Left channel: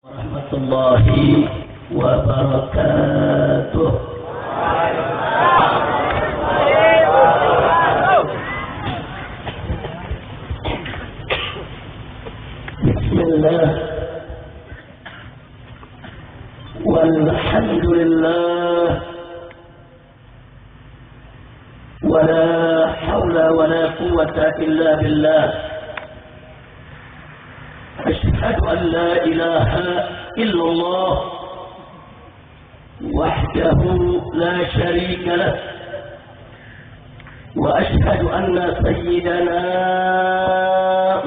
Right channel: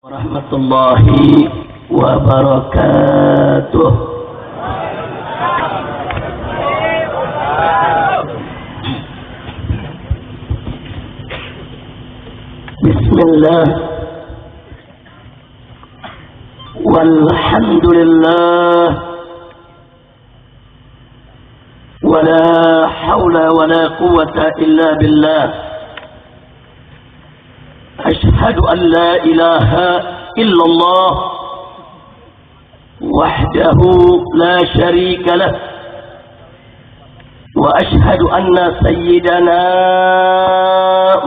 Warahmatullahi wabarakatuh. Bismillah walhamdulillah wala hawla wala quwwata illa billah. أشهد أن لا إله إلا الله وحده لا شريك له وأشهد أن سيدنا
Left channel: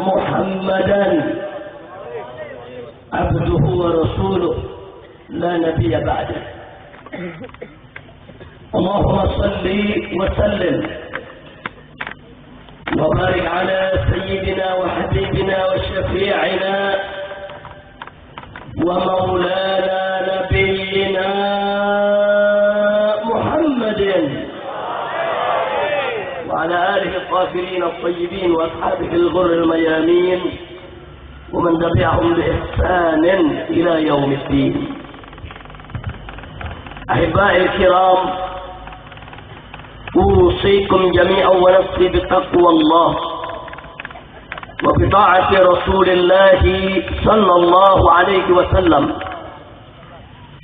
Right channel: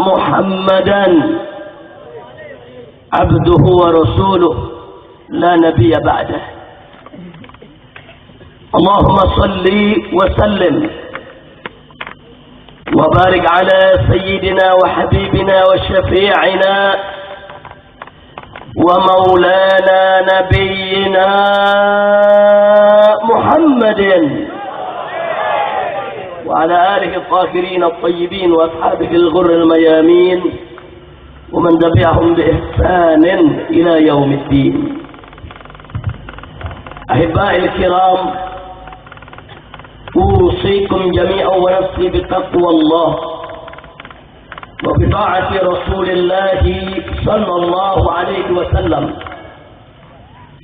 محمدا عبده ورسوله لا نبي بعده. اللهم صل وسلم وبارك على سيدنا وحبيبنا وشفيعنا ومولانا نبينا محمد وعلى آله الطاهرين الطيبين وأصحابه الغر الميامين ومن تبعهم بإحسان إلى يوم الدين. أحبائي الكرام، أوصيكم جميعا ونفسي بتقوى الله وبطاعة رسول الله صلى الله عليه وسلم،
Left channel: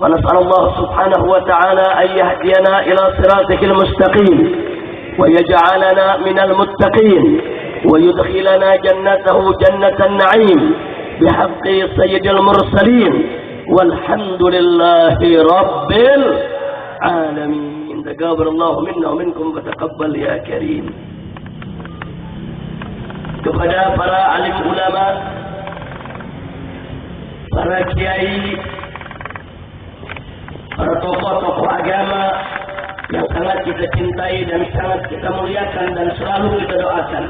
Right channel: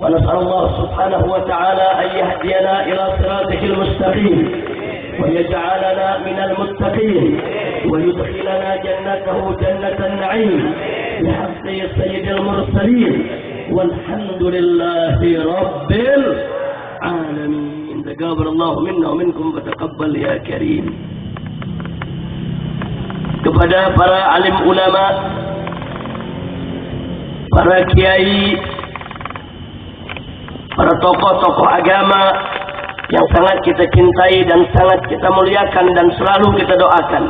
ونسأل الله سبحانه وتعالى أن يهدينا إلى صراطه المستقيم ويجعلنا من المتقين ويدخلنا جنته جنة النعيم بحق سيد المرسلين، والحمد لله رب العالمين. تقبل الله منا ومنكم وتقبل ya karim. Kepada para alim ulama, para kiai, para tokoh-tokoh agama yang sangat kita cintai dan sangat kita muliakan dan selalu kita doakan,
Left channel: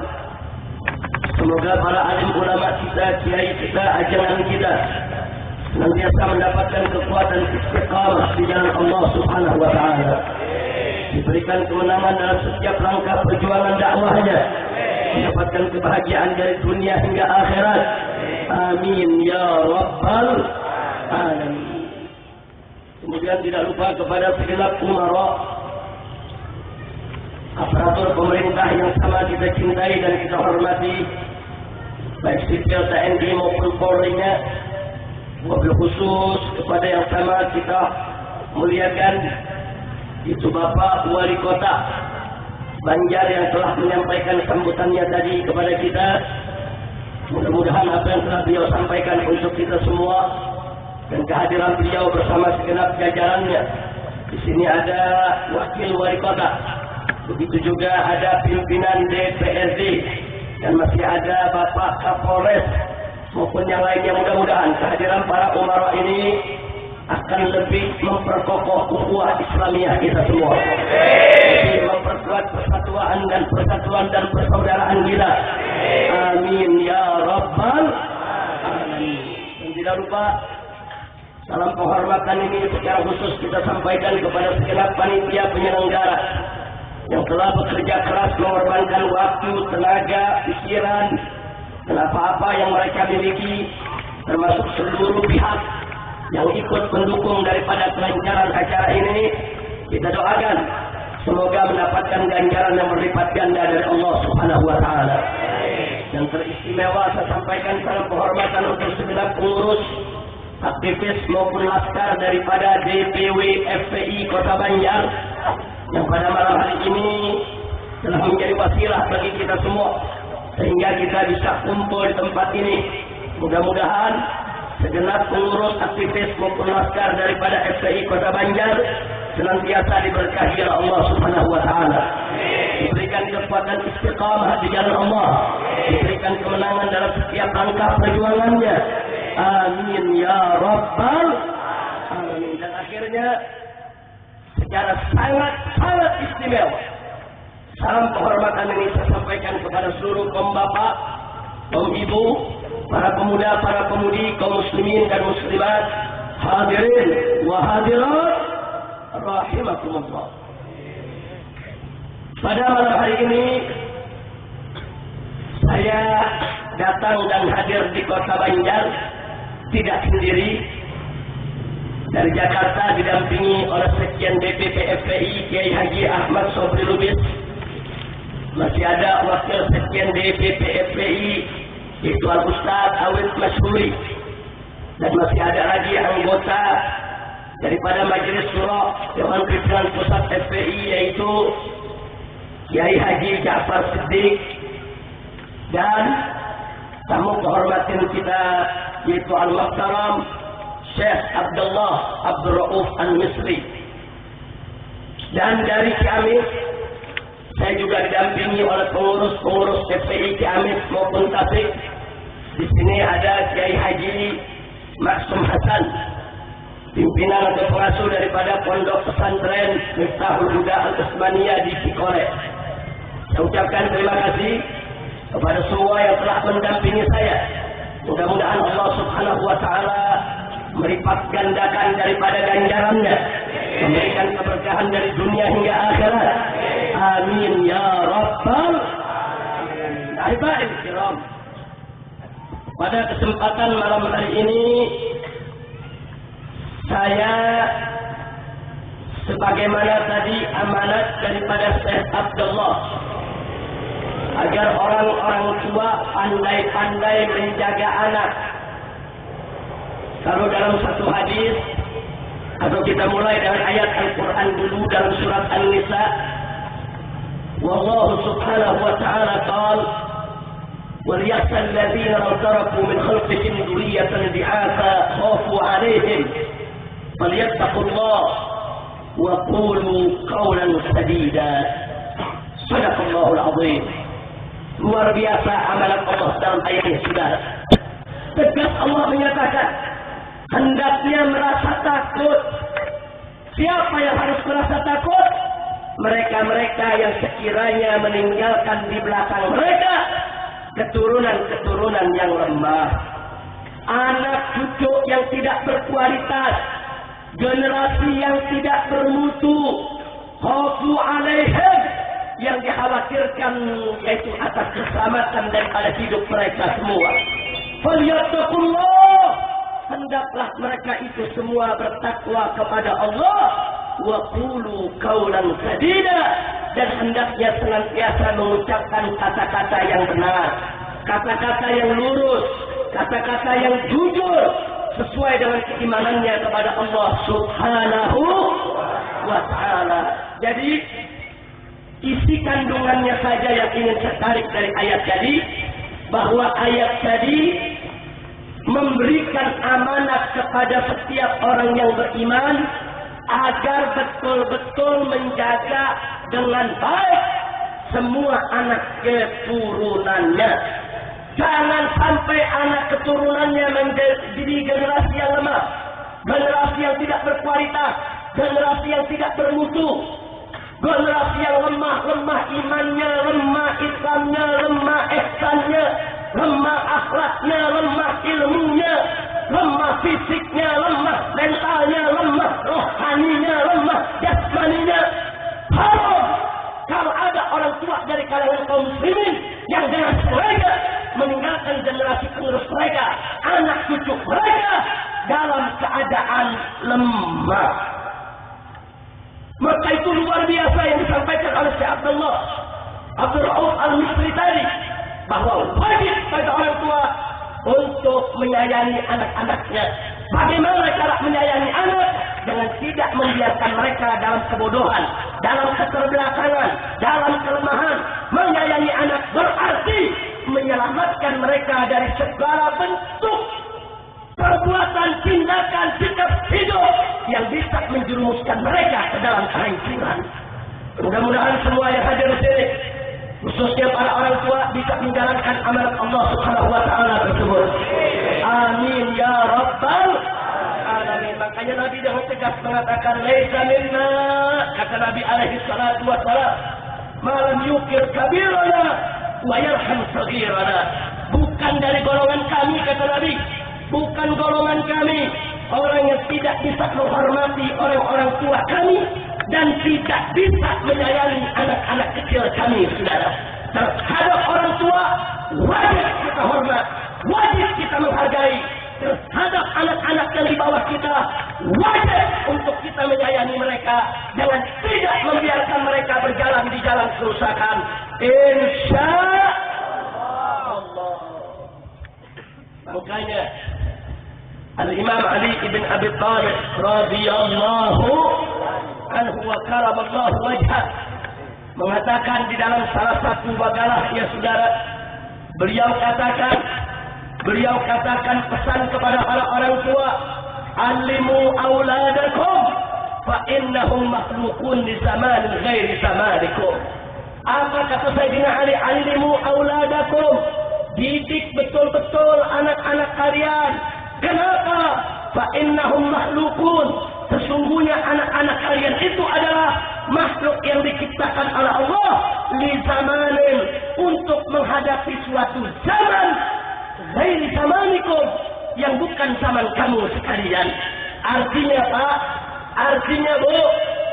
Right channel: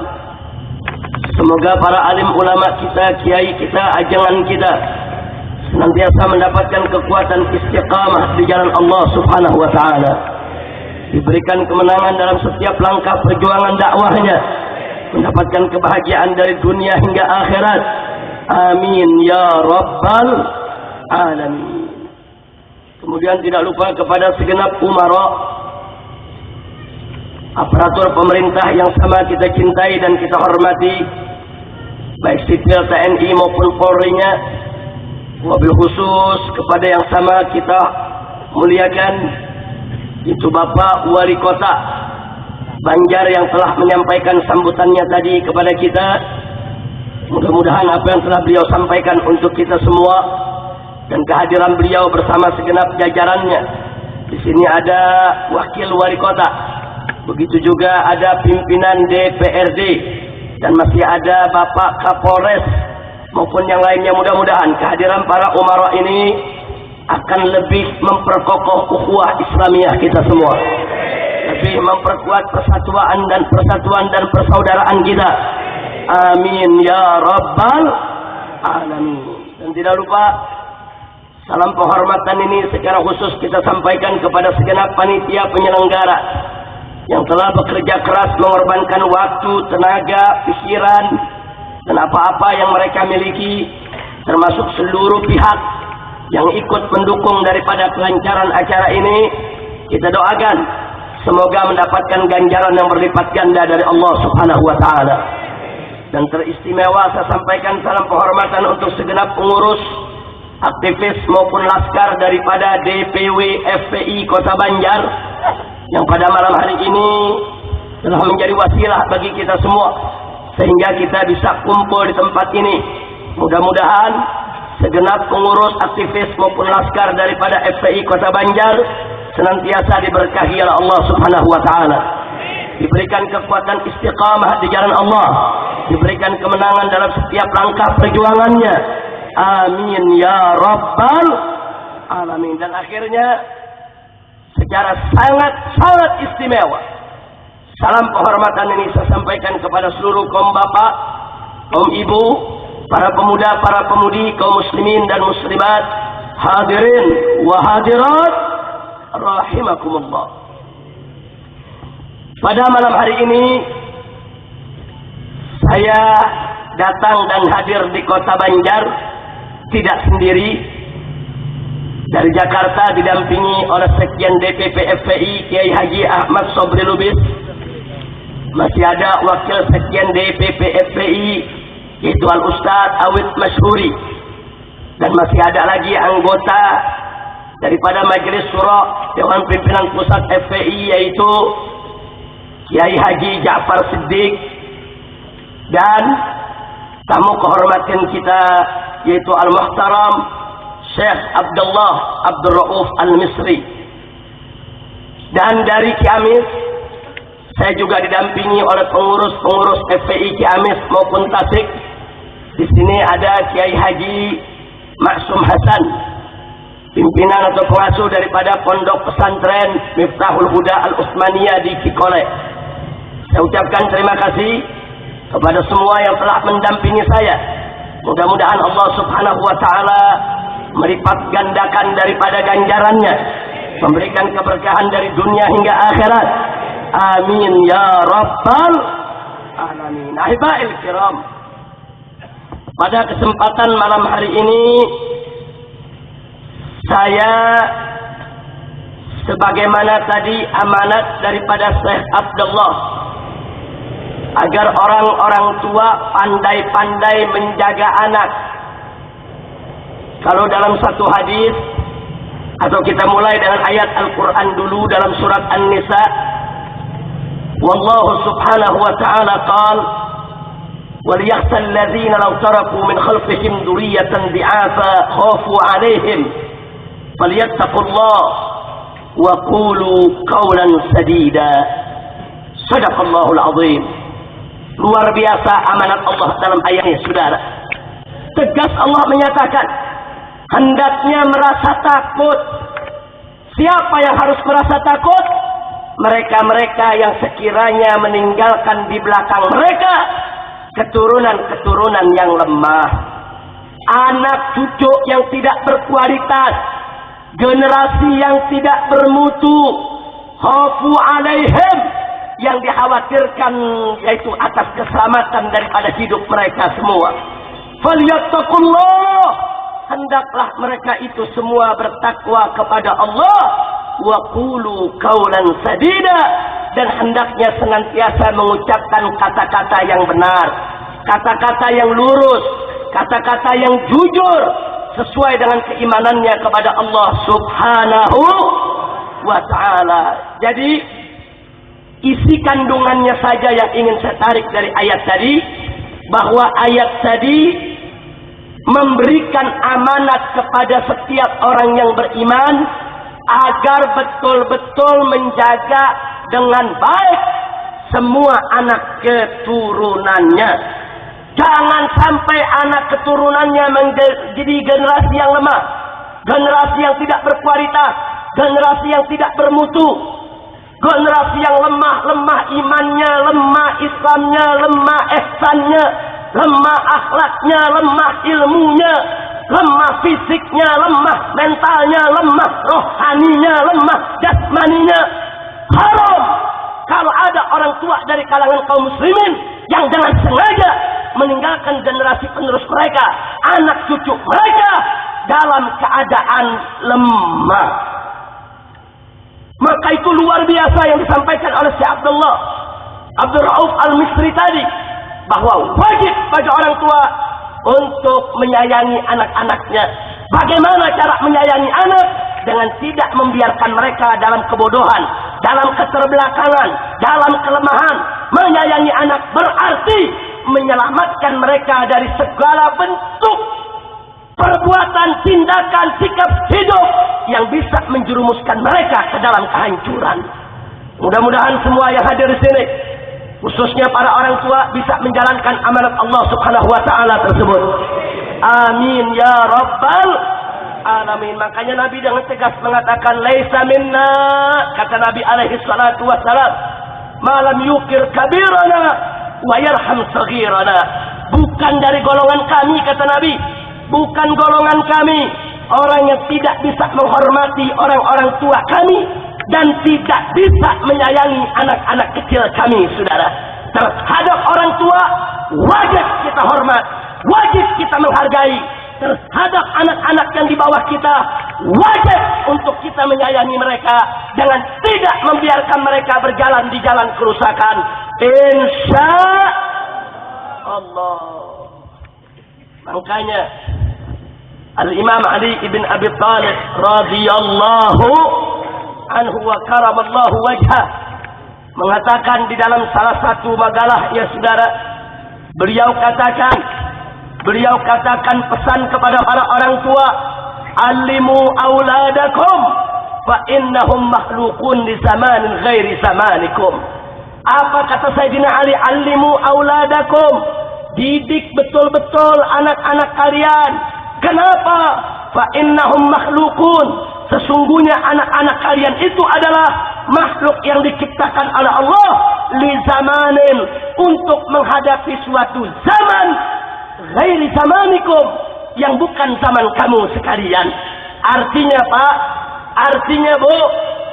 semoga para alim ulama kita, kiai kita, ajangan kita senantiasa mendapatkan kekuatan istiqamah di jalan Allah Subhanahu wa taala, diberikan kemenangan dalam setiap langkah perjuangan dakwahnya, mendapatkan kebahagiaan dari dunia hingga akhirat. Amin ya rabbal alamin. Kemudian tidak lupa kepada segenap umara, aparatur pemerintah yang sama kita cintai dan kita hormati, baik sipil TNI maupun Polri-nya, wabil khusus kepada yang sama kita muliakan, itu Bapak Wali Kota Banjar yang telah menyampaikan sambutannya tadi kepada kita. Mudah-mudahan apa yang telah beliau sampaikan untuk kita semua dan kehadiran beliau bersama segenap jajarannya. Di sini ada Wakil Wali Kota, begitu juga ada pimpinan DPRD, dan masih ada Bapak Kapolres maupun yang lainnya. Mudah-mudahan kehadiran para umara ini akan lebih memperkokoh ukhuwah Islamiyah kita semua, lebih memperkuat persatuan dan persaudaraan kita. Amin ya rabbal alamin. Dan tidak lupa salam penghormatan ini secara khusus kita sampaikan kepada segenap panitia penyelenggara yang telah bekerja keras mengorbankan waktu, tenaga, pikiran dan apa-apa yang mereka miliki, termasuk seluruh pihak yang ikut mendukung daripada kelancaran acara ini. Kita doakan semoga mendapatkan ganjaran yang berlipat ganda dari Allah Subhanahu wa taala. Dan teristimewa saya sampaikan salam penghormatan untuk segenap pengurus, aktivis maupun laskar daripada DPW FPI Kota Banjar yang pada malam hari ini telah menjadi wasilah bagi kita semua sehingga kita bisa kumpul di tempat ini. Mudah-mudahan segenap pengurus, aktivis maupun laskar daripada FPI Kota Banjar senantiasa diberkahi oleh Allah Subhanahu wa taala, diberikan kekuatan istiqamah di jalan Allah, diberikan kemenangan dalam setiap langkah perjuangannya. Amin ya rabbal alamin. Dan akhirnya secara sangat istimewa salam penghormatan ini saya sampaikan kepada seluruh kaum bapak, kaum ibu, para pemuda, para pemudi, kaum muslimin dan muslimat, hadirin wa hadirat rahimakumullah. Pada malam hari ini saya datang dan hadir di Kota Banjar tidak sendiri. Dari Jakarta didampingi oleh Sekjen DPP FPI Kiai Haji Ahmad Sobri Lubis. Masih ada Wakil Sekjen DPP FPI yaitu Al-Ustadz Awid Masyhuri. Dan masih ada lagi anggota daripada Majelis Syuro Dewan Pimpinan Pusat FPI yaitu Kiai Haji Ja'far Siddiq. Dan tamu kehormatan kita yaitu Al-Muhtaram Syekh Abdullah Abdul Rauf Al-Misri. Dan dari Ciamis saya juga didampingi oleh pengurus-pengurus FPI Ciamis maupun Tasik. Di sini ada Kiai Haji Maksum Hasan, pimpinan atau pengasuh daripada Pondok Pesantren Miftahul Huda Al-Utsmaniyah di Cikole. Saya ucapkan terima kasih kepada semua yang telah mendampingi saya. Mudah-mudahan Allah Subhanahu wa taala melipat gandakan daripada ganjarannya, memberikan keberkahan dari dunia hingga akhirat. Amin ya rabbal alamin. Ahibail kiram, pada kesempatan malam hari ini saya sebagaimana tadi amanat daripada Syekh Abdullah agar orang-orang tua pandai-pandai menjaga anak. Kalau dalam satu hadis, atau kita mulai dengan ayat Al-Quran dulu dalam surat An-Nisa. Wallahu subhanahu wa ta'ala qala وَلْيَخْشَى الَّذِينَ لَوْ تَرَكُوا مِنْ خَلْفِهِمْ ذُرِّيَّةً ضِعَافًا خَافُوا عَلَيْهِمْ فَلْيَتَّقُوا اللَّهَ وَقُولُوا قَوْلًا سَدِيدًا. Shadaqallahul azim. Luar biasa amanat Allah dalam ayat ini, saudara. Tegas Allah menyatakan, hendaknya merasa takut. Siapa yang harus merasa takut? Mereka-mereka yang sekiranya meninggalkan di belakang mereka keturunan-keturunan yang lemah, anak cucu yang tidak berkualitas, generasi yang tidak bermutu. Khafu alaihim, yang dikhawatirkan yaitu atas keselamatan daripada hidup mereka semua. Falyattaqullah, hendaklah mereka itu semua bertakwa kepada Allah. Wa qulu qawlan sadida, dan hendaknya senantiasa mengucapkan kata-kata yang benar, kata-kata yang lurus, kata-kata yang jujur sesuai dengan keimanannya kepada Allah Subhanahu wa ta'ala. Jadi isi kandungannya saja yang ingin saya tarik dari ayat tadi, bahwa ayat tadi memberikan amanat kepada setiap orang yang beriman agar betul-betul menjaga dengan baik semua anak keturunannya. Jangan sampai anak keturunannya menjadi generasi yang lemah, generasi yang tidak berkualitas, generasi yang tidak bermutu, generasi yang lemah imannya, lemah Islamnya, lemah ihsannya, lemah akhlaknya, lemah ilmunya, lemah fisiknya, lemah mentalnya, lemah rohaninya, lemah jasmaninya. Haram kalau ada orang tua dari kalangan kaum muslimin yang dengan sengaja meninggalkan generasi penerus mereka, anak cucu mereka dalam keadaan lemah. Maka itu luar biasa yang disampaikan oleh Syekh Abdullah Abdul Rauf Al-Misri tadi, bahwa wajib bagi orang tua untuk menyayangi anak-anaknya. Bagaimana cara menyayangi anak? Dengan tidak membiarkan mereka dalam kebodohan, dalam keterbelakangan, dalam kelemahan. Menyayangi anak berarti menyelamatkan mereka dari segala bentuk perbuatan, tindakan, sikap hidup yang bisa menjerumuskan mereka ke dalam kehancuran. Mudah-mudahan semua yang hadir di sini, khususnya para orang tua, bisa menjalankan amanat Allah Subhanahu wa ta'ala tersebut. Amin ya rabbal alamin. Makanya Nabi dengan tegas mengatakan, laisa minna, kata Nabi alaihi salatu wassalam, malam yukir kabirana wa yarham saghirana. Bukan dari golongan kami, kata Nabi, bukan golongan kami orang yang tidak bisa menghormati orang-orang tua kami dan tidak bisa menyayangi anak-anak kecil kami, saudara. Terhadap orang tua wajib kita hormat, wajib kita menghargai, terhadap anak-anak yang di bawah kita, wajib untuk kita menyayangi mereka dengan tidak membiarkan mereka berjalan di jalan kerusakan. Insya Allah. Makanya Al-Imam Ali ibn Abi Thalib radhiyallahu anhu wa karamallahu wajhah mengatakan di dalam salah satu makalah, ya saudara, beliau katakan pesan kepada para orang tua, alimu auladakum fa innahum makhluqun di zamanin ghairi zamanikum. Apa kata Sayyidina Ali? Alimu auladakum, didik betul-betul anak-anak kalian. Kenapa? Fa innahum makhluqun, sesungguhnya anak-anak kalian itu adalah makhluk yang diciptakan oleh Allah li zamanin, untuk menghadapi suatu zaman ghairi zamanikum, yang bukan zaman kamu sekalian. Artinya Pak, artinya Bu,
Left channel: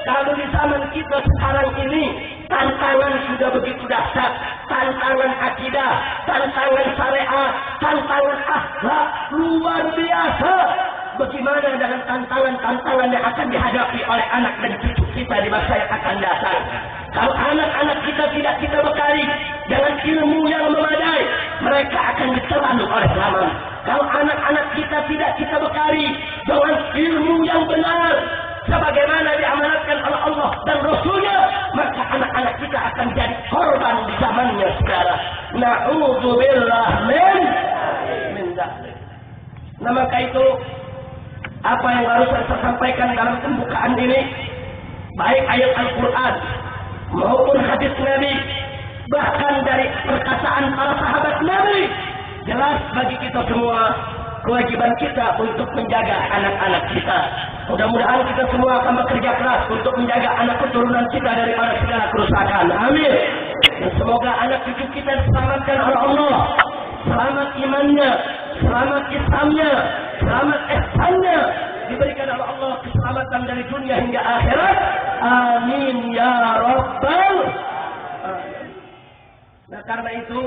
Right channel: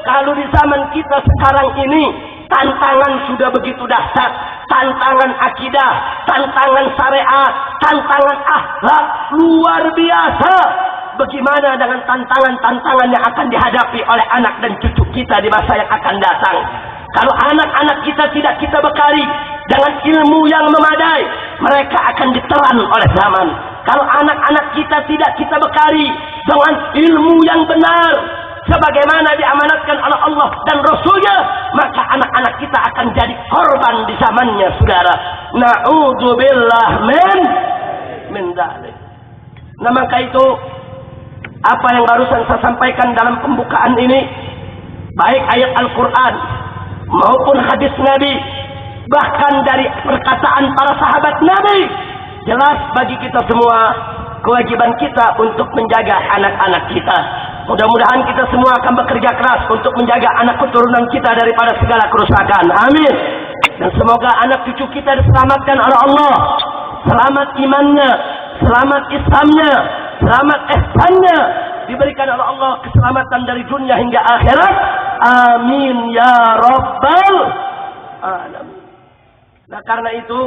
kalau di zaman kita sekarang ini tantangan sudah begitu dahsyat, tantangan akidah, tantangan syariat, tantangan akhlak luar biasa. Bagaimana dengan tantangan-tantangan yang akan dihadapi oleh anak dan cucu kita di masa yang akan datang? Kalau anak-anak kita tidak kita bekali dengan ilmu yang memadai, mereka akan ditelan oleh zaman. Kalau anak-anak kita tidak kita bekali dengan ilmu yang benar, sebagaimana diamanatkan oleh Allah dan Rasulnya, maka anak-anak kita akan jadi korban di zamannya, saudara. Na'udzubillah min dzalik. Nah, maka itu apa yang barusan saya sampaikan dalam pembukaan ini, baik ayat Al-Quran maupun hadis Nabi, bahkan dari perkataan para sahabat Nabi, jelas bagi kita semua kewajiban kita untuk menjaga anak-anak kita. Mudah-mudahan kita semua akan bekerja keras untuk menjaga anak keturunan kita daripada segala kerusakan. Amin. Dan semoga anak cucu kita diselamatkan oleh Allah, selamat imannya, selamat Islamnya, selamat ihsannya, diberikan oleh Allah keselamatan dari dunia hingga akhirat. Amin ya rabbal alamin. Nah, karena itu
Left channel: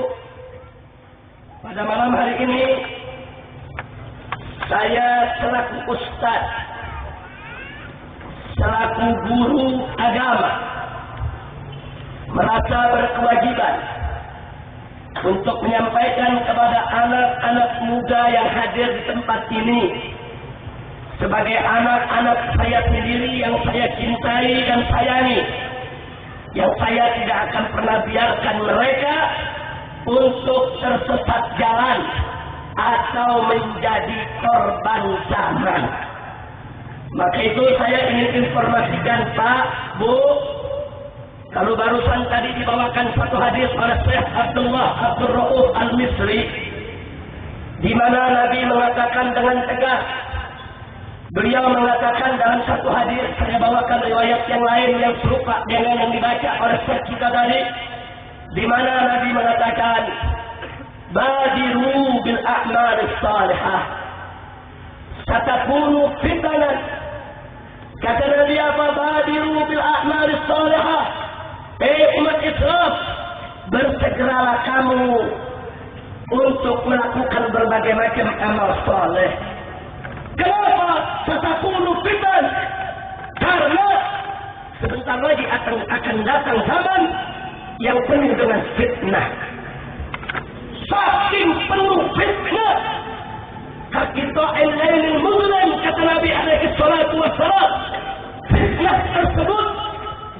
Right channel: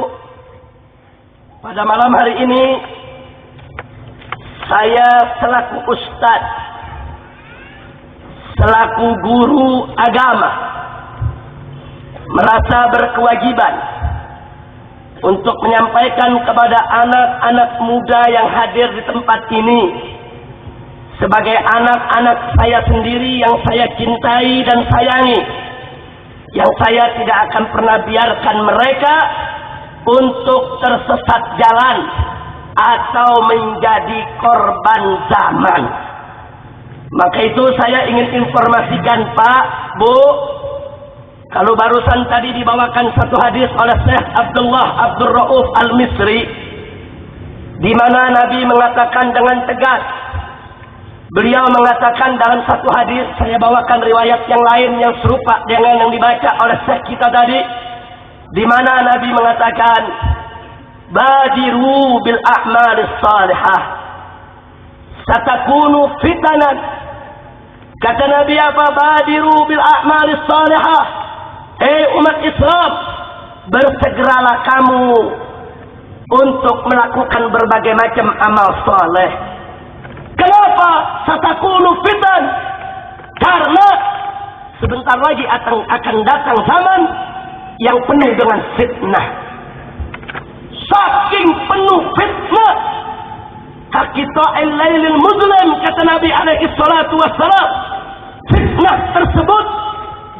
pada malam hari ini saya selaku ustaz, selaku guru agama, merasa berkewajiban untuk menyampaikan kepada anak-anak muda yang hadir di tempat ini, sebagai anak-anak saya sendiri yang saya cintai dan sayangi, yang saya tidak akan pernah biarkan mereka untuk tersesat jalan atau menjadi korban zaman. Maka itu saya ingin informasikan Pak, Bu, kalau barusan tadi dibawakan satu hadis oleh Syekh Abdullah Abdul Rauf Al-Misri, di mana Nabi mengatakan dengan tegas, beliau mengatakan dalam satu hadis, saya bawakan riwayat yang lain yang serupa dengan yang dibaca oleh Syekh kita tadi, di mana Nabi mengatakan, badiru bil a'malis salihah satakunu fitanan. Kata Nabi apa? Badiru bil a'malis salihah. Umat Islam, bersegeralah kamu untuk melakukan berbagai macam amal saleh. Kenapa? Satakunu fitan. Karena sebentar lagi akan datang zaman yang penuh dengan fitnah. Saking penuh fitnah, Kaqita'il lailil muzlim, kata Nabi alaihi salatu wassalam, fitnah tersebut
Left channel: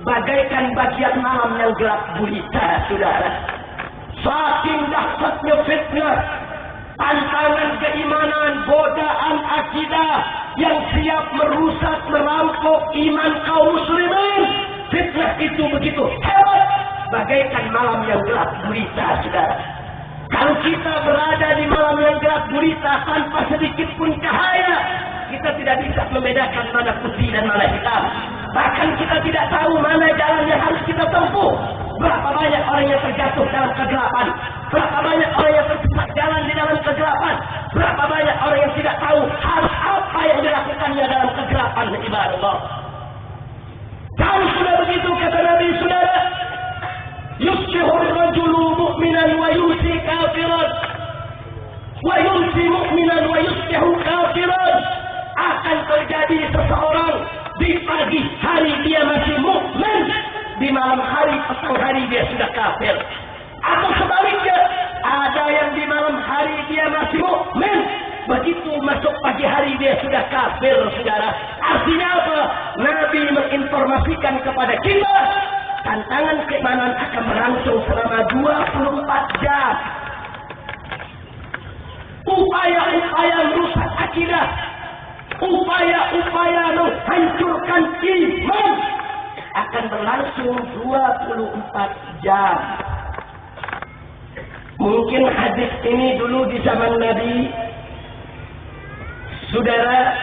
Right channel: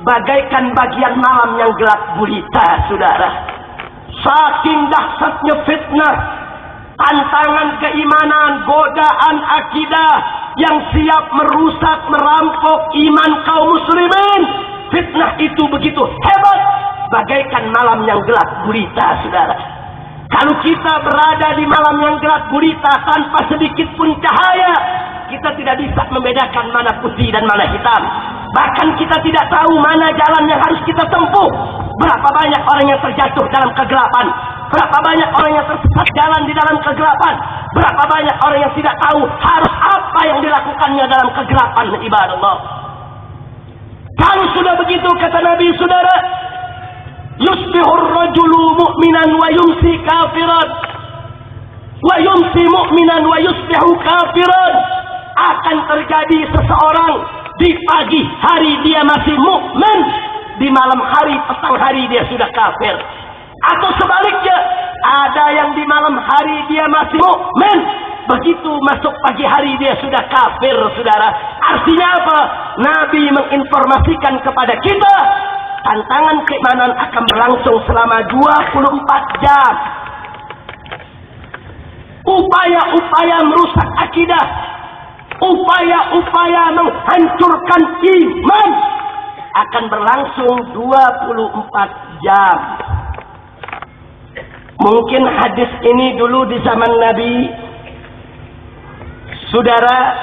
bagaikan bagian malam yang gelap gulita, saudara. Saking dahsyatnya fitnah, tantangan keimanan, godaan akidah yang siap merusak, merampok iman kaum muslimin. Fitnah itu begitu hebat, bagaikan malam yang gelap gulita, saudara. Kalau kita berada di malam yang gelap gulita tanpa sedikit pun cahaya, kita tidak bisa membedakan mana putih dan mana hitam. Bahkan kita tidak tahu mana jalan yang harus kita tempuh. Berapa banyak orang yang terjatuh dalam kegelapan, berapa banyak orang yang tersesat jalan di dalam kegelapan, berapa banyak orang yang tidak tahu harus apa yang dilakukannya dalam kegelapan, ibadah Allah. Kalau sudah begitu, kata Nabi, saudara, yusbihur rajulu mu'minan wa yumsi kafiran. wa yumsi mu'minan wa yusbihu kafiran. Akan terjadi seseorang di pagi hari dia masih mukmin, di malam hari petang hari dia sudah kafir. Atau sebaliknya, ada yang di malam hari dia masih mukmin, begitu masuk pagi hari dia sudah kafir, saudara. Artinya apa? Nabi menginformasikan kepada kita, tantangan keimanan akan berlangsung selama 24 jam. Upaya-upaya merusak akidah, upaya-upaya menghancurkan iman akan berlangsung 24 jam. Mungkin hadis ini dulu di zaman Nabi, saudara,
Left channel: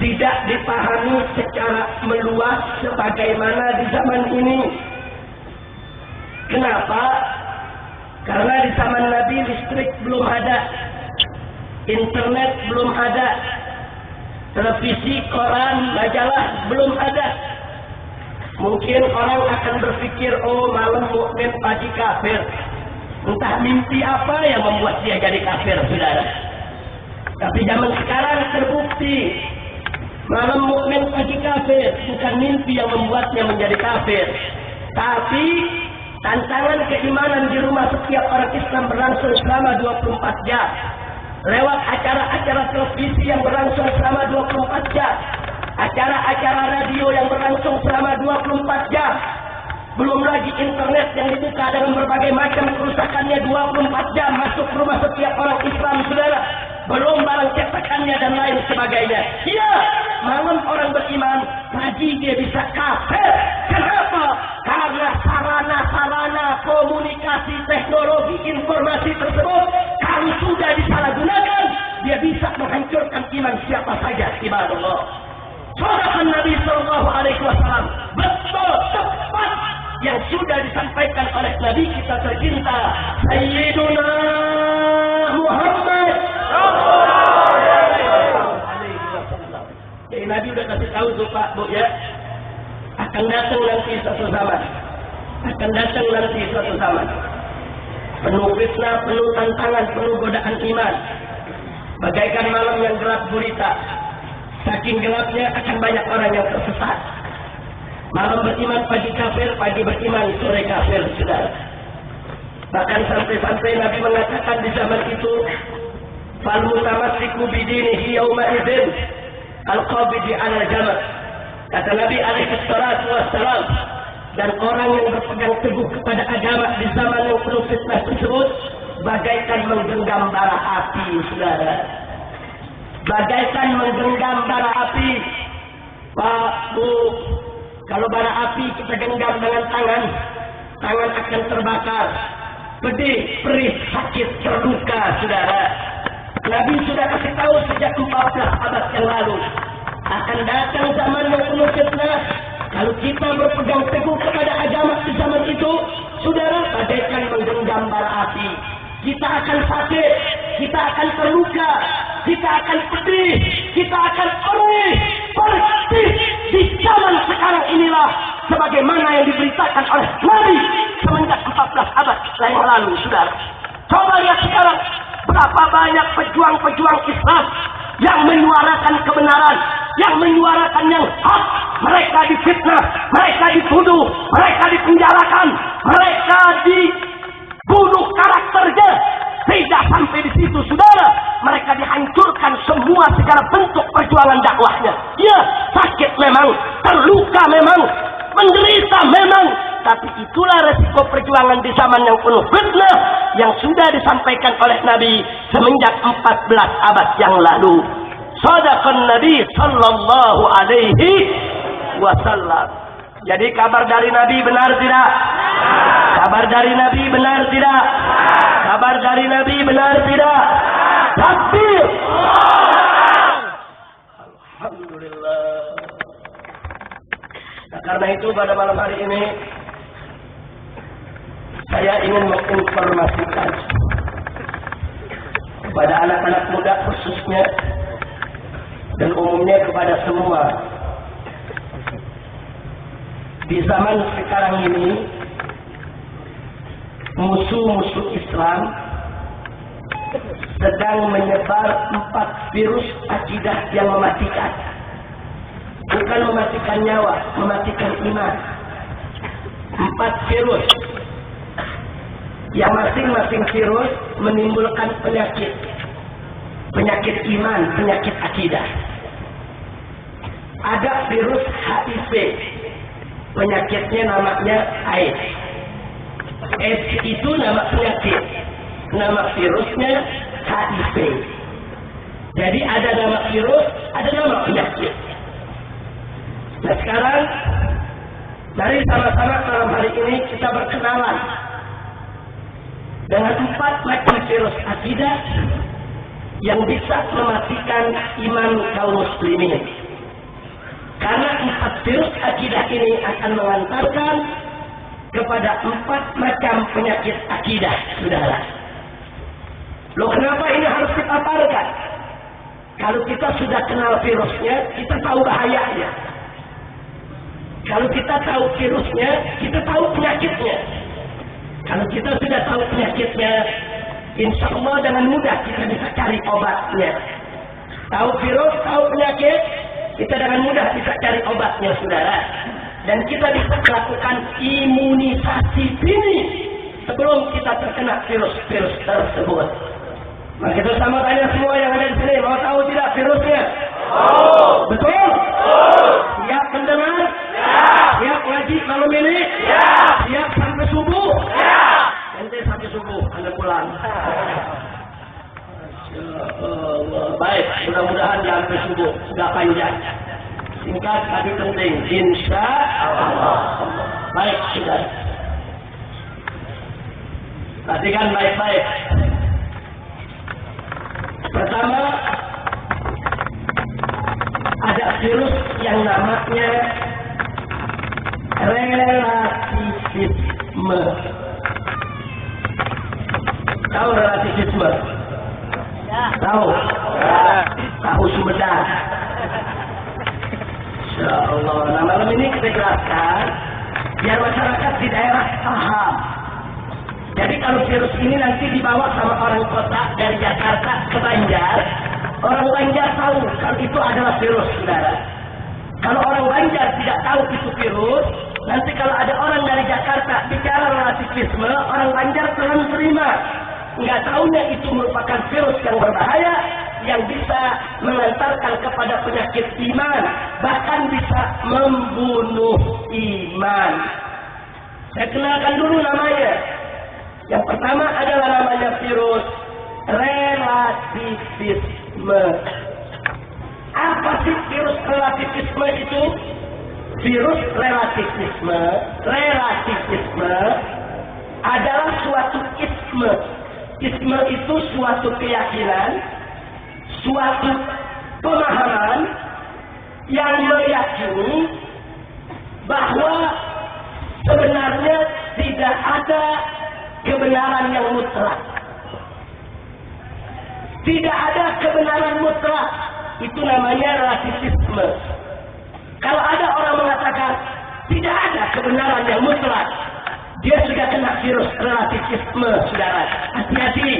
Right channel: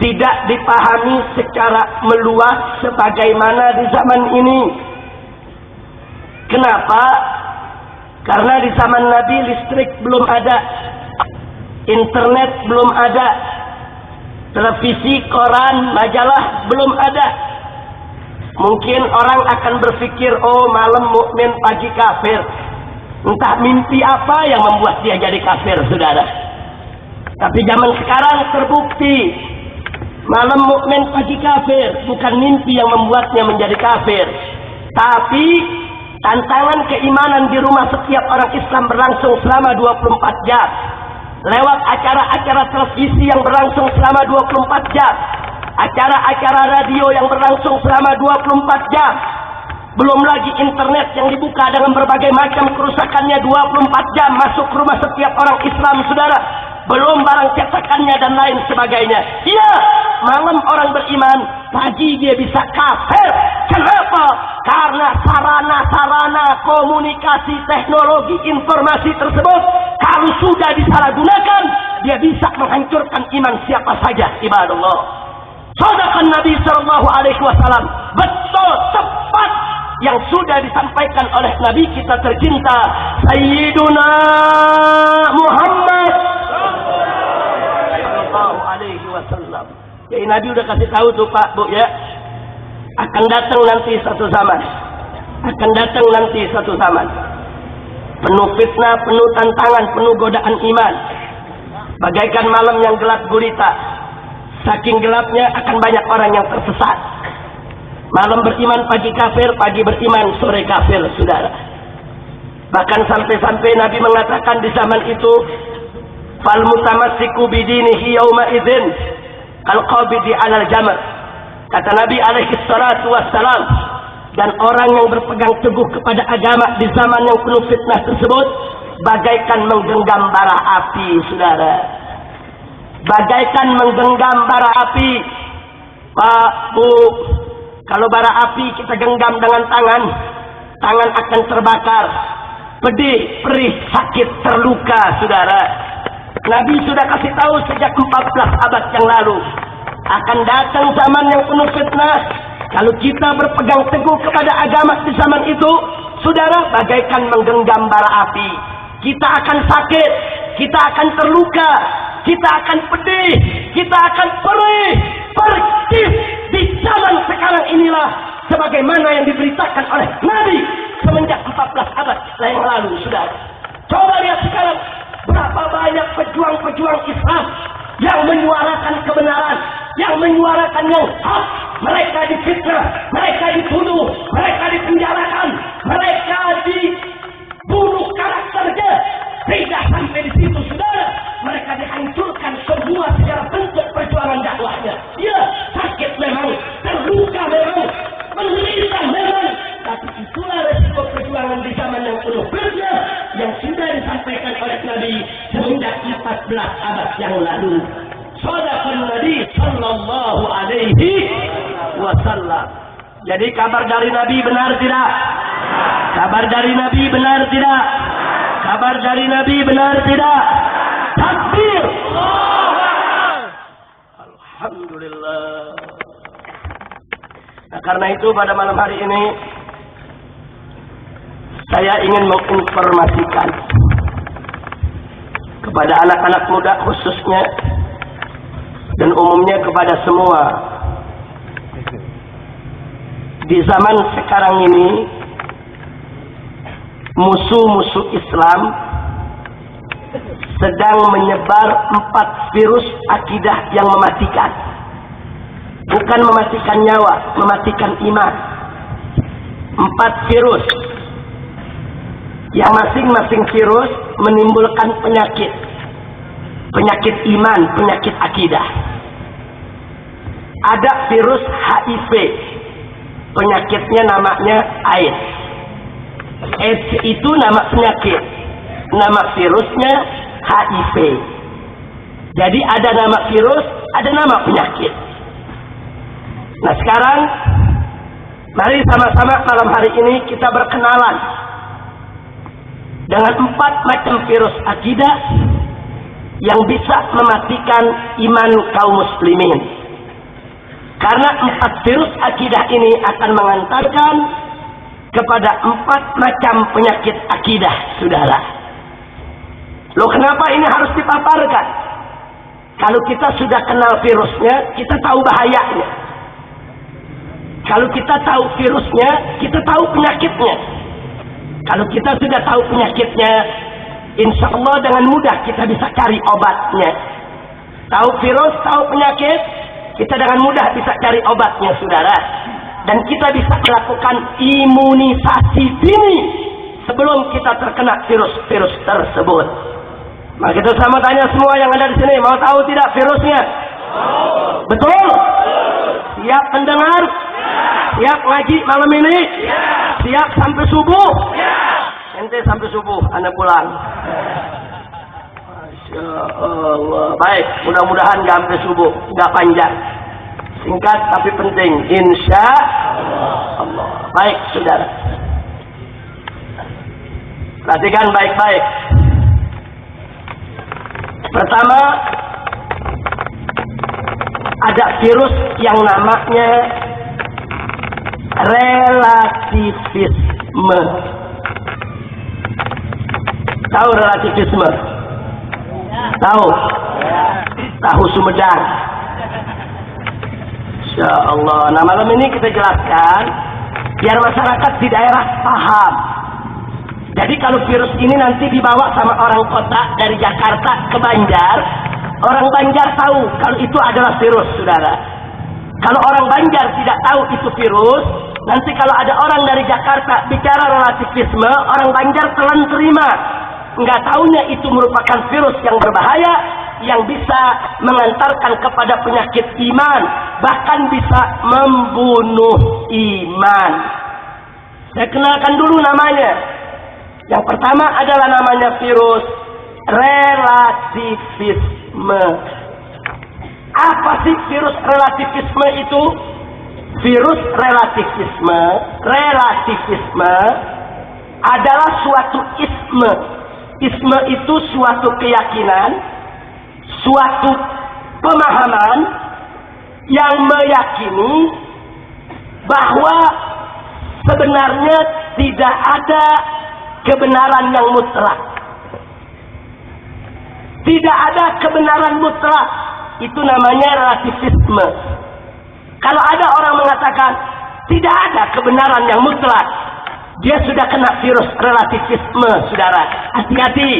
tidak dipahami secara meluas sebagaimana di zaman ini. Kenapa? Karena di zaman Nabi listrik belum ada, internet belum ada, televisi, koran, majalah belum ada. Mungkin orang akan berpikir, oh malam mukmin pagi kafir. Entah mimpi apa yang membuat dia jadi kafir, saudara. Tapi zaman sekarang terbukti, malam mukmin pagi kafir, bukan mimpi yang membuatnya menjadi kafir. Tapi tantangan keimanan di rumah setiap orang Islam berlangsung selama 24 jam. Lewat acara-acara televisi yang berlangsung selama 24 jam. Acara-acara radio yang berlangsung selama 24 jam. Belum lagi internet yang dibuka dengan berbagai macam kerusakannya 24 jam masuk rumah setiap orang Islam, saudara. Belum barang cetakannya dan lain sebagainya. Ya, malam orang beriman, pagi dia bisa kafir. Kenapa? Karena sarana-sarana komunikasi teknologi informasi tersebut, kalau sudah disalahgunakan, dia bisa menghancurkan iman siapa saja. Ibadallah. Sadaqan Nabi sallallahu alaihi wasallam. Betul, tepat yang sudah disampaikan oleh Nabi kita tercinta Sayyiduna Muhammad sallallahu alaihi wasallam. Jadi Nabi udah kasih tahu tuh Pak, Bu ya. Akan datang nanti satu zaman. Akan datang nanti satu zaman. Penuh fitnah, penuh tantangan, penuh godaan iman. Bagaikan malam yang gelap gulita. Saking gelapnya akan banyak orang yang tersesat. Malam beriman, pagi kafir, pagi beriman, sore kafir, saudara. Bahkan sampai-sampai Nabi mengatakan di zaman itu, fal mutamassiku bidinihi yauma idzin al-qabidi 'alal jamr. Kata Nabi alaihi salatu wassalam, dan orang yang berpegang teguh kepada agama di zaman yang penuh fitnah tersebut bagaikan menggenggam bara api, saudara. Bagaikan menggenggam bara api. Pak, Bu, kalau bara api kita genggam dengan tangan, tangan akan terbakar. Pedih, perih, sakit, terluka, saudara. Nabi sudah kasih tahu sejak 14 abad yang lalu. Akan datang zaman yang penuh fitnah. Kalau kita berpegang teguh kepada agama di zaman itu, saudara, bagaikan menggenggam bara api. Kita akan sakit, kita akan terluka, kita akan pedih, kita akan perih. Di zaman sekarang inilah sebagaimana yang diberitakan oleh Nabi semenjak 14 abad yang lalu, saudara. Coba lihat sekarang berapa banyak pejuang-pejuang Islam yang menyuarakan kebenaran, yang menyuarakan yang hak. Mereka difitnah, mereka dituduh, mereka dipenjarakan, mereka dibunuh karakternya. Tidak sampai di situ, saudara. Mereka dihancurkan semua segala bentuk perjuangan dakwahnya. Ya, sakit memang, terluka memang, menderita memang. Tapi itulah resiko perjuangan di zaman yang penuh fitnah yang sudah disampaikan oleh Nabi semenjak 14 abad yang lalu. Sadaqan Nabi sallallahu alaihi wasallam. Jadi kabar dari Nabi benar tidak? Kabar dari Nabi benar tidak? Kabar dari Nabi benar tidak? Takbir! Alhamdulillah. Nah, karena itu pada malam hari ini saya ingin menginformasikan kepada anak-anak muda khususnya dan umumnya kepada semua. Di zaman sekarang ini musuh-musuh Islam sedang menyebar 4 virus akidah yang mematikan. Bukan mematikan nyawa, mematikan iman. 4 virus. Yang masing-masing virus menimbulkan penyakit. Penyakit iman, penyakit akidah. Ada virus HIV. Penyakitnya namanya AIDS. AIDS itu nama penyakit. Nama virusnya HIV. Jadi ada nama virus, ada nama penyakit. Nah sekarang, mari sama-sama malam hari ini kita berkenalan dengan 4 macam virus akidah yang bisa mematikan iman kaum muslimin. Karena 4 virus akidah ini akan mengantarkan kepada 4 macam penyakit akidah, saudara. Loh kenapa ini harus dipaparkan? Kalau kita sudah kenal virusnya, kita tahu bahayanya. Kalau kita tahu virusnya, kita tahu penyakitnya. Kalau kita sudah tahu penyakitnya, insya Allah dengan mudah kita bisa cari obatnya. Tahu virus, tahu penyakit, kita dengan mudah bisa cari obatnya, saudara. Dan kita bisa melakukan imunisasi dini sebelum kita terkena virus-virus tersebut. Nah, kita sama tanya semua yang ada di sini, mau tahu tidak virusnya? Oh. Betul? Oh. Siap mendengar? Ya. Siap ngaji malam ini? Ya. Siap sampai subuh? Ya. Ente sampai subuh, Anda pulang. Masya Allah. Baik, mudah-mudahan nggak sampai subuh, nggak panjang. Singkat tapi penting. Insya Allah. Baik, saudara. Perhatikan baik-baik. Pertama, ada virus yang namanya relativisme. Tahu relativisme? Tahu? Tahu Sumedang. Insya Allah. Nah malam ini kita jelaskan biar masyarakat di daerah paham. Jadi kalau virus ini nanti dibawa sama orang kota dari Jakarta ke Banjar, orang Banjar tahu kalau itu adalah virus, saudara. Kalau orang Banjar tidak tahu itu virus, nanti kalau ada orang dari Jakarta bicara relativisme, orang Banjar telan terima. Nggak tahunya itu merupakan virus yang berbahaya, yang bisa mengantarkan kepada penyakit iman, bahkan bisa membunuh iman. Saya kenalkan dulu namanya. Yang pertama adalah namanya virus relativisme. Apa sih virus relativisme itu? Virus relativisme adalah suatu isme. Isme itu suatu keyakinan, suatu pemahaman yang meyakini bahwa sebenarnya tidak ada kebenaran yang mutlak. Tidak ada kebenaran mutlak. Itu namanya relativisme. Kalau ada orang mengatakan tidak ada kebenaran yang mutlak, dia sudah kena virus relativisme, saudara. Hati-hati.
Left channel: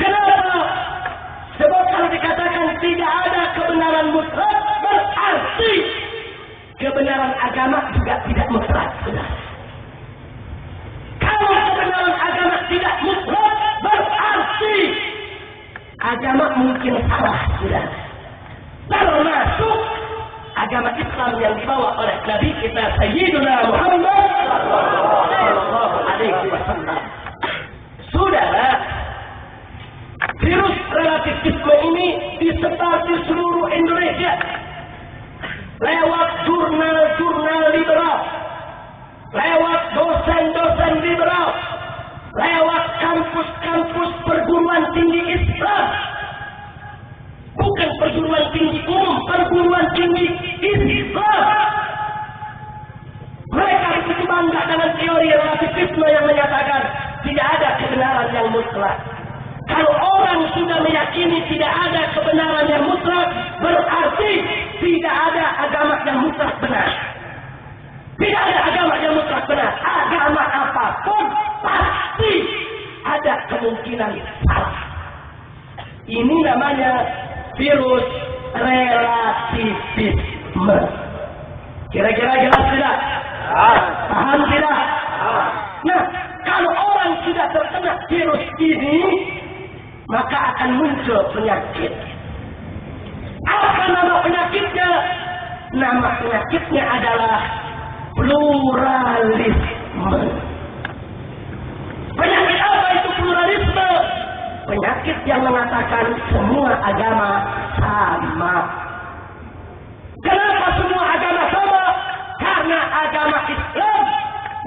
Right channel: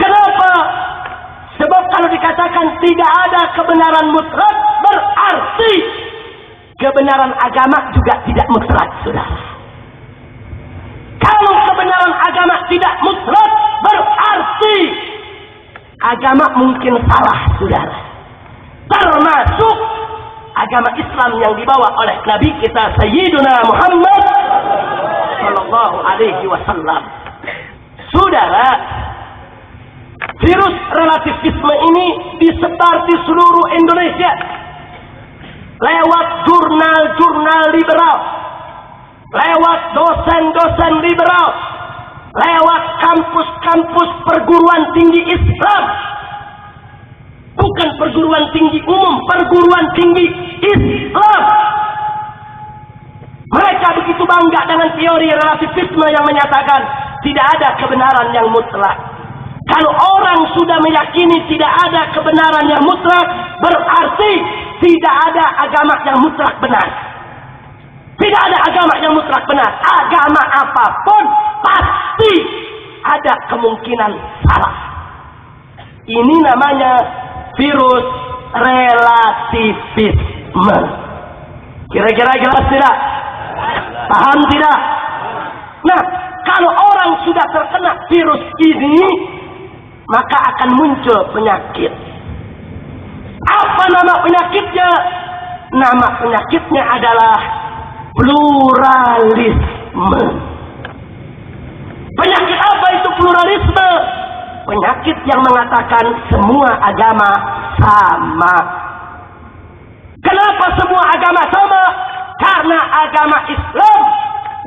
Kenapa? Sebab kalau dikatakan tidak ada kebenaran mutlak, berarti kebenaran agama juga tidak mutlak, saudara. Kalau kebenaran agama tidak mutlak, berarti agama mungkin salah, saudara. Termasuk agama Islam yang dibawa oleh Nabi kita Sayyiduna Muhammad sallallahu alaihi wasallam. Saudara, virus relativisme ini disebar di seluruh Indonesia lewat jurnal-jurnal liberal, lewat dosen-dosen liberal, lewat kampus-kampus perguruan tinggi Islam. Bukan perguruan tinggi umum, perguruan tinggi Islam. Mereka begitu bangga dengan teori relativisme yang menyatakan tidak ada kebenaran yang mutlak. Kalau orang sudah meyakini tidak ada kebenaran yang mutlak, berarti tidak ada agama yang mutlak benar. Tidak ada agama yang mutlak benar. Agama apapun pasti ada kemungkinan salah. Ini namanya virus relativisme. Kira-kira jelas tidak? Paham tidak? Nah, kalau orang sudah terkena virus ini, maka akan muncul penyakit. Apa nama penyakitnya? Nama penyakitnya adalah pluralisme. Penyakit apa itu pluralisme? Penyakit yang mengatakan semua agama sama. Kenapa semua agama sama? Karena agama Islam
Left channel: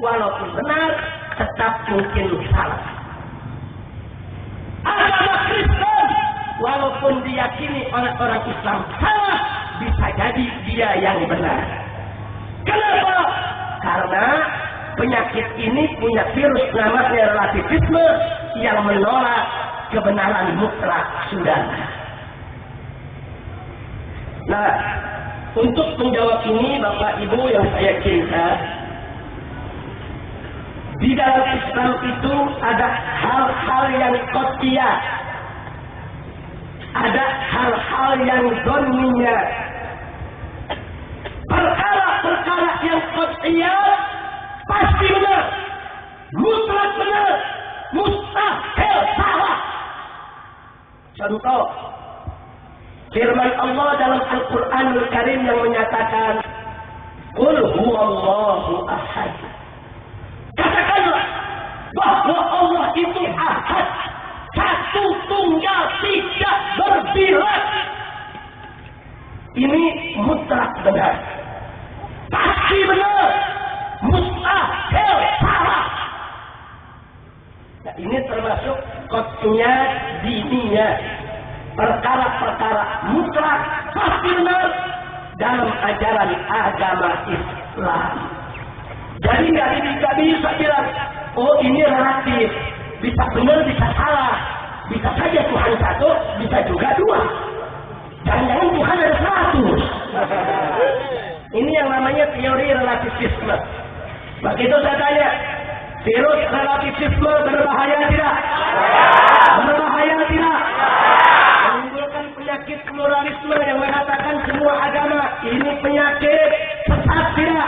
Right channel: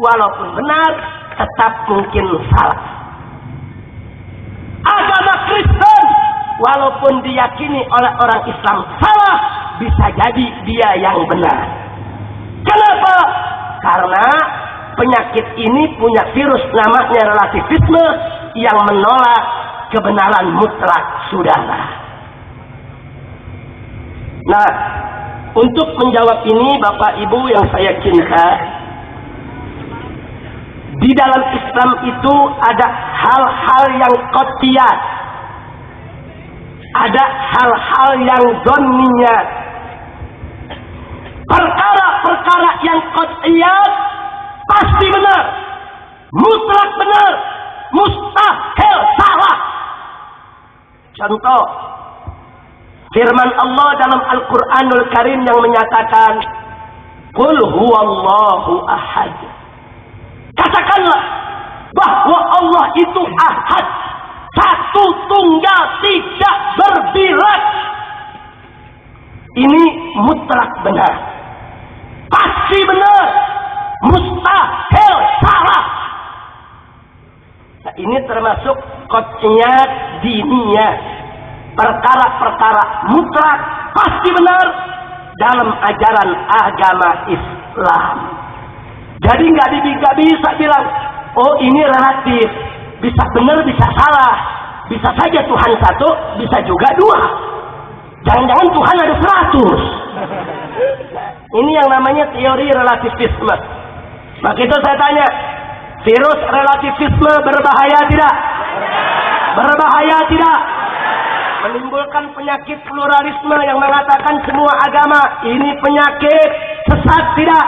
walaupun benar tetap mungkin salah. Agama Kristen walaupun diyakini oleh orang Islam salah, bisa jadi dia yang benar. Kenapa? Karena penyakit ini punya virus namanya relativisme yang menolak kebenaran mutlak, saudara. Nah, untuk menjawab ini Bapak Ibu yang saya cinta, di dalam Islam itu ada hal-hal yang qat'iyat, ada hal-hal yang dhanniyat. Perkara-perkara yang qat'iyat pasti benar, mutlak benar, mustahil salah. Contoh, firman Allah dalam Al-Quranul Karim yang menyatakan, Qul huwallahu ahad. Katakanlah bahwa Allah itu ahad, satu tunggal, tidak berbilang. Ini mutlak benar, pasti benar, mustahil salah. Nah, ini termasuk qat'iyat diniyah, perkara-perkara mutlak pasti benar dalam ajaran agama Islam. Jadi nggak bisa bilang, oh ini relatif, bisa benar bisa salah, bisa saja Tuhan satu, bisa juga dua. Jangan-jangan Tuhan ada 100. Ini yang namanya teori relativisme. Maka itu saya tanya, virus relativisme berbahaya tidak? Berbahaya tidak? Menimbulkan penyakit pluralisme yang mengatakan semua agama ini penyakit, sesat tidak?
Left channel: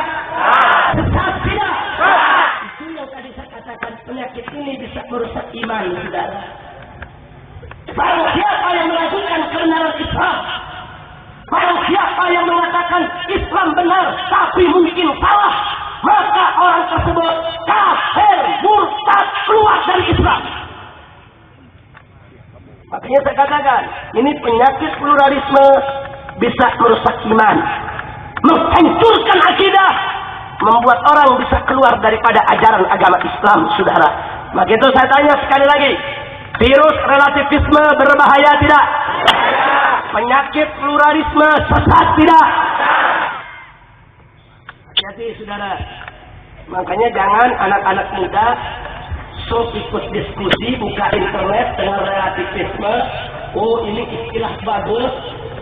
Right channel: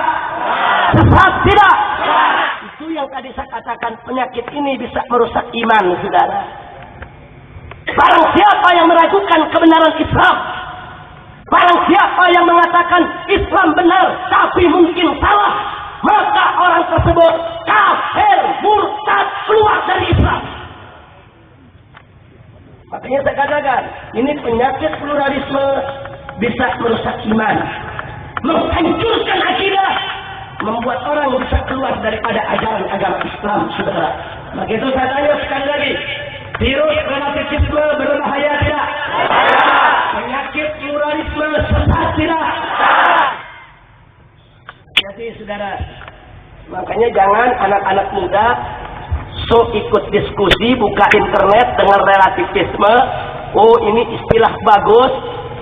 Sesat tidak? Itu yang tadi saya katakan, penyakit ini bisa merusak iman, saudara. Barang siapa yang meragukan kebenaran Islam, barang siapa yang mengatakan Islam benar tapi mungkin salah, maka orang tersebut kafir, murtad, keluar dari Islam. Makanya saya katakan, ini penyakit pluralisme bisa merusak iman, menghancurkan akidah, membuat orang bisa keluar daripada ajaran agama Islam, saudara. Maka itu saya tanya sekali lagi, virus relativisme berbahaya tidak? Penyakit pluralisme sesat tidak? Jadi saudara, makanya jangan anak-anak muda so ikut diskusi, buka internet dengan relativisme. Oh ini istilah bagus,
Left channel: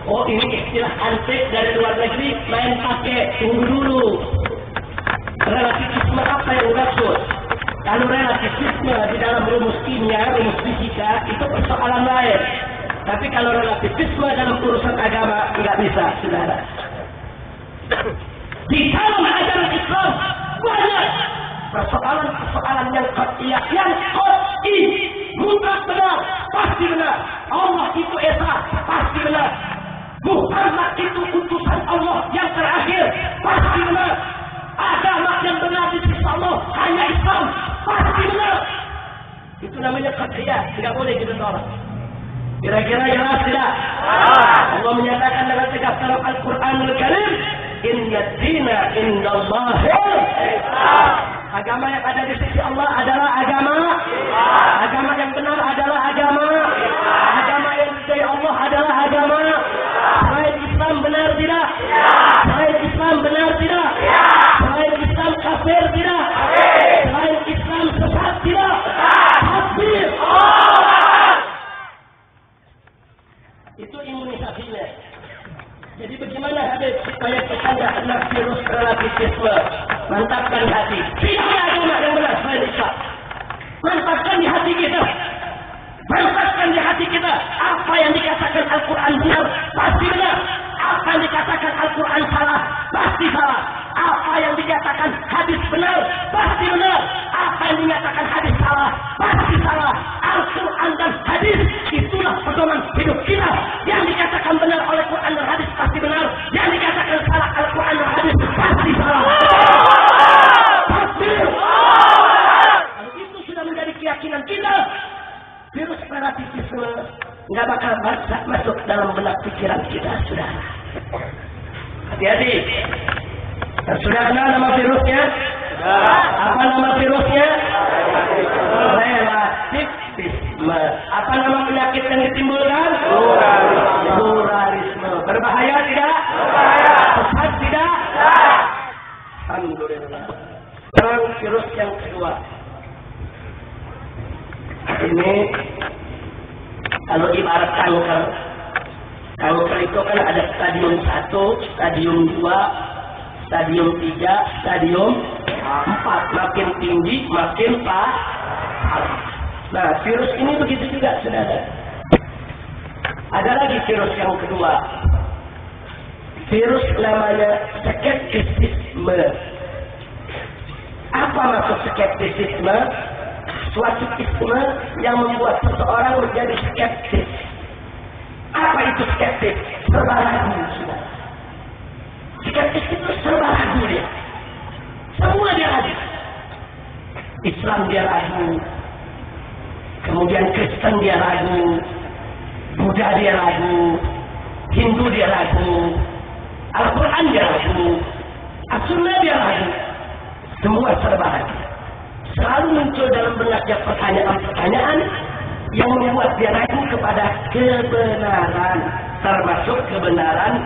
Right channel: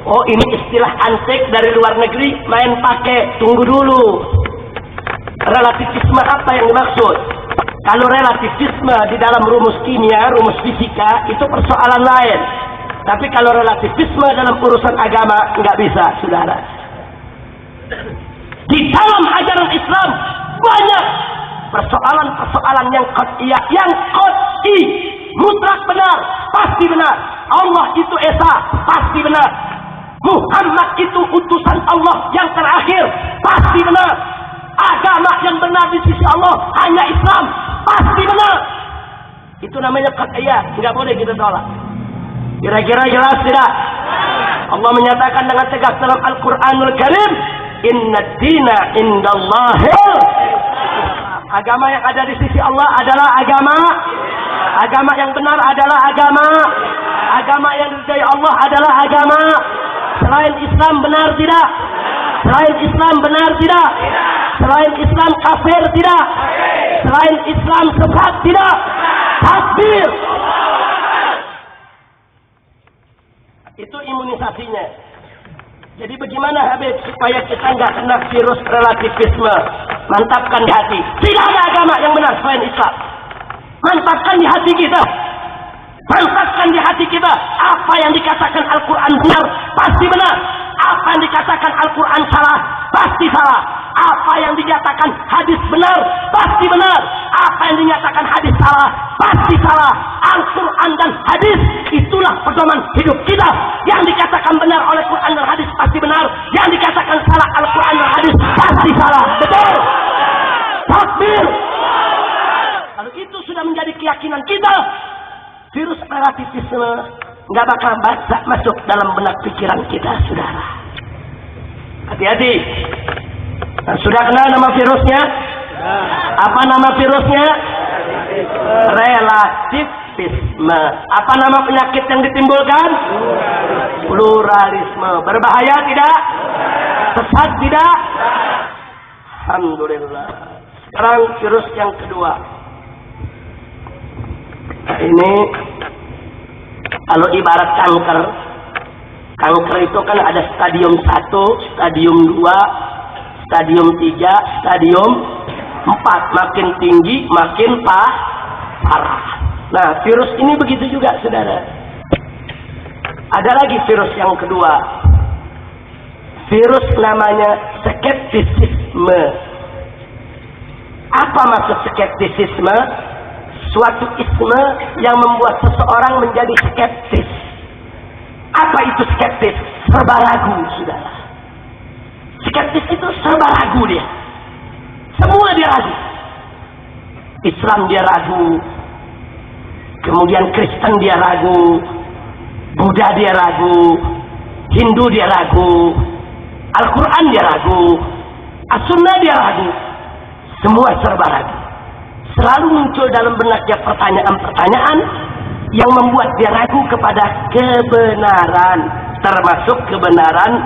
oh ini istilah antik dari luar negeri, main pakai. Tunggu dulu, relativisme apa yang dimaksud? Kalau relativisme di dalam rumus kimia, rumus fisika, itu persoalan lain. Tapi kalau relativisme dalam urusan agama, nggak bisa, saudara. Di dalam ajaran Islam banyak persoalan-persoalan yang qat'iyah, yang qat'i, mutlak benar, pasti benar. Allah itu esa, pasti benar. Muhammad itu utusan Allah yang terakhir, pasti benar. Agama yang benar di sisi Allah hanya Islam, pasti benar. Itu namanya qat'iyah, nggak boleh kita tolak. Kira-kira jelas tidak? Allah menyatakan dengan tegas dalam Al-Quranul Karim, Inna dina indallahil Islam. Agama yang ada di sisi Allah adalah agama. Agama yang benar adalah agama. Agama yang diridai Allah adalah agama. Selain Islam benar tidak? Selain Islam benar tidak? Selain Islam kafir tidak? Selain Islam sesat tidak? Takbir. Itu imunisasinya. Jadi bagaimana Habib supaya kita nggak kena virus relativisme? Mantapkan di hati. Tidak ada agama yang benar selain Islam. Mantapkan di hati kita. Mantapkan di hati kita. Apa yang dikatakan Al-Quran benar, pasti benar. Apa yang dikatakan Al-Quran salah, pasti salah. Apa yang dikatakan hadis benar, pasti benar. Apa yang dinyatakan hadis salah, pasti salah. Al-Quran dan hadis, itulah pedoman hidup kita. Yang dikatakan benar oleh Quran dan hadis pasti benar. Yang dikatakan salah Al-Quran dan hadis pasti salah. Betul? Takbir. Kalau itu sudah menjadi keyakinan kita, virus relativisme nggak bakal masuk dalam benak pikiran kita, saudara. Hati-hati. Nah, sudah kenal nama virusnya? Apa nama virusnya? Relativisme. Apa nama penyakit yang ditimbulkan? Pluralisme. Berbahaya tidak? Sesat tidak? Alhamdulillah. Sekarang virus yang kedua. Ini kalau ibarat kanker. Kanker itu kan ada stadium 1, stadium 2, stadium 3, stadium 4. Makin tinggi, makin parah. Nah, virus ini begitu juga, saudara. Ada lagi virus yang kedua. Virus namanya skeptisisme. Apa maksud skeptisisme? Suatu isme yang membuat seseorang menjadi skeptis. Apa itu skeptis? Serba ragu, saudara. Skeptis itu serba ragu dia. Semua dia ragu. Islam dia ragu. Kemudian Kristen dia ragu. Buddha dia ragu. Hindu dia ragu. Al-Quran dia ragu. As-Sunnah dia ragu. Semua serba ragu. Selalu muncul dalam benaknya pertanyaan-pertanyaan yang membuat dia ragu kepada kebenaran, termasuk kebenaran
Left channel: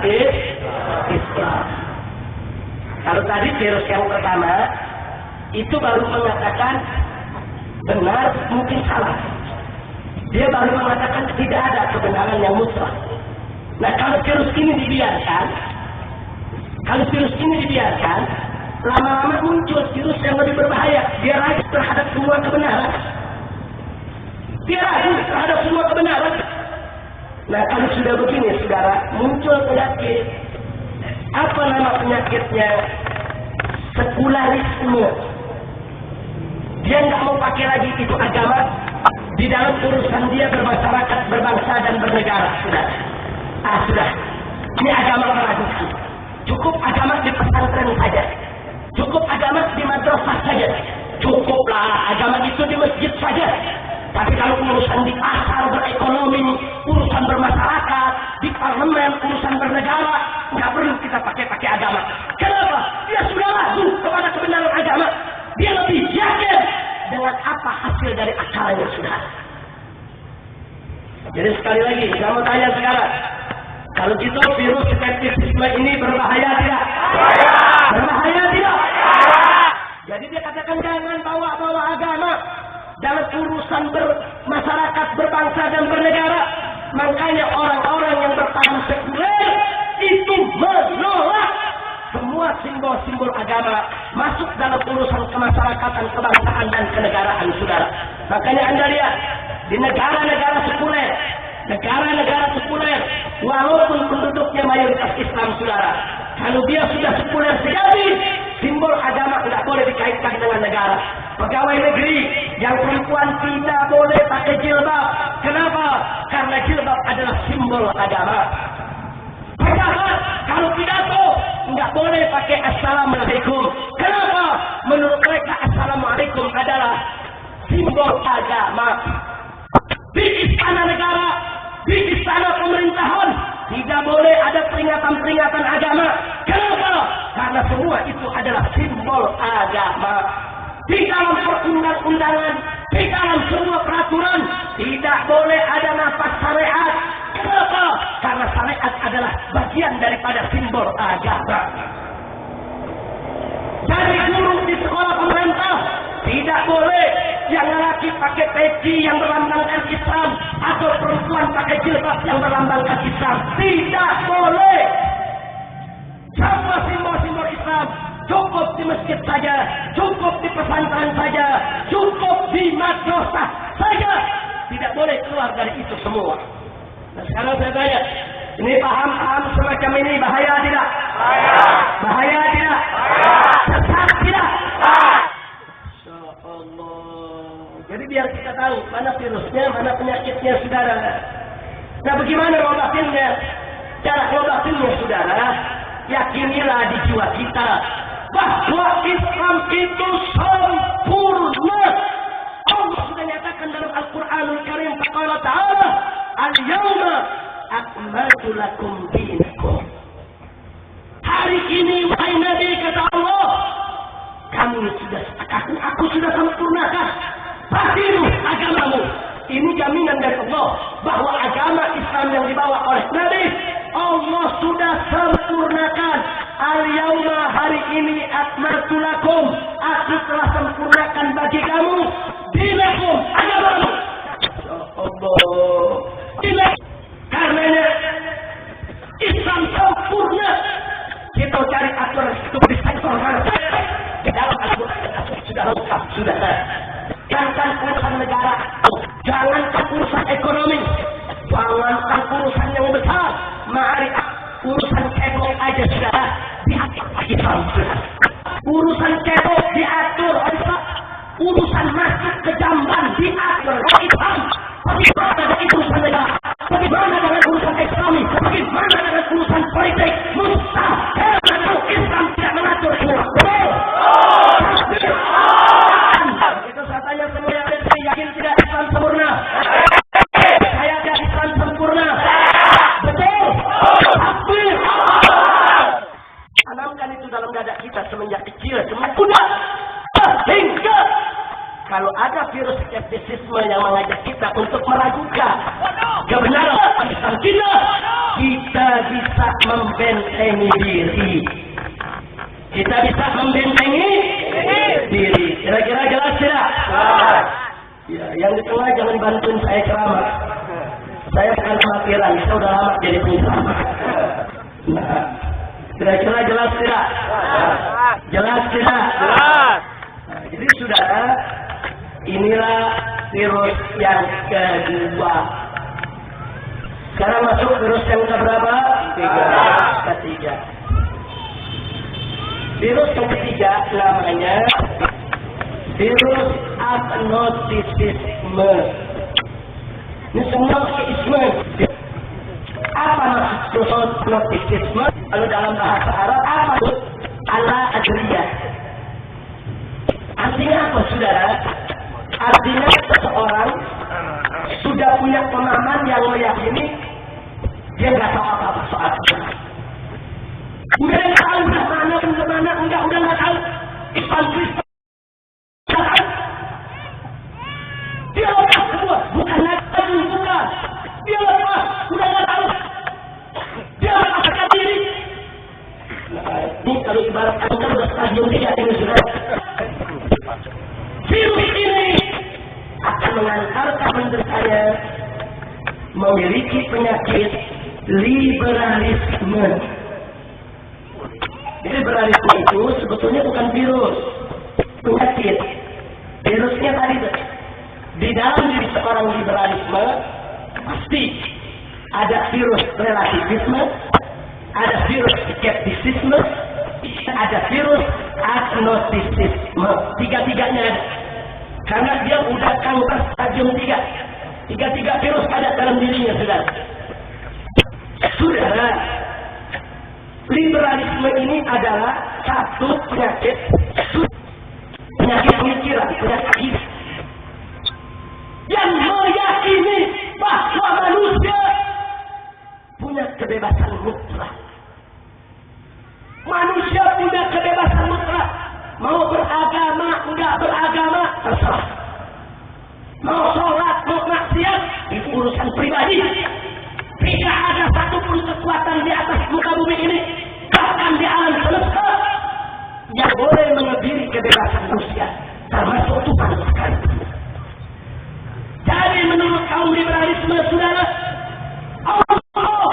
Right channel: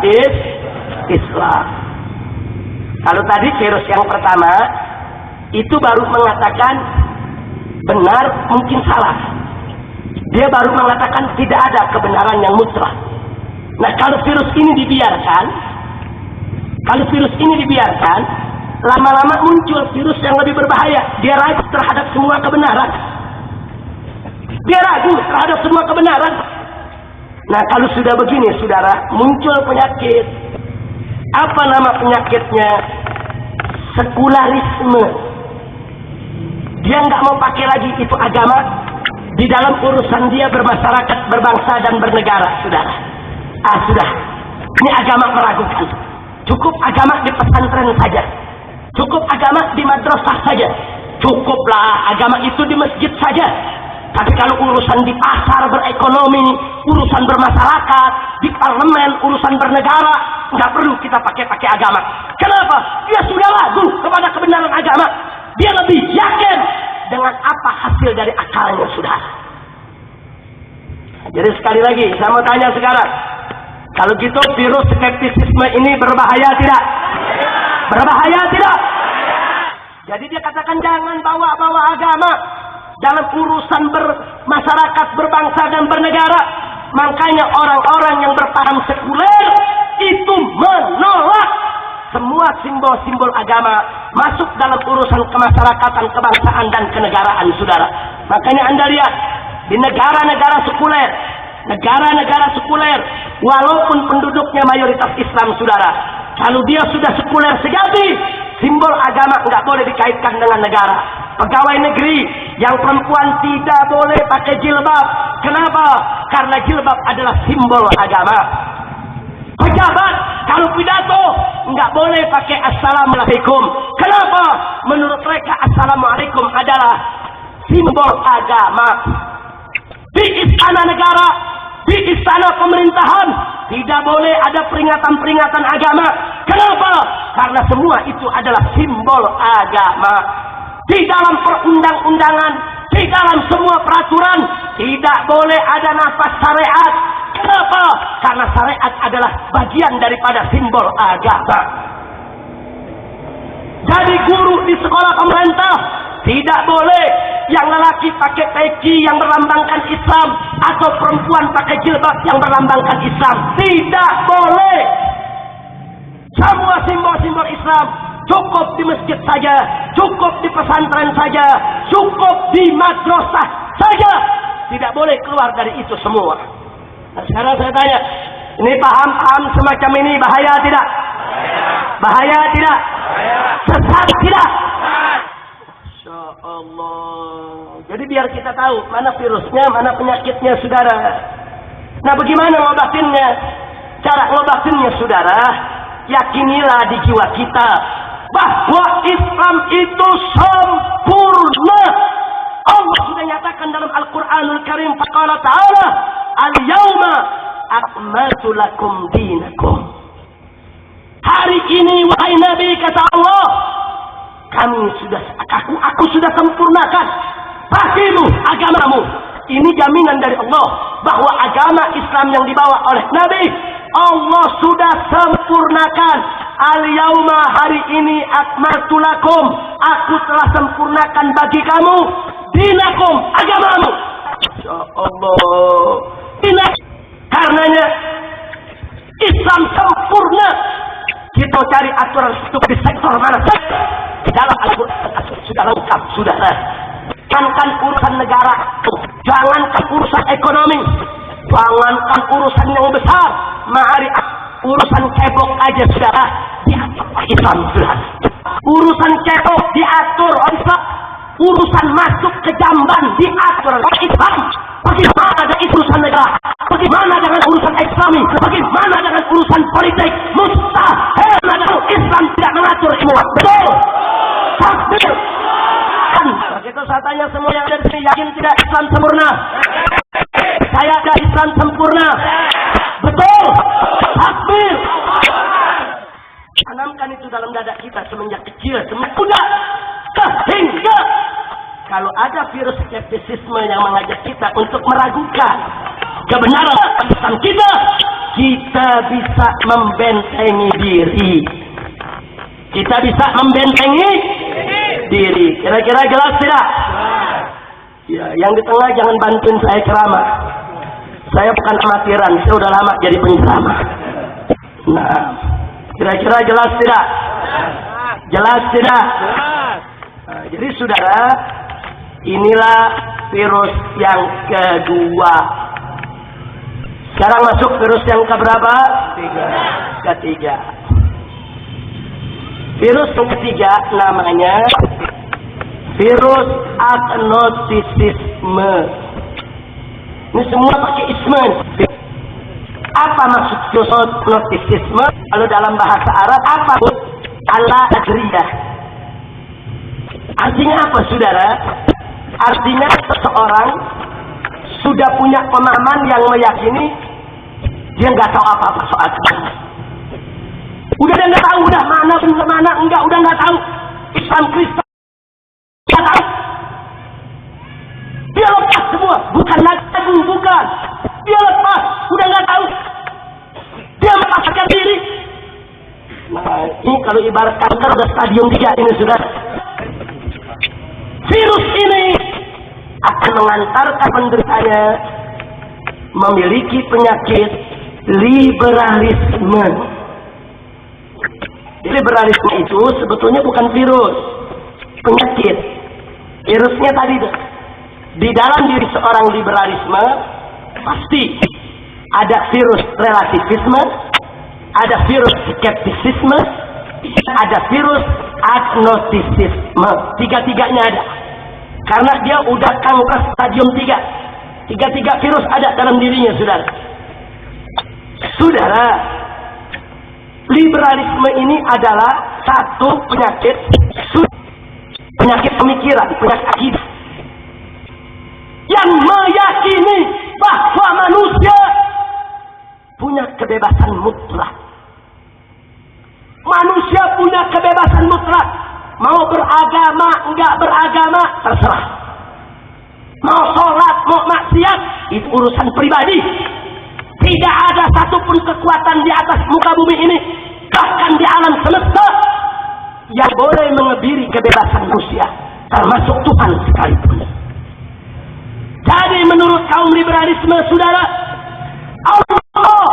Islam. Kalau tadi virus yang pertama itu baru mengatakan benar, mungkin salah. Dia baru mengatakan tidak ada kebenaran yang mutlak. Nah, kalau virus ini dibiarkan, lama-lama muncul virus yang lebih berbahaya. Dia ragu terhadap semua kebenaran. Nah, kalau sudah begini, saudara, muncul penyakit. Apa nama penyakitnya? Sekularisme. Dia nggak mau pakai lagi itu agama di dalam urusan dia bermasyarakat, berbangsa dan bernegara, saudara. Sudah. Ini agama meragukan. Cukup agama di pesantren saja. Cukup agama di madrasah saja. Cukuplah agama itu di masjid saja. Tapi kalau urusan di pasar berekonomi, urusan bermasyarakat, di parlemen, urusan bernegara, nggak perlu kita pakai agama. Kenapa? Dia sudah ragu kepada kebenaran agama. Dia lebih yakin dengan apa hasil dari akalnya, sudah. Jadi sekali lagi, saya mau tanya sekarang. Kalau gitu virus skeptisisme ini berbahaya tidak? Berbahaya tidak? Jadi dia katakan jangan bawa-bawa agama dalam urusan bermasyarakat, berbangsa dan bernegara. Makanya orang-orang yang berpaham sekuler itu menolak semua simbol-simbol agama masuk dalam urusan kemasyarakatan, kebangsaan dan kenegaraan, saudara. Makanya Anda lihat di negara-negara sekuler, walaupun penduduknya mayoritas Islam, saudara, kalau dia sudah sekuler sejati, simbol agama nggak boleh dikaitkan dengan negara. Pegawai negeri yang perempuan tidak boleh pakai jilbab. Kenapa? Karena jilbab adalah simbol agama. Pejabat kalau pidato nggak boleh pakai assalamualaikum. Kenapa? Menurut mereka assalamualaikum adalah simbol agama. Di istana negara, di istana pemerintahan tidak boleh ada peringatan-peringatan agama. Kenapa? Karena semua itu adalah simbol agama. Di dalam perundang-undangan, di dalam semua peraturan tidak boleh ada nafas syariat. Kenapa? Karena syariat adalah bagian daripada simbol agama. Jadi guru di sekolah pemerintah tidak boleh yang lelaki pakai peci yang melambangkan Islam atau perempuan pakai jilbab yang melambangkan Islam. Tidak boleh. Semua simbol-simbol Islam cukup di masjid saja, cukup di pesantren saja, cukup di madrasah saja. Tidak boleh keluar dari itu semua. Nah, sekarang saya tanya, ini paham-paham semacam ini bahaya tidak? Bahaya tidak? Sesat tidak? Masya Allah. Jadi biar kita tahu mana virusnya, mana penyakitnya, saudara. Nah, bagaimana ngobatinnya? Cara ngobatinnya, saudara, yakinilah di jiwa kita bahwa Islam itu sempurna. Allah sudah nyatakan dalam Al-Quranul Karim, faqala ta'ala, al-yawma akmaltu lakum dinakum. Hari ini, wahai Nabi, kata Allah, aku sudah sempurnakan bagimu agamamu. Ini jaminan dari Allah bahwa agama Islam yang dibawa oleh Nabi, Allah sudah sempurnakan. Al-yauma, hari ini, akmaltu lakum, aku telah sempurnakan bagi kamu dinakum, agamamu. Ya Allah. Ini karenanya Islam sempurna. Kita cari aturan itu di sektor mana saja. Di dalam Al-Quran sudah lengkap, saudara. Jangankan urusan negara, jangankan urusan ekonomi, jangankan urusan yang besar, mari urusan cebok aja saudara diatur Islam, saudara. Urusan cebok diatur Islam. Urusan masuk ke jamban diatur Islam. Bagaimana dengan urusan negara? Bagaimana dengan urusan ekonomi? Bagaimana dengan urusan politik? Mustahil kalau Islam tidak mengatur semua. Betul? Pasti. Begitu saya tanya semua yang ada di sini, yakin tidak Islam sempurna? Saya ada Islam sempurna. Betul? Takbir. Tanamkan itu dalam dada kita semenjak kecil, semenjak muda. Sehingga kalau ada virus skeptisisme yang mengajak kita untuk meragukan kebenaran Islam kita, kita bisa membentengi diri. Kita bisa membentengi diri. Kira-kira jelas tidak? Ya, yang di tengah jangan bantuin saya ceramah. Saya bukan amatiran, saya udah lama jadi penceramah. Nah, kira-kira jelas tidak? Jelas tidak? Jelas. Nah, jadi saudara, inilah virus yang kedua. Sekarang masuk virus yang keberapa? Ketiga. Virus yang ketiga namanya virus agnostisisme. Ini semua pakai isme. Apa maksud virus agnostisisme? Kalau dalam bahasa Arab apa? Al-adriyah. Artinya apa, saudara? Artinya seseorang sudah punya pemahaman yang meyakini dia nggak tahu apa-apa soal agama. Udah nggak tahu, udah mana enggak, udah nggak tahu. Islam Kristen nggak tahu. Dia lepas semua, bukan lagi, bukan. Dia lepas, udah nggak tahu. Dia melepaskan diri. Nah, ini kalau ibarat kanker udah stadium 3 ini, saudara. Virus ini akan mengantarkan penderitanya memiliki penyakit liberalisme. Liberalisme itu sebetulnya bukan virus, penyakit. Virusnya tadi di dalam diri seorang liberalisme pasti ada virus relativisme, ada virus skeptisisme, ada virus agnostisisme. Tiga-tiganya ada. Karena dia udah kanker stadium 3. Tiga-tiga virus ada dalam dirinya, saudara. Saudara, liberalisme ini adalah satu penyakit pemikiran, penyakit akidah yang meyakini bahwa manusia punya kebebasan mutlak. Manusia punya kebebasan mutlak. Mau beragama, enggak beragama, terserah. Mau sholat, mau maksiat, itu urusan pribadi. Tidak ada satupun kekuatan di atas muka bumi ini, bahkan di alam semesta, yang boleh mengebiri kebebasan manusia, termasuk Tuhan sekalipun. Jadi menurut kaum liberalisme, saudara, Allah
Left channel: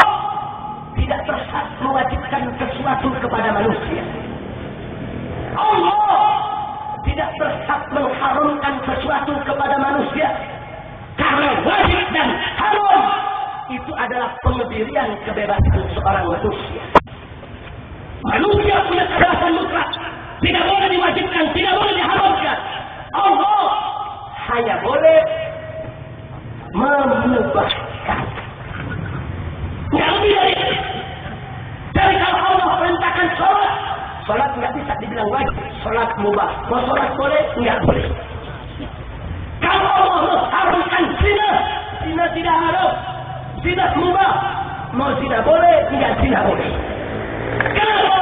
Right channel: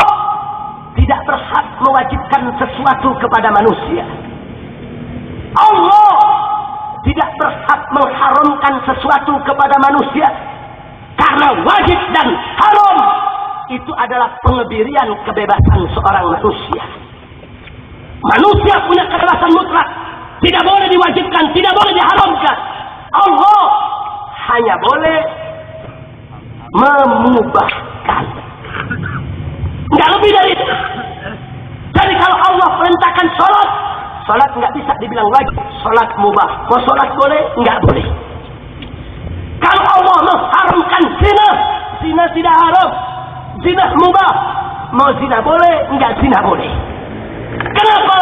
tidak berhak mewajibkan sesuatu kepada manusia. Allah tidak berhak mengharamkan sesuatu kepada manusia, karena wajib dan haram itu adalah pengebirian kebebasan seorang manusia. Manusia punya kebebasan mutlak, tidak boleh diwajibkan, tidak boleh diharamkan. Allah hanya boleh memubahkan, nggak lebih dari itu. Jadi kalau Allah perintahkan sholat, sholat nggak bisa dibilang wajib, sholat mubah. Mau sholat boleh, nggak boleh. Kalau Allah mengharamkan zina, zina tidak haram, zina mubah. Mau zina boleh, nggak zina boleh. Kenapa?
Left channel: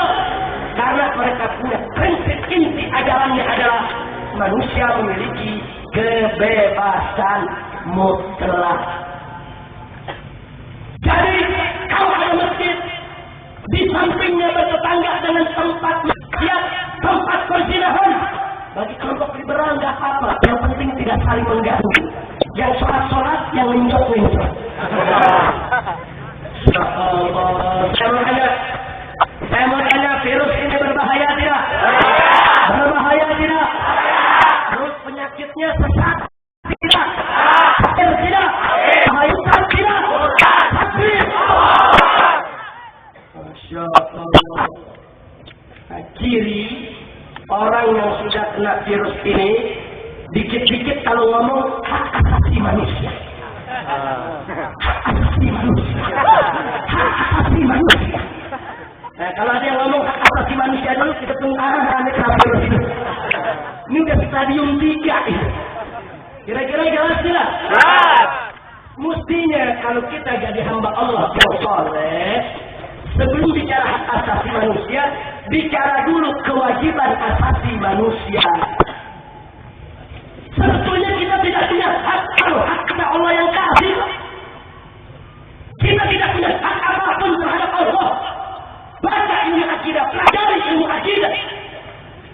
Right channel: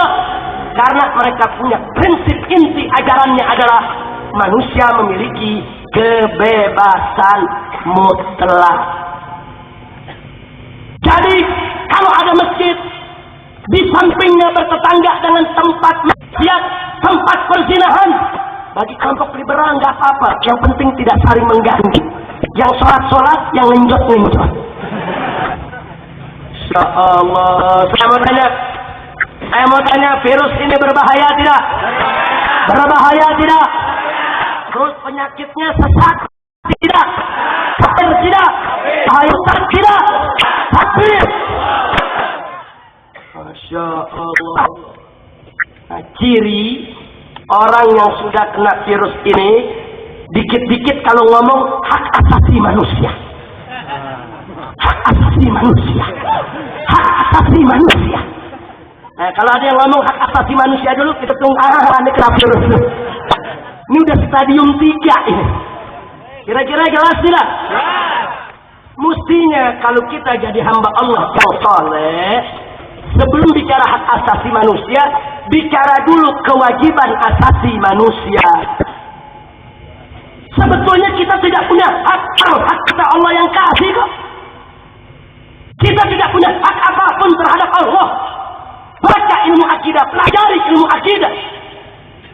Karena mereka punya prinsip inti ajarannya adalah manusia memiliki kebebasan mutlak. Jadi kalau ada masjid di sampingnya bertetangga dengan tempat maksiat, tempat perzinahan, bagi kelompok liberal nggak apa-apa, yang penting tidak saling mengganggu. Yang sholat, yang ngenjot. Ya Allah, saya mau tanya, virus ini berbahaya tidak? Berbahaya tidak? Terus penyakitnya sesat tidak? Kafir tidak? Hayutan tidak? Takbir. Masya Allah. Nah, ciri orang yang sudah kena virus ini, dikit-dikit kalau ngomong hak asasi manusia. Hak asasi manusia. Hak asasi manusia. Nah, kalau ada yang ngomong hak asasi manusia dulu, kita tunggu, ini kenapa? Ini udah stadium 3 ini. Kira-kira jelas tidak? Mestinya kalau kita jadi hamba Allah yang soleh, sebelum bicara hak asasi manusia, bicara dulu kewajiban asasi manusia. Sebetulnya kita tidak punya hak kita Allah yang kasih kok. Kita tidak punya hak apapun terhadap Allah. Baca ilmu akidah, pelajari ilmu akidah.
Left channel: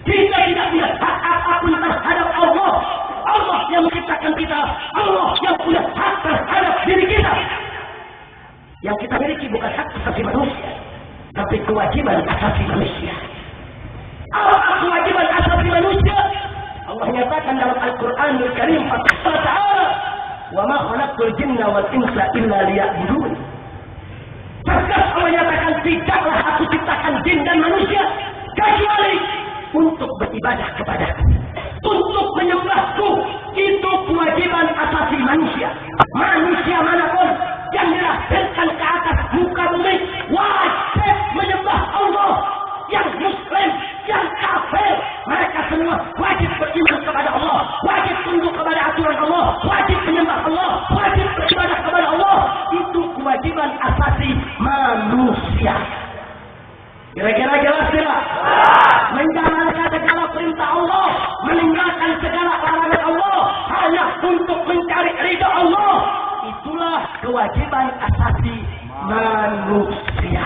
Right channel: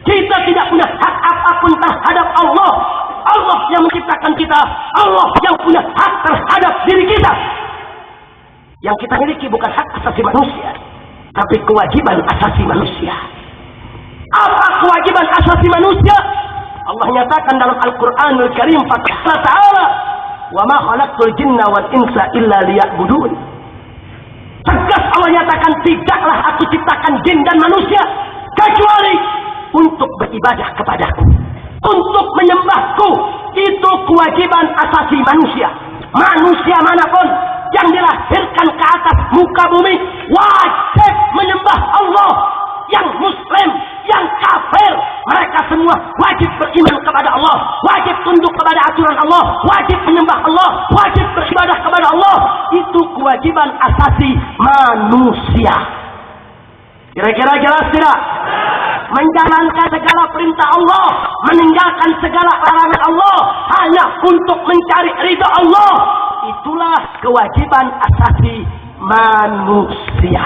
Kita tidak punya hak apapun terhadap Allah. Allah yang menciptakan kita, Allah yang punya hak terhadap diri kita. Yang kita miliki bukan hak asasi manusia, tapi kewajiban asasi manusia. Apa kewajiban asasi manusia? Allah nyatakan dalam Al-Quranul Karim, Fatihah Ta'ala, wa ma khalaqtul jinna wal insa illa liya'budun. Tegas Allah nyatakan, tidaklah aku ciptakan jin dan manusia kecuali untuk beribadah kepadaku, untuk menyembahku. Itu kewajiban asasi manusia. Manusia manapun yang dilahirkan ke atas muka bumi wajib menyembah Allah. Yang muslim, yang kafir, mereka semua wajib beriman kepada Allah, wajib tunduk kepada aturan Allah, wajib menyembah Allah, wajib beribadah kepada Allah. Itu kewajiban asasi manusia. Kira-kira jelas tidak? Menjalankan segala perintah Allah, meninggalkan segala larangan Allah hanya untuk mencari ridha Allah. Itulah kewajiban asasi manusia.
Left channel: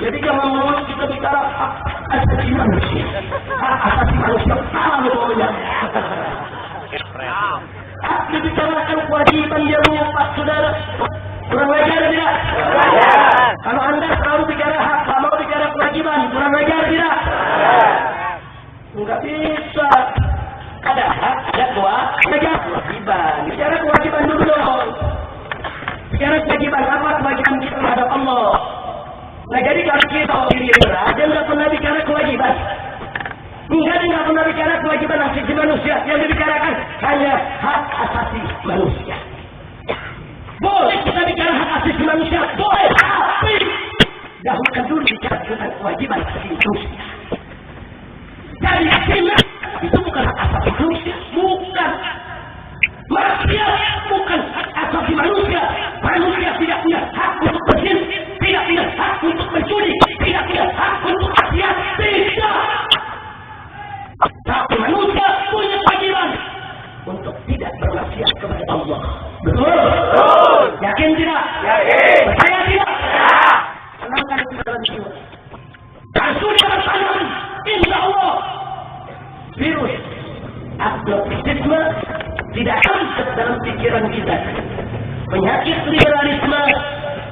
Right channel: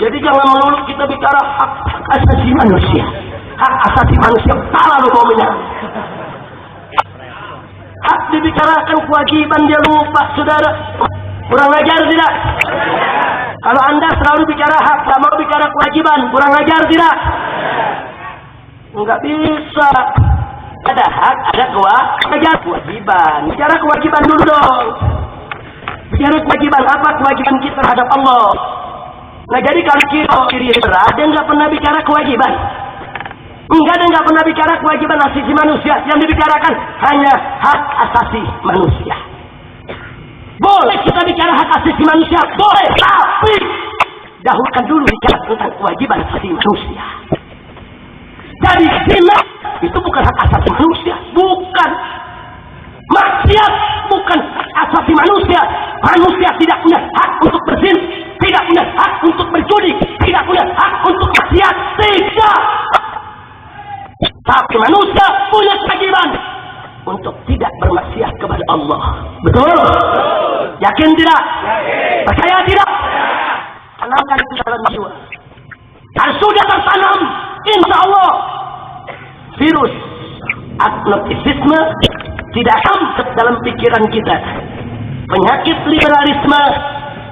Jadi jangan melulu kita bicara hak asasi manusia. Hak asasi manusia, salah lu ngomongnya. Hak dibicarakan kewajiban, dia lupa, saudara. Kurang ajar tidak? Kalau Anda selalu bicara hak, tak mau bicara kewajiban, kurang ajar tidak? Enggak bisa. Ada hak, ada kewajiban. Bicara kewajiban dulu dong. Bicara kewajiban apa? Kewajiban kita terhadap Allah. Nah, jadi kalau kita diri berat, dia nggak pernah bicara kewajiban. Enggak, dia nggak pernah bicara kewajiban asasi manusia. Yang dibicarakan hanya hak asasi manusia. Boleh kita bicara hak asasi manusia, boleh, tapi dahulukan dulu bicara tentang kewajiban asasi manusia. Jadi zina itu bukan hak asasi manusia, bukan. Maksiat bukan hak asasi manusia. Manusia tidak punya hak untuk berzina, tidak punya hak untuk mencuri, tidak punya hak untuk maksiat, tidak. Tapi manusia punya kewajiban untuk tidak bermaksiat kepada Allah. Betul? Yakin tidak? Yakin. Percaya tidak? Ya. Tanamkan itu dalam jiwa. Kalau sudah tertanam, insya Allah virus agnostisisme tidak akan dalam pikiran kita. Penyakit liberalisme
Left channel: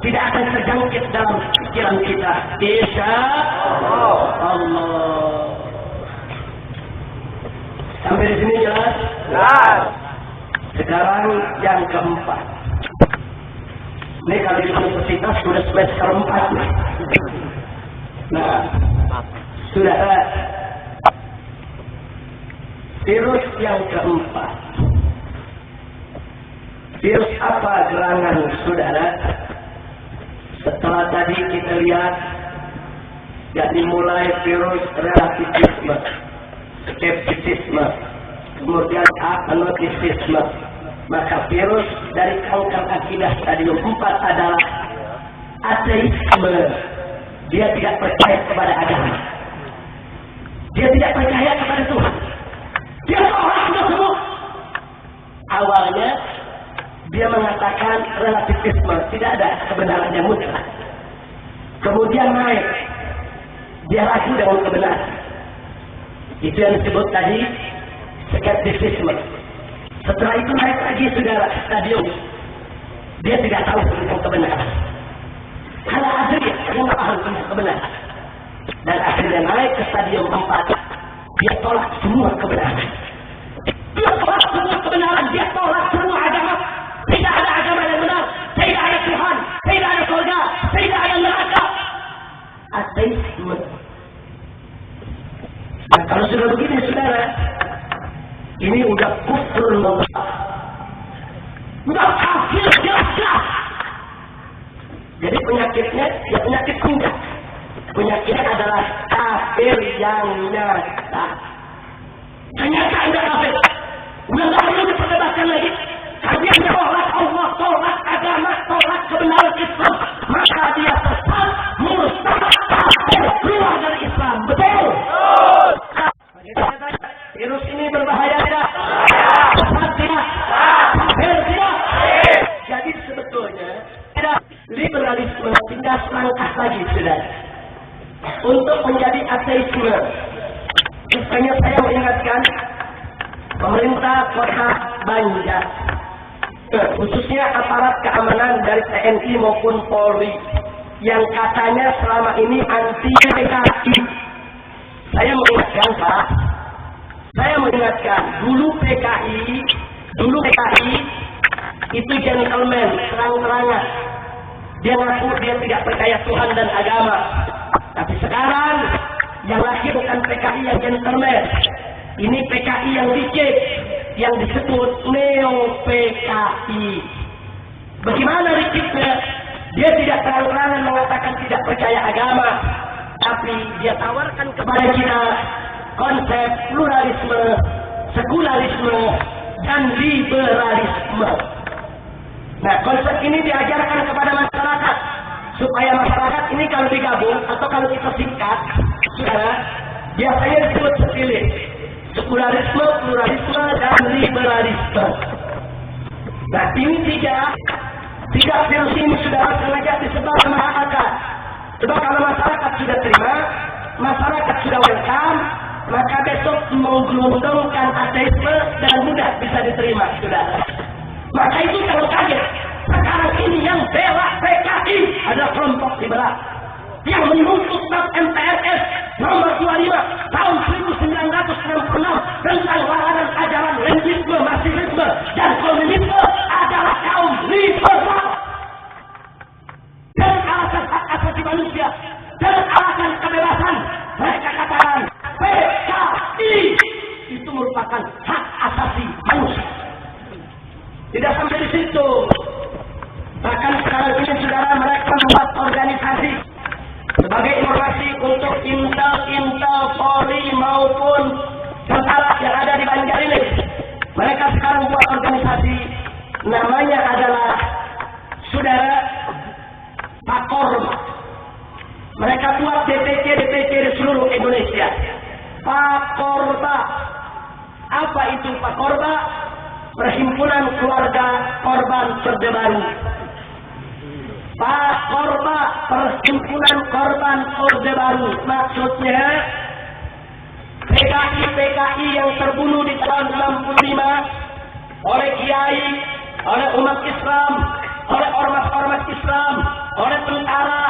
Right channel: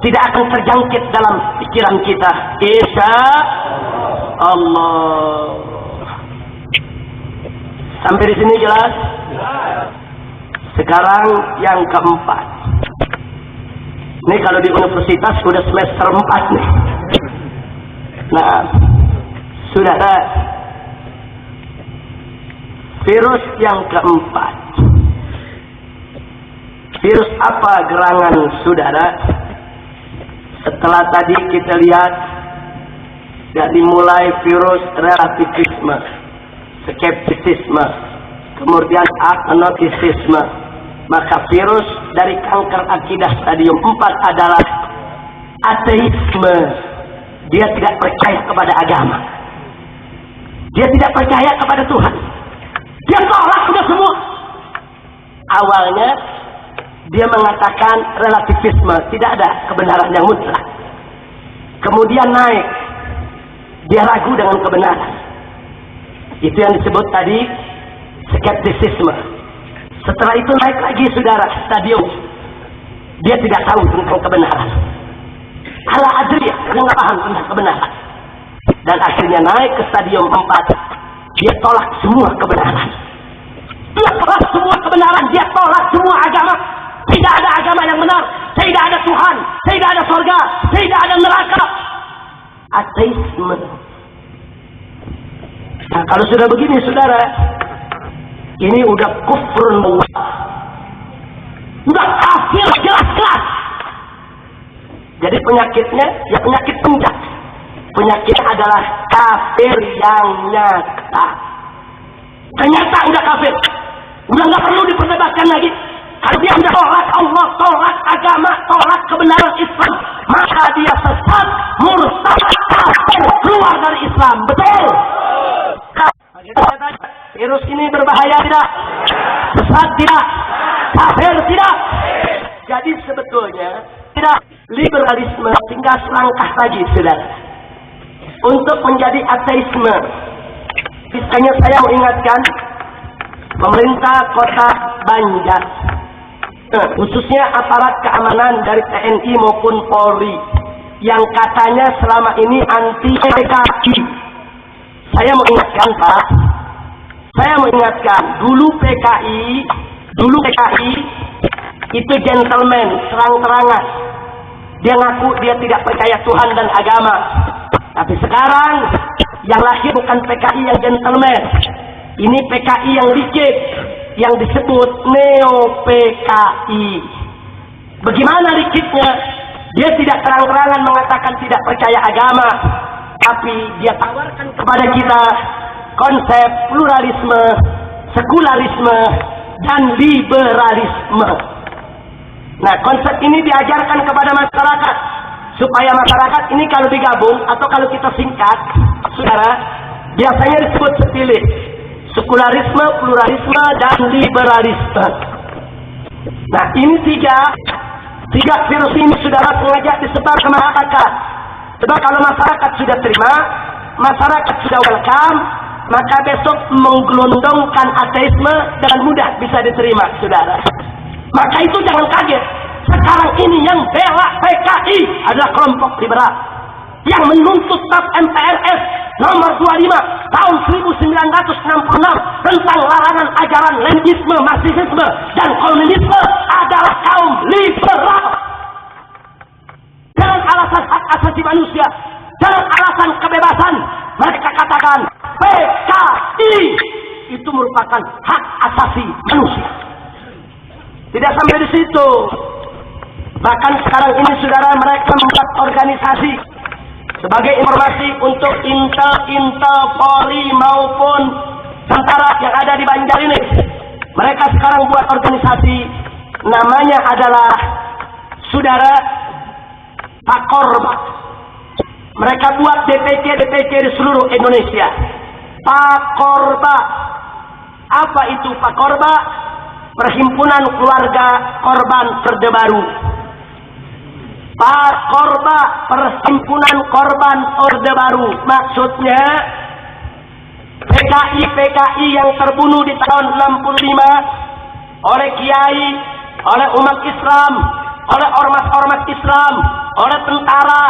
tidak akan terjangkit dalam pikiran kita. Insya Allah. Sampai di sini jelas? Jelas. Sekarang yang keempat. Ini kalau di universitas sudah semester 4 nih. Nah, saudara, virus yang keempat. Virus apa gerangan saudara? Setelah tadi kita lihat, ya dimulai virus relativisme, skeptisisme, kemudian agnostisisme. Maka virus dari kanker akidah stadium 4 adalah ateisme. Dia tidak percaya kepada agama. Dia tidak percaya kepada Tuhan. Dia tolak sudah semua. Awalnya dia mengatakan relativisme, tidak ada kebenaran yang mutlak. Kemudian naik, dia ragu dengan kebenaran. Itu yang disebut tadi skeptisisme. Setelah itu naik lagi saudara stadium, dia tidak tahu tentang kebenaran. Ala adri, karena nggak paham tentang kebenaran. Dan akhirnya naik ke stadium 4, dia tolak semua kebenaran. Dia tolak semua kebenaran, dia tolak semua agama. Tidak ada agama yang benar, tidak ada Tuhan, tidak ada surga, tidak ada neraka. Ateisme. Nah, kalau sudah begini saudara, ini udah kufrun Allah. Udah kafir jelas-jelas. Jadi penyakitnya ya penyakit penjat. Penyakitnya adalah kafir yang nyata. Ternyata udah kafir. Udah nggak perlu diperdebatkan lagi. Kalau dia sudah tolak Allah, tolak agama, tolak kebenaran Islam, maka dia sesat, murtad, kafir, keluar dari Islam. Betul? Virus ini berbahaya tidak? Sesat tidak? Kafir tidak? Jadi sebetulnya tidak, liberalisme tinggal selangkah lagi saudara untuk menjadi ateisme. Misalnya saya mengingatkan pemerintah kota Banjar, khususnya aparat keamanan dari TNI maupun Polri yang katanya selama ini anti PKI. Saya mengingatkan Pak, saya mengingatkan dulu PKI itu gentleman, terang-terangan. Dia ngaku dia tidak percaya Tuhan dan agama. Tapi sekarang yang lahir bukan PKI yang gentleman. Ini PKI yang licik, yang disebut neo-PKI. Bagaimana liciknya? Dia tidak terang-terangan mengatakan tidak percaya agama, tapi dia tawarkan kepada kita konsep pluralisme, sekularisme, dan liberalisme. Nah, konsep ini diajarkan kepada masyarakat supaya masyarakat ini kalau digabung atau kalau kita singkat, saudara, biasanya disebut setilis: sekularisme, pluralisme, dan liberalisme. Nah, ini tiga virus ini saudara sengaja disebar ke masyarakat. Sebab kalau masyarakat sudah terima, masyarakat sudah welcome, maka besok menggelondongkan ateisme dengan mudah bisa diterima, saudara. Maka itu jangan kaget. Sekarang ini yang bela PKI adalah kelompok liberal yang menuntut TAP MPRS nomor 25 tahun 1966 tentang larangan ajaran Leninisme, Marxisme, dan komunisme adalah kaum liberal. Dengan alasan hak asasi manusia, dengan alasan kebebasan, mereka katakan PKI itu merupakan hak asasi manusia. Tidak sampai di situ. Bahkan sekarang ini saudara, mereka membuat organisasi sebagai informasi untuk intel Polri maupun tentara yang ada di Banjar ini. Mereka sekarang buat organisasi, namanya adalah saudara Pakorba. Mereka buat DPC di seluruh Indonesia. Pakorba. Apa itu Pakorba? Perhimpunan Keluarga Korban Orde Baru. Pakorba, Perhimpunan Korban Orde Baru. Maksudnya PKI yang terbunuh di tahun 65 oleh kiai, oleh umat Islam, oleh ormas-ormas Islam, oleh tentara,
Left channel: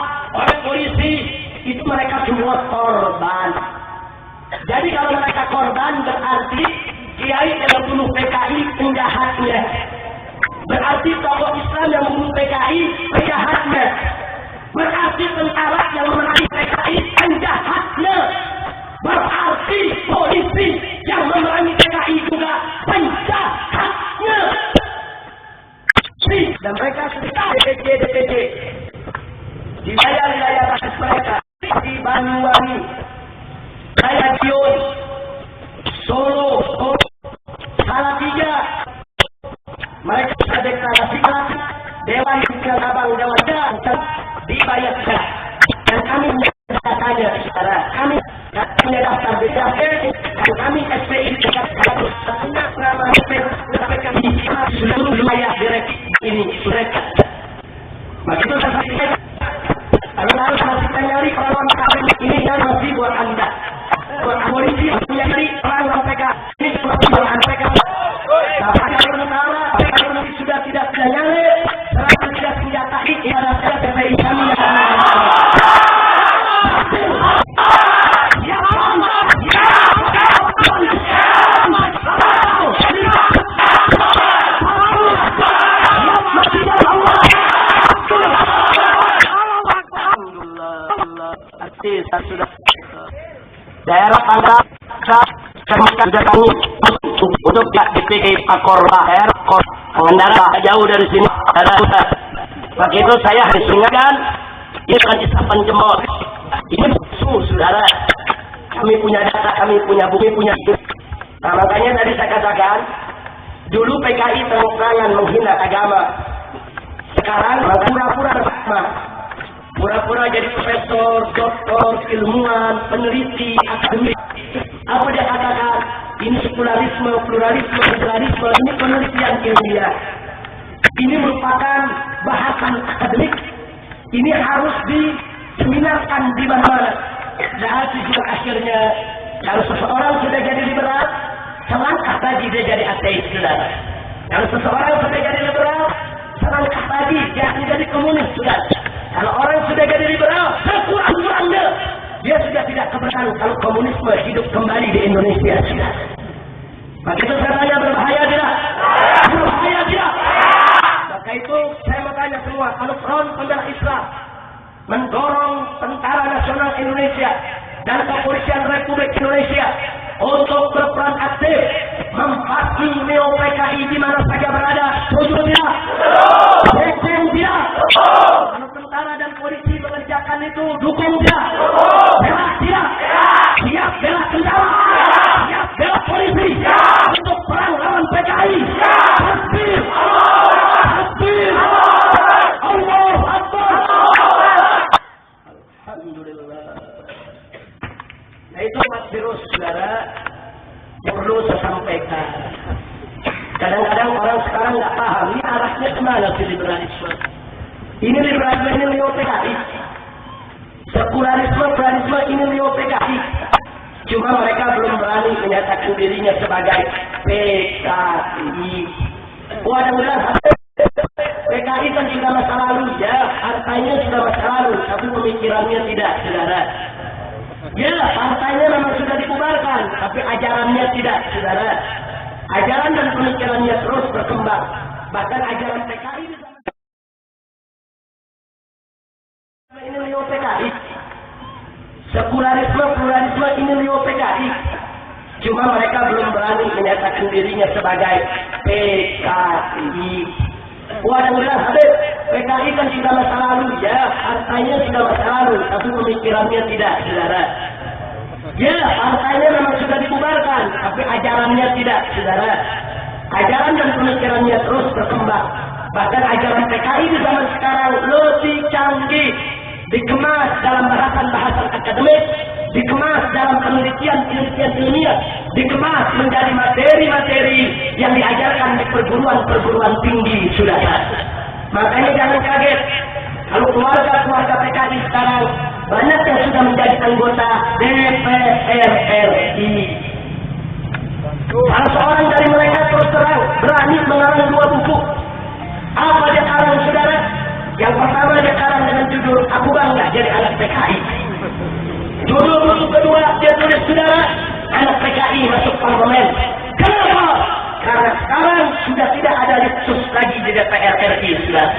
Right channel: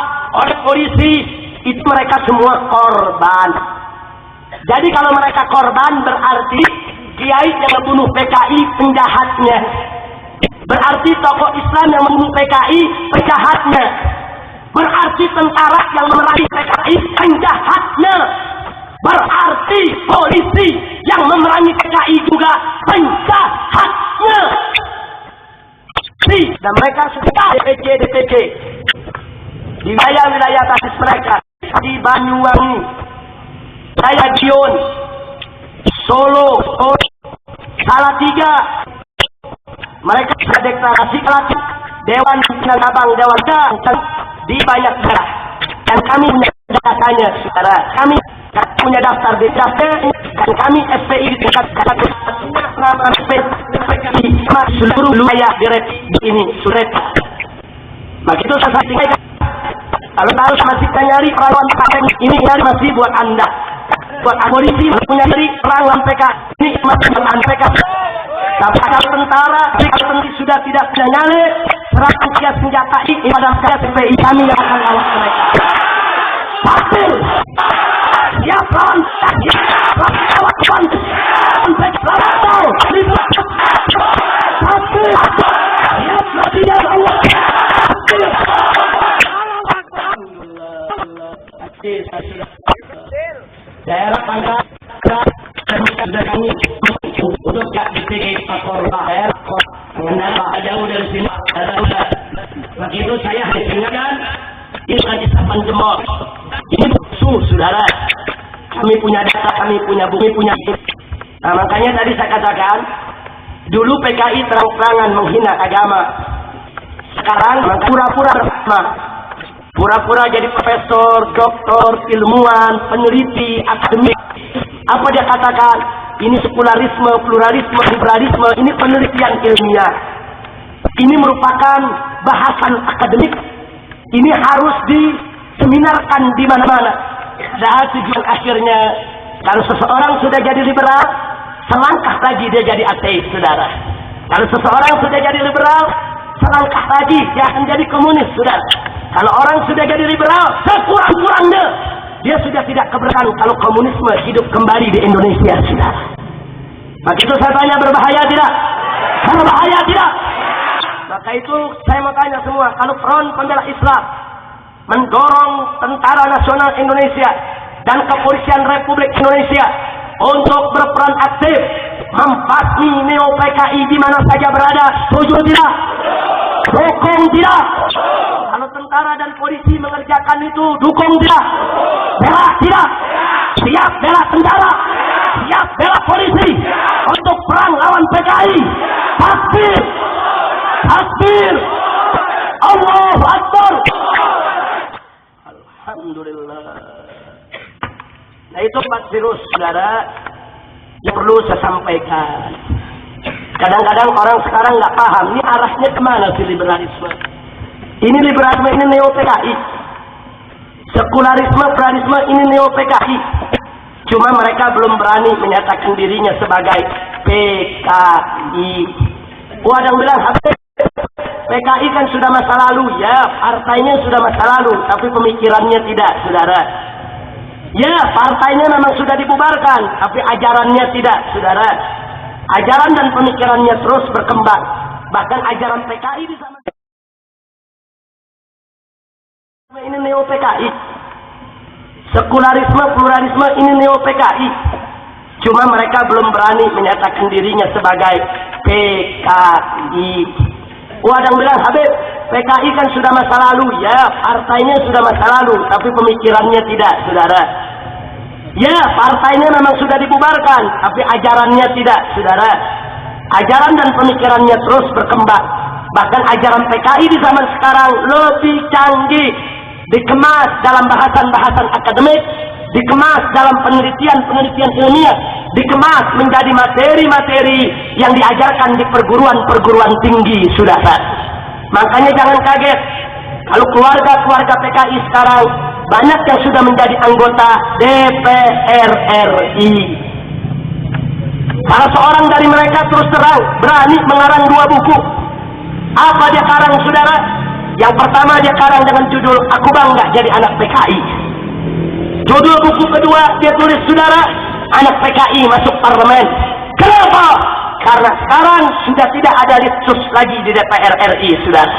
oleh polisi, itu mereka semua korban. Jadi kalau mereka korban berarti kiai yang membunuh PKI penjahatnya. Berarti tokoh Islam yang membunuh PKI penjahatnya. Berarti tentara yang memerangi PKI penjahatnya. Berarti polisi yang memerangi PKI juga penjahatnya. Dan mereka sudah DPC di wilayah basis mereka di Banyuwangi, Dion, Solo, Salatiga. Mereka sudah deklarasi Dewan Abang Dewan dibayar negara. Dan kami menyatakannya, saudara. Kami punya daftar BCAP dan kami SPI di dekat nama SPI seluruh wilayah direk ini surat. Maka itu saya sampaikan. Kalau harus masih nyari perlawan paten ini nyari masih buat Anda. Buat polisi punya nyari perang lawan PK ini masih buat Anda PK. Tapi kalau tentara sudah tidak bisa nyali serahkan senjata ini pada SPI kami yang akan melawan mereka. Tapi siapkan daerah tangga sudah kami untuk dipikir Pakorba pengendara jauh dari sini ada. Maka itu saya ingatkan ini kan isapan jempol. Ini musuh, saudara. Kami punya data, kami punya bukti, punya itu. Nah, makanya tadi saya katakan, dulu PKI terang-terangan menghina agama. Sekarang pura-pura bersama. Pura-pura jadi profesor, doktor, ilmuwan, peneliti, akademik. Apa dia katakan? Ini sekularisme, pluralisme, liberalisme. Ini penelitian ilmiah. Ini merupakan bahasan akademik. Ini harus diseminarkan di mana-mana. Dan tujuan akhirnya, kalau seseorang sudah jadi liberal, selangkah lagi dia jadi ateis, saudara. Kalau seseorang sudah jadi liberal, selangkah lagi dia akan jadi komunis, saudara. Kalau orang sudah jadi liberal, sekurang-kurangnya dia sudah tidak keberatan kalau komunisme hidup kembali di Indonesia, saudara. Maka itu saya tanya, berbahaya tidak? Berbahaya tidak? Maka itu saya mau tanya semua, kalau Front Pembela Islam mendorong Tentara Nasional Indonesia dan Kepolisian Republik Indonesia untuk berperan aktif membasmi Neo PKI di mana saja berada, setuju tidak? Dukung tidak? Kalau tentara dan polisi mengerjakan itu, dukung tidak? Bela tidak? Siap bela tentara? Siap bela polisi untuk perang lawan PKI? Takbir! Takbir! Allahu Akbar! Alhamdulillah. Nah itu Pak Virus, saudara, yang perlu saya sampaikan. Kadang-kadang orang sekarang nggak paham, ini arahnya kemana sih liberalisme? Ini liberalisme, ini neo PKI. Sekularisme, pluralisme, ini neo PKI. Cuma mereka belum berani menyatakan dirinya sebagai PKI. Oh, ada yang bilang, PKI kan sudah masa lalu, ya, partainya sudah masa lalu, tapi pemikirannya tidak, saudara. Ya, partainya memang sudah dibubarkan, tapi ajarannya tidak, saudara. Ajaran dan pemikirannya terus berkembang. Bahkan ajaran PKI di zaman ini neo PKI. Sekularisme, pluralisme, ini neo PKI. Cuma mereka belum berani menyatakan dirinya sebagai PKI. Oh, ada yang bilang, Habib, PKI kan sudah masa lalu, ya, partainya sudah masa lalu, tapi pemikirannya tidak, saudara. Ya, partainya memang sudah dibubarkan, tapi ajarannya tidak, saudara. Ajaran dan pemikirannya terus berkembang. Bahkan ajaran PKI di zaman sekarang lebih canggih, dikemas dalam bahasan-bahasan akademik, dikemas dalam penelitian-penelitian ilmiah, dikemas menjadi materi-materi yang diajarkan di perguruan-perguruan tinggi, saudara. Makanya jangan kaget kalau keluarga-keluarga PKI sekarang banyak yang sudah menjadi anggota DPR RI. Salah seorang dari mereka terus terang berani mengarang 2 buku. Apa dia karang, saudara? Yang pertama dia karang dengan judul Aku Bangga Jadi Anak PKI. Judul buku kedua dia tulis, saudara, Anak PKI Masuk Parlemen. Kenapa? Karena sekarang sudah tidak ada litsus lagi di DPR RI, saudara.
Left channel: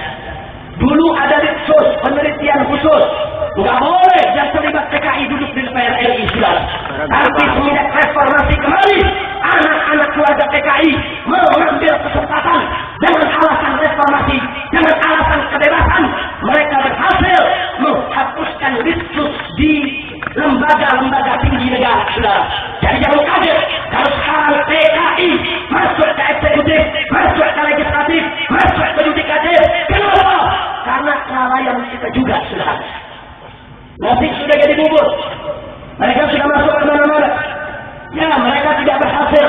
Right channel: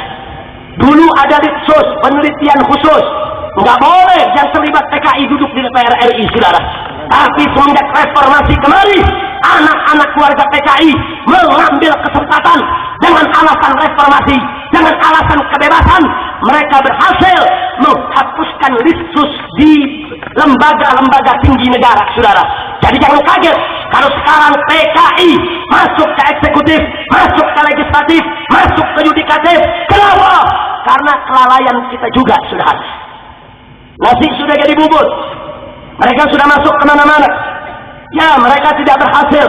Dulu ada litsus, penelitian khusus. Nggak boleh yang terlibat PKI duduk di DPR RI, saudara. Tapi semenjak reformasi kembali, anak-anak keluarga PKI mengambil kesempatan dengan alasan reformasi, dengan alasan kebebasan. Mereka berhasil menghapuskan litsus di lembaga-lembaga tinggi negara, saudara. Jadi jangan kaget kalau sekarang PKI masuk ke eksekutif, masuk ke legislatif, masuk ke yudikatif. Kenapa? Karena kelalaian kita juga, saudara. Nasi sudah jadi bubur. Mereka sudah masuk ke mana-mana. Ya, mereka tidak berhasil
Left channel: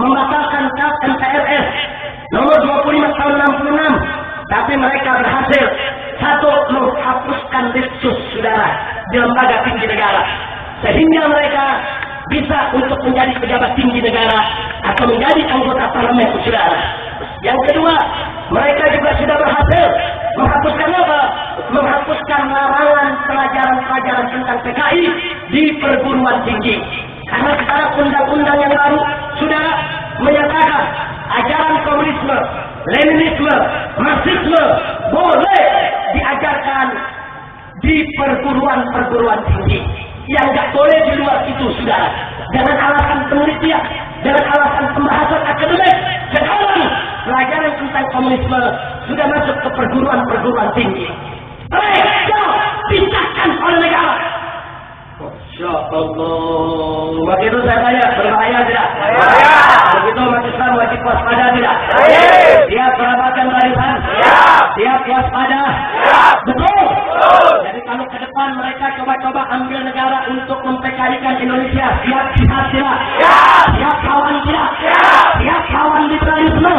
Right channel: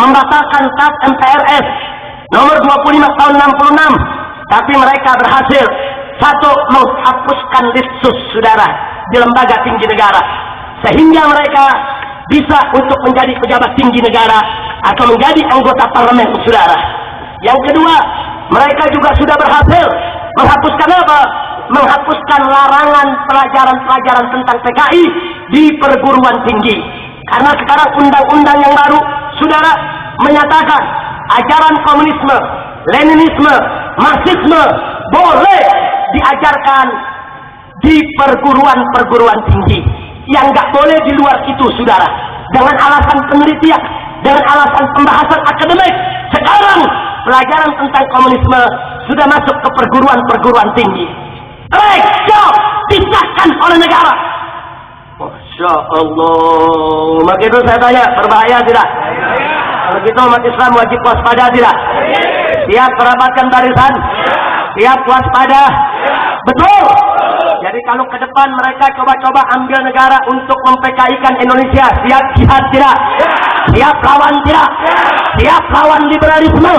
membatalkan KAP MPRS nomor 25 tahun 66. Tapi mereka berhasil, satu, menghapuskan litsus, saudara, di lembaga tinggi negara. Sehingga mereka bisa untuk menjadi pejabat tinggi negara atau menjadi anggota parlemen, saudara. Yang kedua, mereka juga sudah berhasil menghapuskan apa? Menghapuskan larangan pelajaran-pelajaran tentang PKI di perguruan tinggi. Karena sekarang undang-undang yang baru, saudara, menyatakan ajaran komunisme, Leninisme, Marxisme boleh diajarkan di perguruan-perguruan tinggi. Yang nggak boleh di luar itu, saudara. Dengan alasan penelitian, dengan alasan pembahasan akademik. Sekarang pelajaran tentang komunisme sudah masuk ke perguruan-perguruan tinggi. Legal disahkan oleh negara. Masya Allah. Maka itu saya tanya, berbahaya tidak? Kalau gitu umat Islam wajib waspada tidak? Siap merapatkan barisan? Siap waspada? Betul. Jadi kalau ke depan mereka coba-coba ambil negara untuk mem-PKI-kan Indonesia, siap jihad tidak? Siap lawan tidak? Siap lawan liberalisme?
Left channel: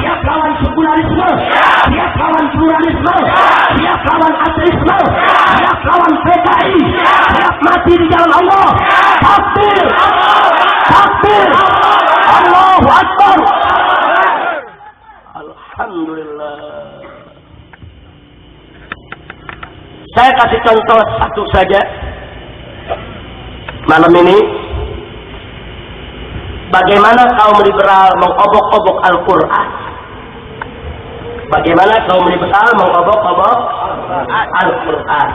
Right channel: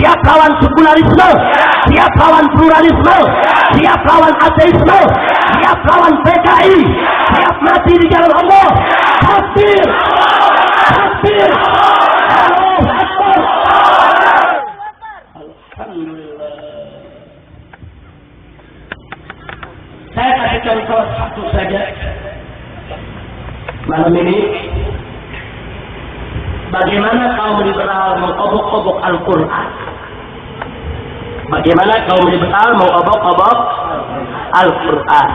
Siap lawan sekularisme? Siap lawan pluralisme? Siap lawan ateisme? Siap lawan PKI? Siap mati di jalan Allah? Takbir! Takbir! Allahu Akbar! Alhamdulillah. Saya kasih contoh satu saja malam ini. Bagaimana kaum liberal mengobok-obok Al-Quran. Bagaimana kaum liberal mengobok-obok Al-Quran.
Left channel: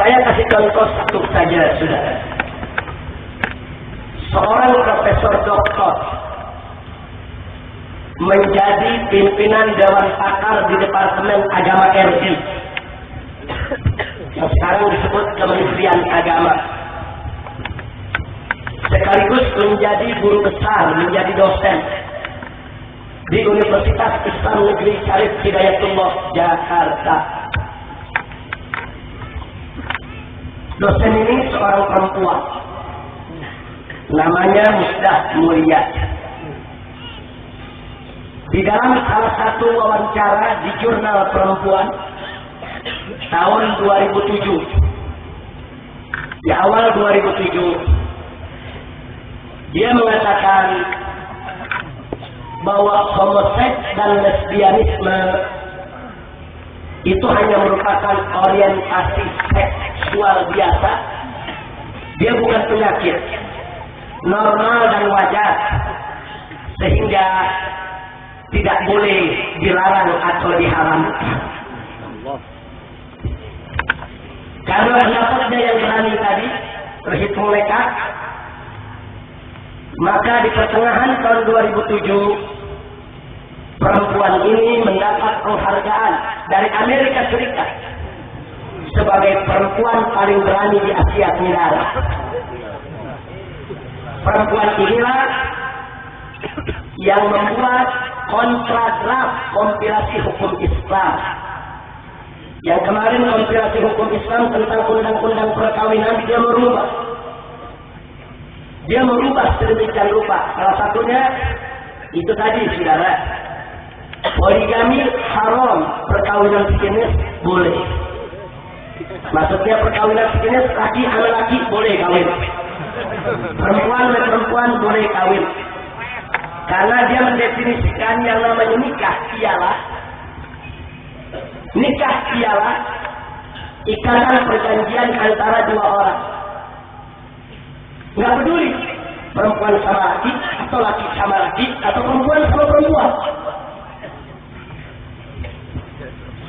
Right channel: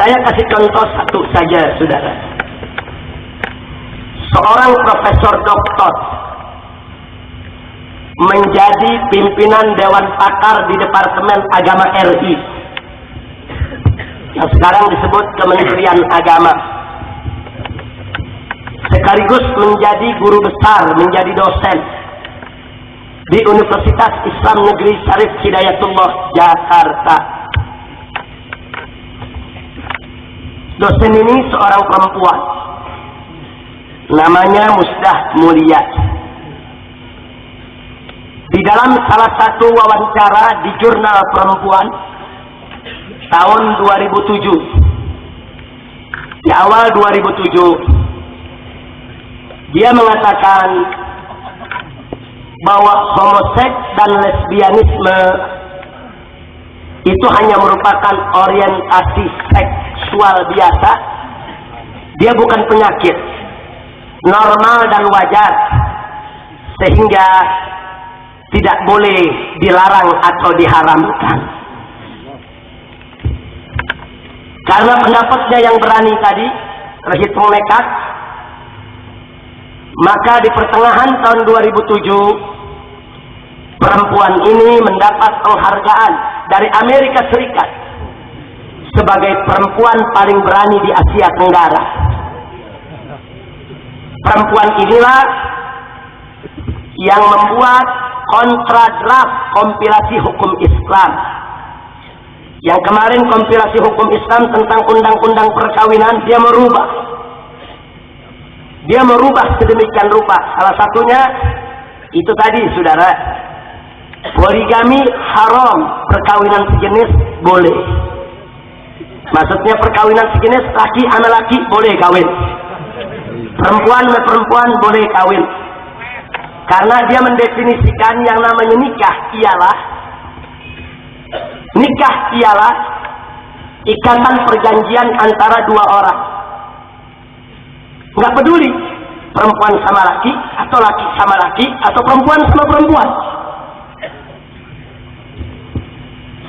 Saya kasih contoh satu saja, saudara. Seorang profesor doktor menjadi pimpinan Dewan Pakar di Departemen Agama RI yang sekarang disebut Kementerian Agama, sekaligus menjadi guru besar, menjadi dosen di Universitas Islam Negeri Syarif Hidayatullah, Jakarta. Dosen ini seorang perempuan, namanya Musdah Mulia. Di dalam salah satu wawancara di Jurnal Perempuan tahun 2007, di awal 2007, dia mengatakan bahwa homoseks dan lesbianisme itu hanya merupakan orientasi seksual biasa. Dia bukan penyakit, normal dan wajar, sehingga tidak boleh dilarang atau diharamkan. Karena pendapatnya yang berani tadi terhitung nekat, maka di pertengahan tahun 2007 perempuan ini mendapat penghargaan dari Amerika Serikat sebagai perempuan paling berani di Asia Tenggara. Perempuan inilah yang membuat kontradraft kompilasi hukum Islam. Yang kemarin kompilasi hukum Islam tentang undang-undang perkawinan dia merubah sedemikian rupa. Salah satunya itu tadi, saudara, poligami haram, perkawinan sejenis boleh. Maksudnya perkawinan sejenis laki sama laki boleh kawin, perempuan sama perempuan boleh kawin. Karena dia mendefinisikan yang namanya nikah ialah ikatan perjanjian antara dua orang. Nggak peduli perempuan sama laki, atau laki sama laki, atau perempuan sama perempuan.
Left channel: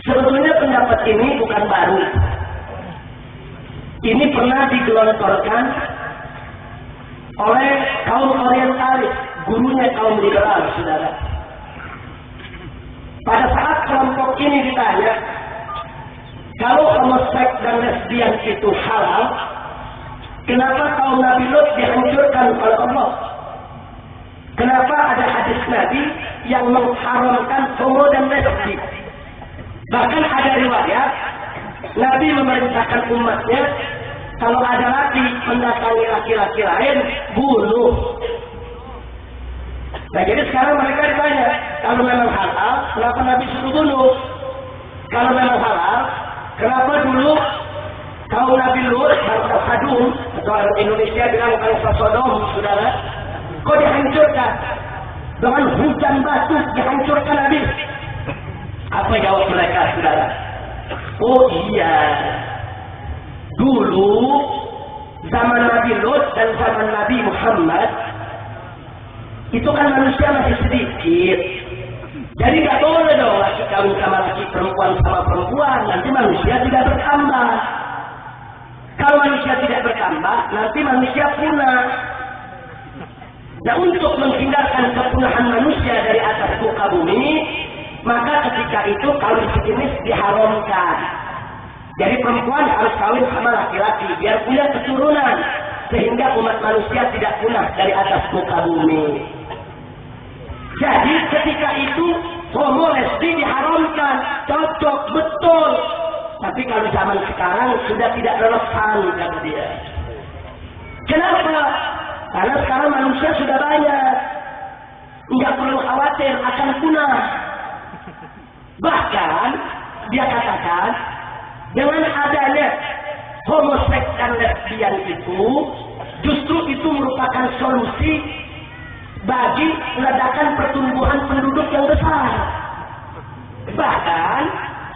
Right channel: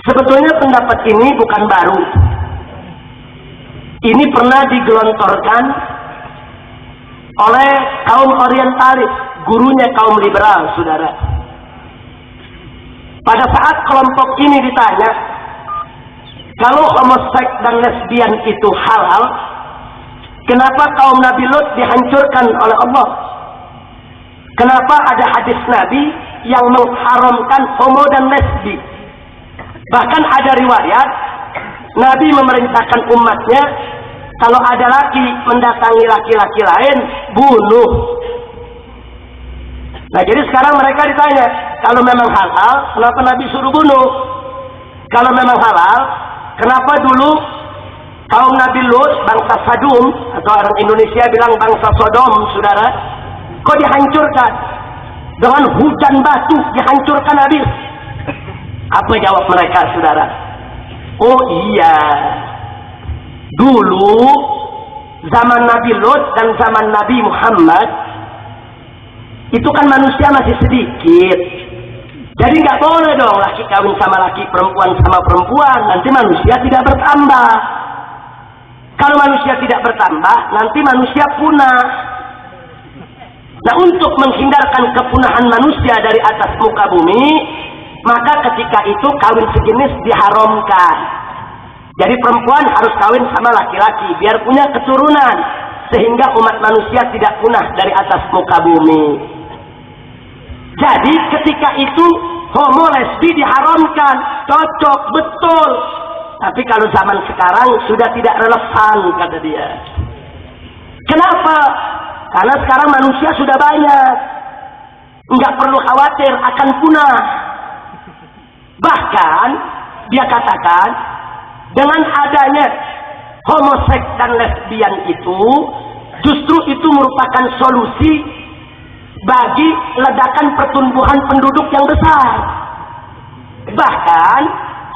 Sebetulnya pendapat ini bukan baru. Ini pernah digelontorkan oleh kaum orientalis, gurunya kaum liberal, saudara. Pada saat kelompok ini ditanya, kalau homoseks dan lesbian itu halal, kenapa kaum Nabi Lut dihancurkan oleh Allah? Kenapa ada hadis Nabi yang mengharamkan homo dan lesbi? Bahkan ada riwayat Nabi memerintahkan umatnya, kalau ada laki mendatangi laki-laki lain, bunuh. Nah, jadi sekarang mereka ditanya, kalau memang halal, kenapa Nabi suruh bunuh? Kalau memang halal, kenapa dulu kaum Nabi Lut, bangsa Sadum, atau orang Indonesia bilang bangsa Sodom, saudara, kok dihancurkan? Dengan hujan batu dihancurkan habis. Apa jawab mereka, saudara? Oh iya, dulu zaman Nabi Lut dan zaman Nabi Muhammad itu kan manusia masih sedikit, jadi nggak boleh dong laki kawin sama laki, perempuan sama perempuan, nanti manusia tidak bertambah. Kalau manusia tidak bertambah, nanti manusia punah. Nah, untuk menghindarkan kepunahan manusia dari atas muka bumi, maka ketika itu kawin sejenis diharamkan. Jadi perempuan harus kawin sama laki-laki biar punya keturunan, sehingga umat manusia tidak punah dari atas muka bumi. Jadi ketika itu homo lesbi diharamkan, cocok betul. Tapi kalau zaman sekarang sudah tidak relevan, kata dia. Kenapa? Karena sekarang manusia sudah banyak, nggak perlu khawatir akan punah. Bahkan dia katakan, dengan adanya homoseks dan lesbian itu, justru itu merupakan solusi bagi ledakan pertumbuhan penduduk yang besar. Bahkan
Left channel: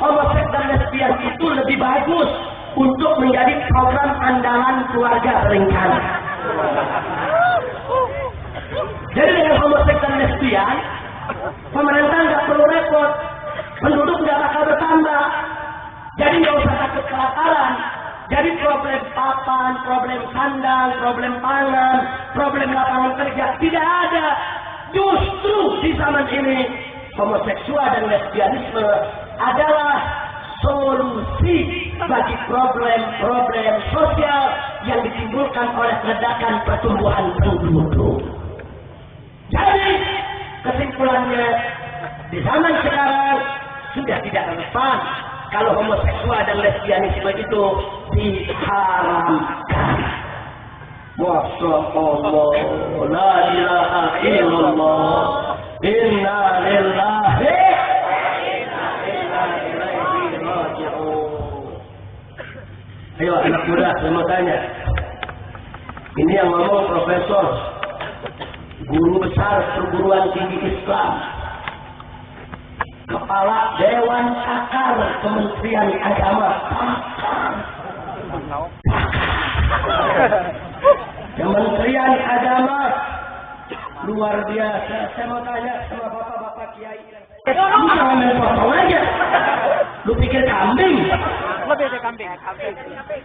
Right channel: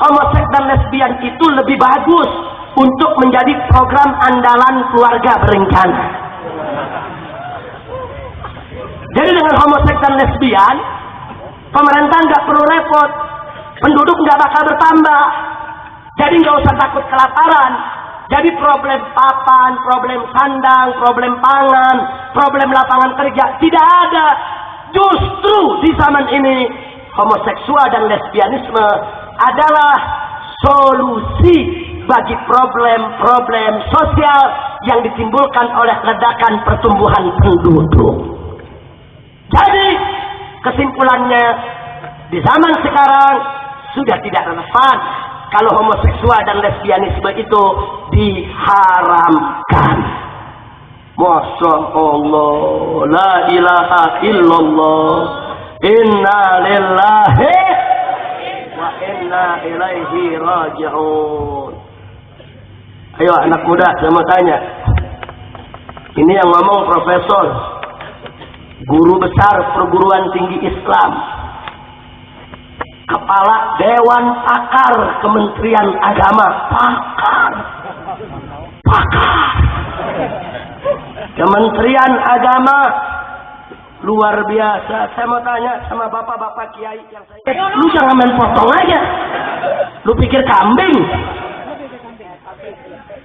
homoseks dan lesbian itu lebih bagus untuk menjadi program andalan keluarga berencana. Jadi dengan homoseks dan lesbian, pemerintah nggak perlu repot, penduduk nggak bakal bertambah. Jadi nggak usah takut kelaparan. Jadi problem papan, problem sandang, problem pangan, problem lapangan kerja tidak ada. Justru di zaman ini homoseksual dan lesbianisme adalah solusi bagi problem-problem sosial yang ditimbulkan oleh ledakan pertumbuhan penduduk. Jadi kesimpulannya, di zaman sekarang sudah tidak relevan kalau homoseksual dan lesbianisme itu diharamkan. Masya Allah, la ilaha illallah, inna lillahi wa inna ilaihi raji'un. Ayo anak muda, saya mau tanya. Ini yang ngomong profesor, guru besar perguruan tinggi Islam, kepala Dewan Pakar Kementerian Agama, pakar Kementerian Agama, luar biasa. Saya mau tanya sama bapak-bapak kiai yang saya, lu jangan main potong aja, lu pikir kambing?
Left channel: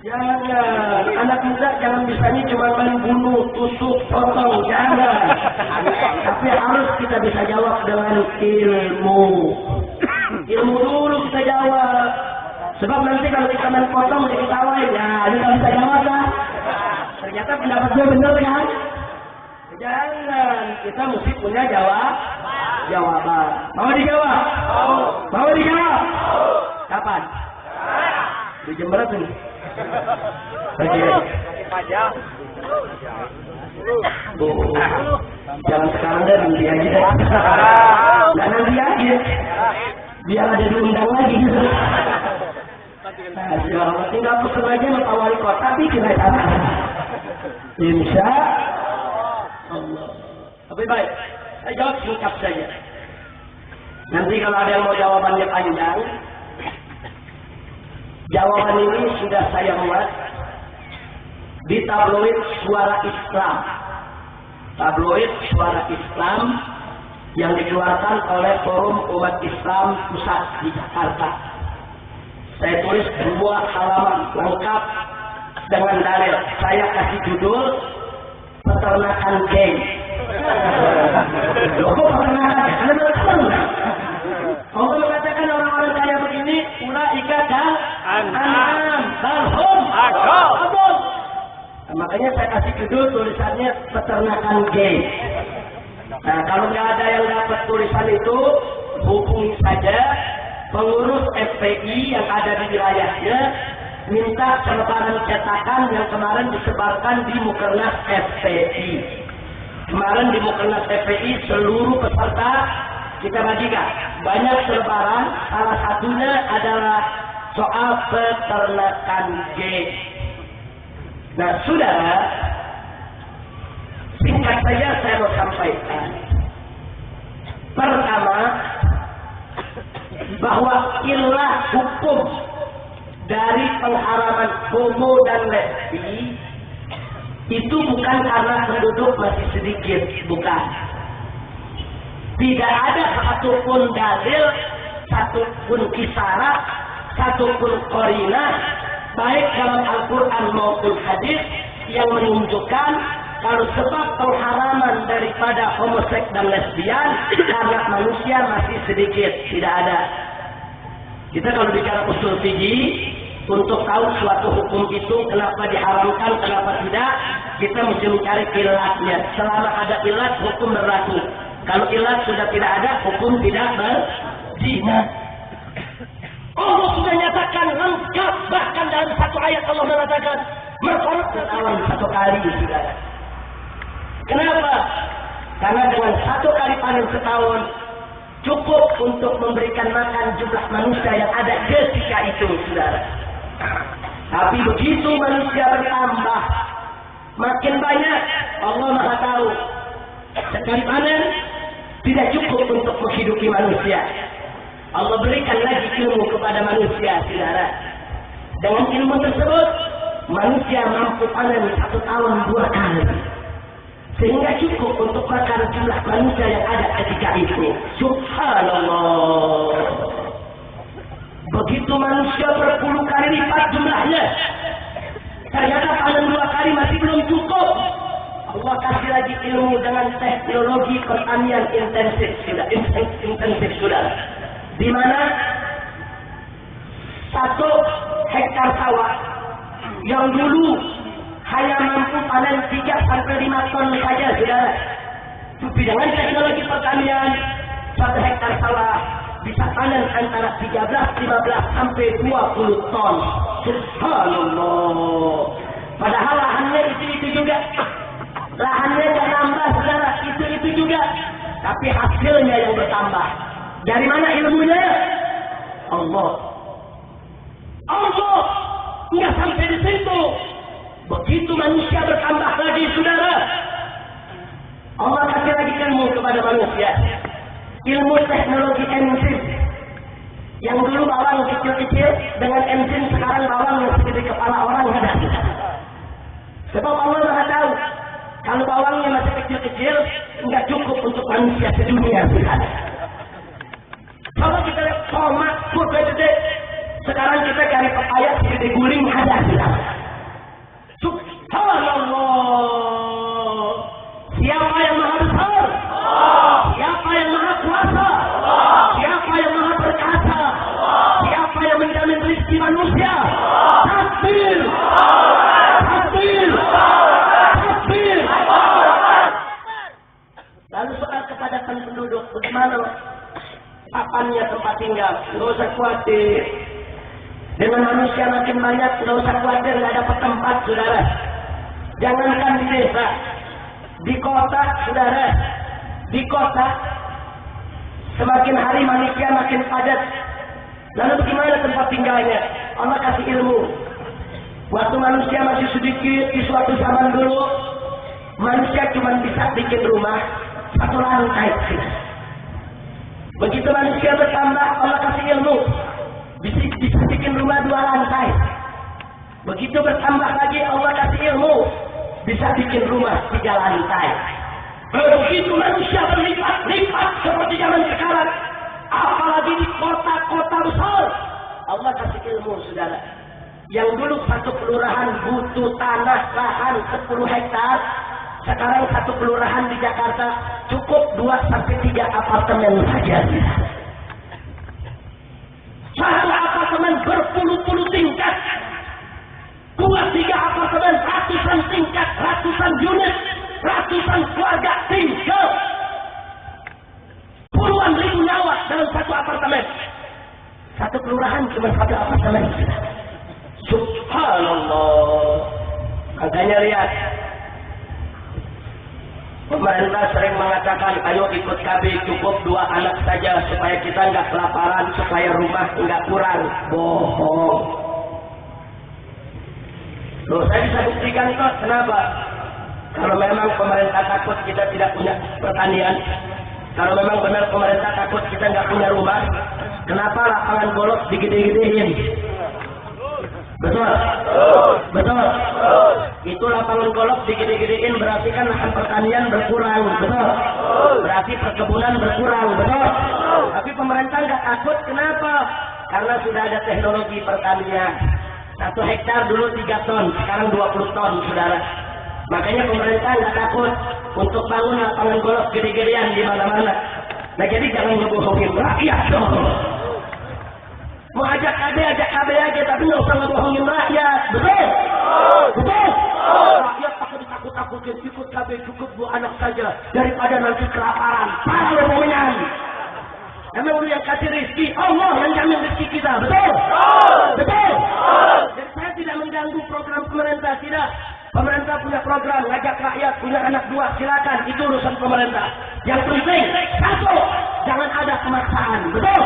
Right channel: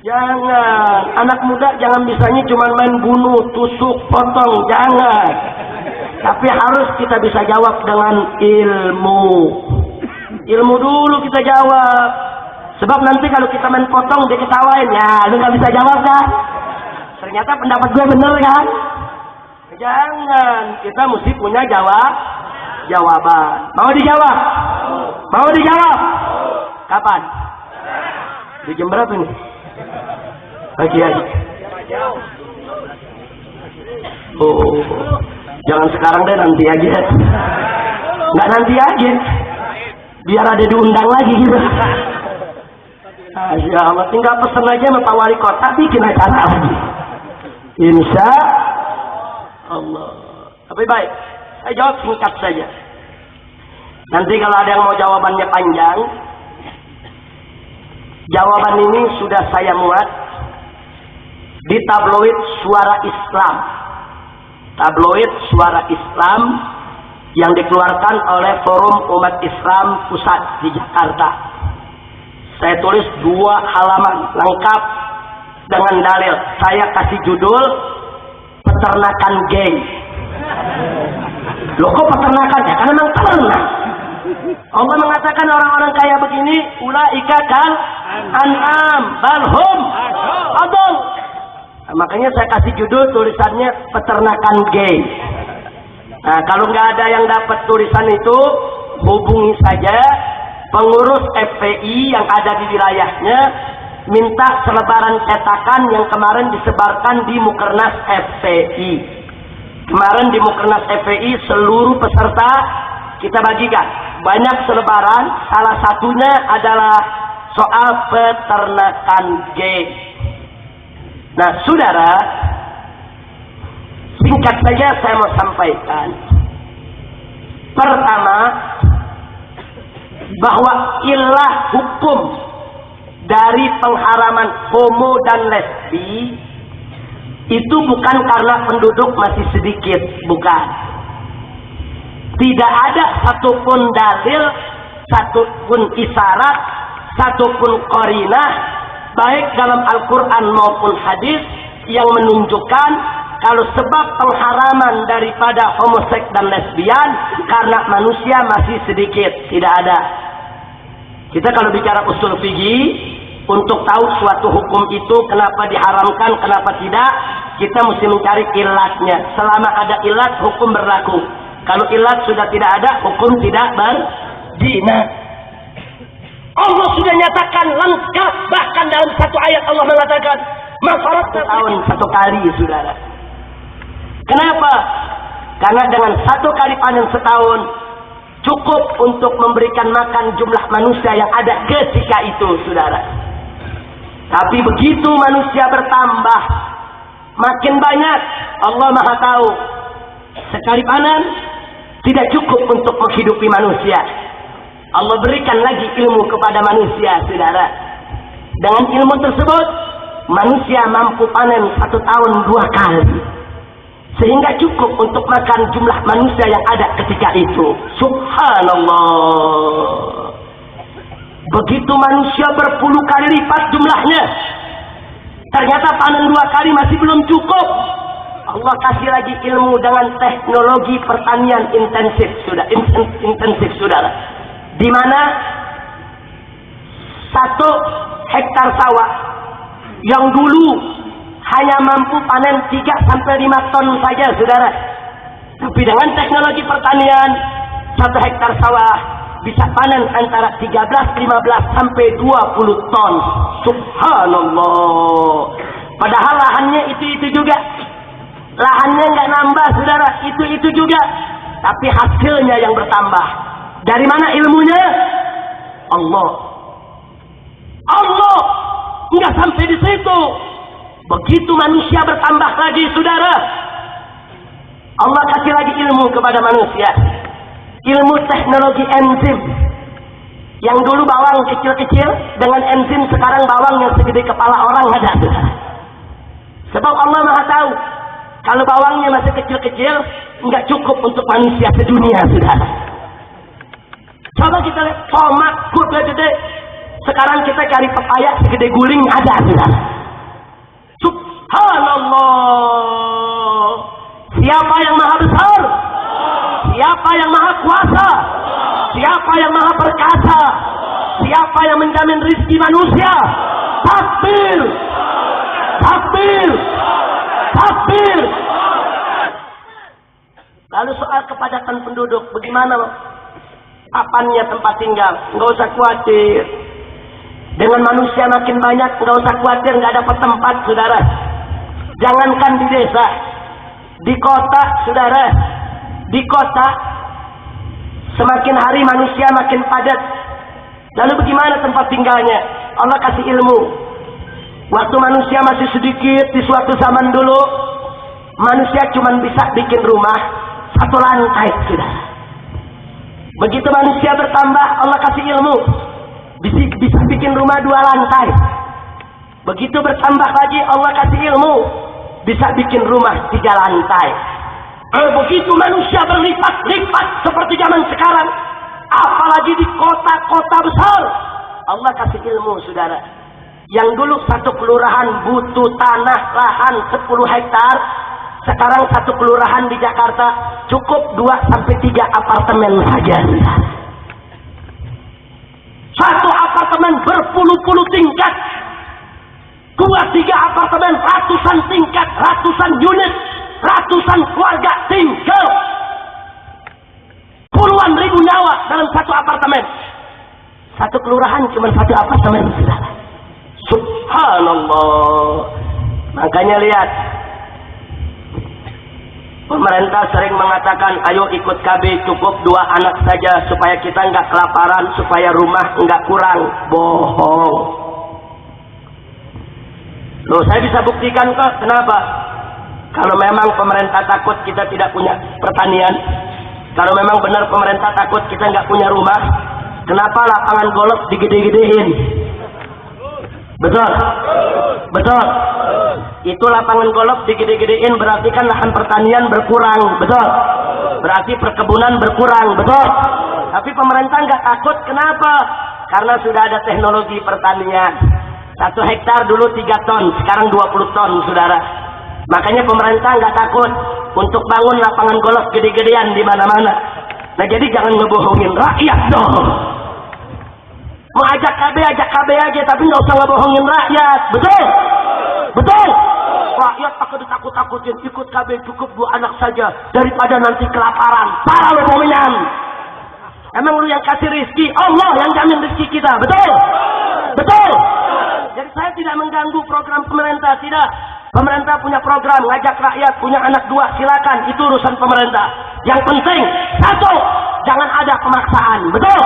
Jangan, anak muda jangan bisanya cuma main bunuh, tusuk, potong, jangan. Tapi harus kita bisa jawab dengan ilmu. Ilmu dulu kita jawab. Sebab nanti kalau kita main potong dia ketawain, ya lu gak bisa jawab kan? Ternyata pendapat gue bener kan? Jangan, kita mesti punya jawaban. Mau dijawab? Mau dijawab? Kapan? Di jam berapa nih? Pagi aja. Oh, jangan sekarang deh, nanti aja. Nggak nanti aja. Biar ada diundang lagi gitu. Masya Allah, tinggal pesen aja sama Pak Wali Kota, bikin acara. Insya Allah. Tapi baik, saya jawab singkat saja. Nanti kalau ada yang mau jawabannya panjang, jawaban ini sudah saya muat di tabloid Suara Islam tabloid Suara Islam yang dikeluarkan oleh Forum Umat Islam Pusat di Jakarta. Saya tulis 2 halaman lengkap dengan dalil. Saya kasih judul peternakan geng. Loh kok peternakan? Ya kan memang ternak. Allah mengatakan orang-orang kaya begini, ulaika kal an'am balhum adol. Nah, makanya saya kasih judul tulisannya peternakan geng. Nah, kalau nggak ada yang dapat tulisan itu, hubungi saja pengurus FPI yang ada di wilayahnya, minta selebaran cetakan yang kemarin disebarkan di Mukernas FPI. Kemarin di Mukernas FPI seluruh peserta kita bagikan banyak selebaran, salah satunya adalah soal peternakan geng. Nah, saudara, singkat saja saya mau sampaikan. Pertama, bahwa ilah hukum dari pengharaman homo dan lesbi itu bukan karena penduduk masih sedikit, bukan. Tidak ada satupun dalil, satupun isyarat, satupun qarinah, baik dalam Al-Quran maupun hadis yang menunjukkan kalau sebab pengharaman daripada homoseks dan lesbian karena manusia masih sedikit. Tidak ada. Kita kalau bicara usul fikih, untuk tahu suatu hukum itu kenapa diharamkan, kenapa tidak, kita mesti mencari ilatnya. Selama ada ilat, hukum berlaku. Kalau ilat sudah tidak ada, hukum tidak berdina. Allah sudah nyatakan lengkap, bahkan dalam satu ayat Allah mengatakan mafarat tahun 1 kali, saudara. Kenapa? Karena dengan 1 kali panen setahun cukup untuk memberikan makan jumlah manusia yang ada ketika itu, saudara. Tapi begitu manusia bertambah, makin banyak, Allah Maha tahu. Sekali panen tidak cukup untuk menghidupi manusia. Allah berikan lagi ilmu kepada manusia, saudara. Dengan ilmu tersebut, manusia mampu panen 1 tahun 2 kali. Sehingga cukup untuk makan jumlah manusia yang ada ketika itu. Subhanallah. Begitu manusia berpuluh kali lipat jumlahnya, ternyata panen 2 kali masih belum cukup. Allah kasih lagi ilmu dengan teknologi pertanian intensif, saudara. Di mana 1 hektar sawah yang dulu hanya mampu panen 3-5 ton saja, saudara. Tapi dengan teknologi pertanian, 1 hektar sawah bisa panen antara 13-15 sampai 20 ton. Subhanallah. Padahal lahannya itu juga. Lahannya nggak nambah, saudara. Itu juga. Tapi hasilnya yang bertambah. Dari mana ilmunya? Allah. Allah. Nggak sampai di situ. Begitu manusia bertambah lagi, saudara, Allah kasih lagi ilmu kepada manusia. Ilmu teknologi enzim. Yang dulu bawang kecil-kecil, dengan enzim sekarang bawang yang segede kepala orang ada. Sebab Allah Maha tahu, kalau bawangnya masih kecil-kecil, nggak cukup untuk manusia sedunia, saudara. Coba kita lihat tomat gede-gede. Sekarang kita cari pepaya segede guling ada, saudara. Subhanallah. Siapa yang maha besar? Siapa yang maha kuasa? Siapa yang maha perkasa? Siapa yang menjamin rizki manusia? Takbir! Takbir! Takbir! Lalu soal kepadatan penduduk, bagaimana papannya tempat tinggal? Nggak usah khawatir. Dengan manusia makin banyak, nggak usah khawatir, nggak dapat tempat, saudara. Jangankan di desa, di kota, saudara, di kota semakin hari manusia makin padat. Lalu bagaimana tempat tinggalnya? Allah kasih ilmu. Waktu manusia masih sedikit, di suatu zaman dulu, manusia cuma bisa bikin rumah 1 lantai, saudara. Begitu manusia bertambah, Allah kasih ilmu. Bisa bikin rumah 2 lantai. Begitu bertambah lagi, Allah kasih ilmu. Bisa bikin rumah 3 lantai. Begitu manusia berlipat-lipat seperti zaman sekarang, apalagi di kota-kota besar. Allah kasih ilmu, saudara. Yang dulu satu kelurahan butuh tanah lahan 10 hektar, sekarang satu kelurahan di Jakarta cukup 2-3 apartemen saja. Satu apartemen berpuluh-puluh tingkat, 2-3 apartemen, ratusan tingkat, ratusan unit, ratusan keluarga tinggal, puluhan ribu nyawa dalam satu apartemen. Satu kelurahan cuma satu apartemen. Subhanallah. Makanya lihat, pemerintah sering mengatakan, ayo ikut KB, cukup 2 anak saja supaya kita nggak kelaparan, supaya rumah nggak kurang. Bohong. Loh, saya bisa buktikan kok. Kenapa? Kalau memang pemerintah takut kita tidak punya pertanian, kalau memang benar pemerintah takut kita nggak punya rumah, kenapa lapangan golf digede-gedein? Betul? Betul? Itu lapangan golf digede-gedein berarti kan lahan pertanian berkurang. Betul? Berarti perkebunan berkurang. Betul? Tapi pemerintah nggak takut. Kenapa? Karena sudah ada teknologi pertanian. 1 hektar dulu 3 ton, sekarang 20 ton, saudara. Makanya pemerintah nggak takut untuk bangun lapangan golf gede-gedean di mana-mana. Nah, jadi jangan ngebohongin rakyat dong. Mau ajak KB aja, tapi nggak usah ngebohongin rakyat. Betul? Betul? Rakyat pakai ditakut-takutin, ikut KB cukup 2 anak saja daripada nanti kelaparan. Parah lo mominan. Emang lu yang kasih rezeki, Allah yang jamin rezeki kita. Betul? Betul? Jadi saya tidak mengganggu program pemerintah, tidak. Pemerintah punya program, ngajak rakyat, punya anak 2, silakan. Itu urusan pemerintah. Yang penting, 1, jangan ada pemaksaan. Betul?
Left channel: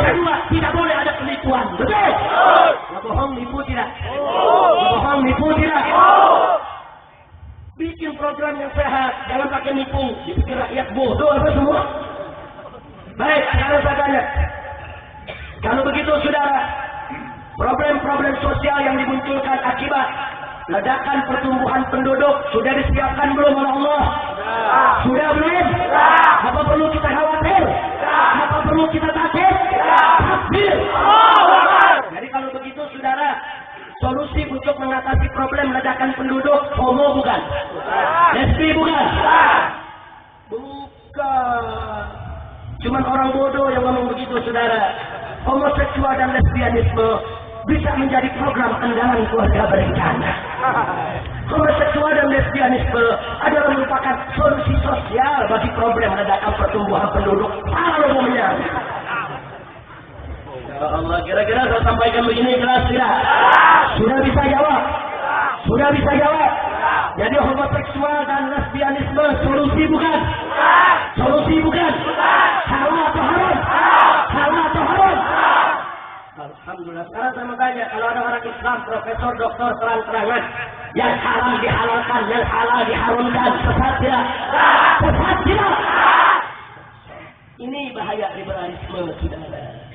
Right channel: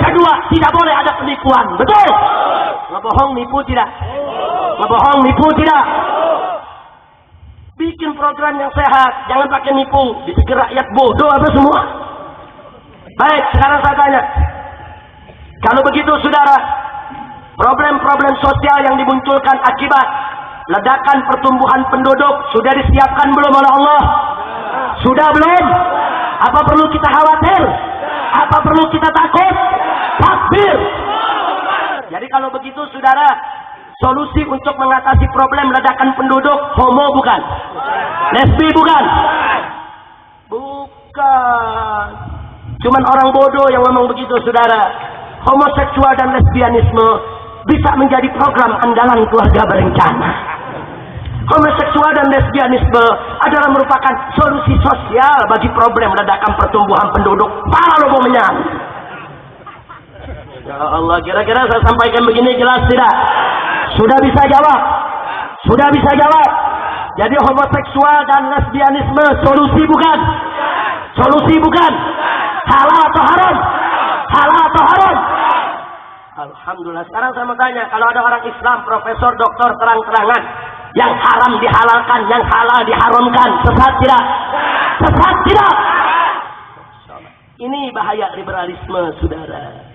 Kedua, tidak boleh ada penipuan. Betul? Ngebohong, nipu tidak? Ngebohong, nipu tidak? Bikin program yang sehat, jangan pakai nipu. Dipikir rakyat bodoh apa semua? Baik, sekarang saya tanya. Kalau begitu, saudara, problem-problem sosial yang dimunculkan akibat ledakan pertumbuhan penduduk sudah disiapkan belum oleh Allah? Sudah belum? Apa perlu kita khawatir? Apa perlu kita takut? Takbir! Jadi kalau begitu, saudara, solusi untuk mengatasi problem ledakan penduduk, homo bukan? Lesbi bukan? Bukan. Cuman orang bodoh yang ngomong begitu, saudara. Homoseksual dan lesbianisme bisa menjadi program andalan keluarga berencana. Homoseksual dan lesbianisme adalah merupakan solusi sosial bagi problem ledakan pertumbuhan penduduk. Para lo menyang. Ya Allah, kira-kira saya sampaikan begini jelas tidak? Sudah bisa jawab? Sudah bisa jawab? Jadi homoseksual dan lesbianisme solusi bukan? Solusi bukan? Halal atau haram? Halal atau haram? Alhamdulillah. Sekarang saya mau tanya, kalau ada orang Islam, profesor, doktor, terang-terangan, yang haram dihalalkan, yang halal diharamkan, sesat tidak? Sesat tidak? Ini bahaya liberalisme, saudara.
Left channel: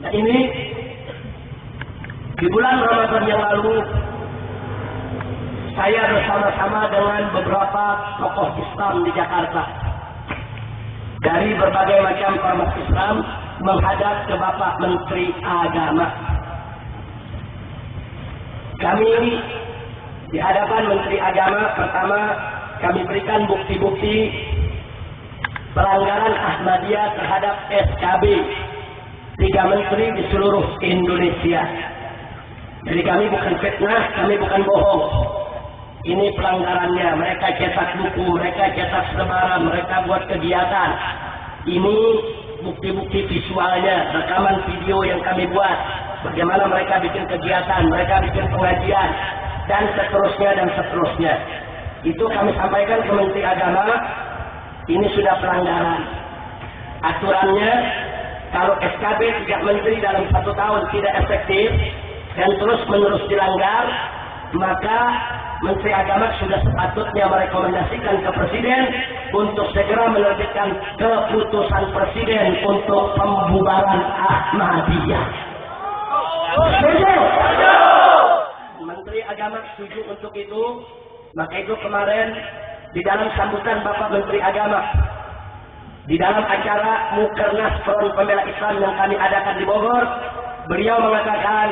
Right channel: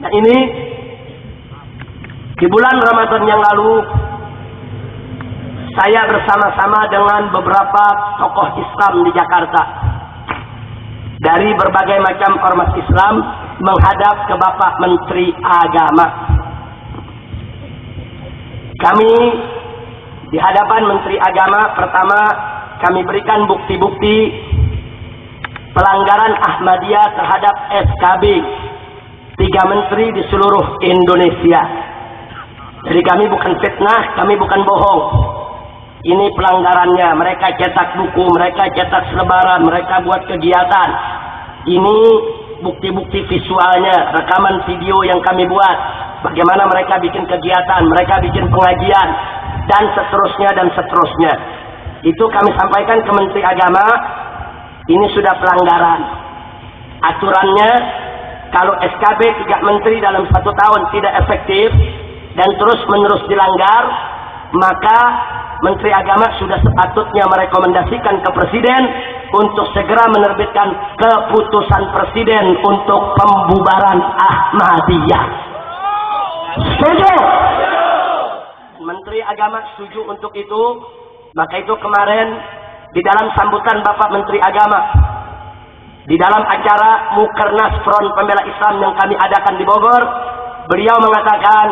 Nah, ini di bulan Ramadan yang lalu, saya bersama-sama dengan beberapa tokoh Islam di Jakarta dari berbagai macam ormas Islam menghadap ke Bapak Menteri Agama. Kami di hadapan Menteri Agama, pertama kami berikan bukti-bukti pelanggaran Ahmadiyah terhadap SKB 3 menteri di seluruh Indonesia. Jadi kami bukan fitnah, kami bukan bohong. Ini pelanggarannya. Mereka cetak buku, mereka cetak selebaran, mereka buat kegiatan. Ini bukti-bukti visualnya, rekaman video yang kami buat. Bagaimana mereka bikin kegiatan, mereka bikin pengajian, dan seterusnya dan seterusnya. Itu kami sampaikan ke Menteri Agama. Ini sudah pelanggaran. Aturannya, kalau SKB 3 menteri dalam 1 tahun tidak efektif dan terus-menerus dilanggar, maka Menteri Agama sudah sepatutnya merekomendasikan ke Presiden untuk segera menerbitkan keputusan Presiden untuk pembubaran Ahmadiyah. Setuju? Menteri Agama setuju untuk itu. Maka itu kemarin di dalam sambutan Bapak Menteri Agama di dalam acara Mukernas Front Pembela Islam yang kami adakan di Bogor, beliau mengatakan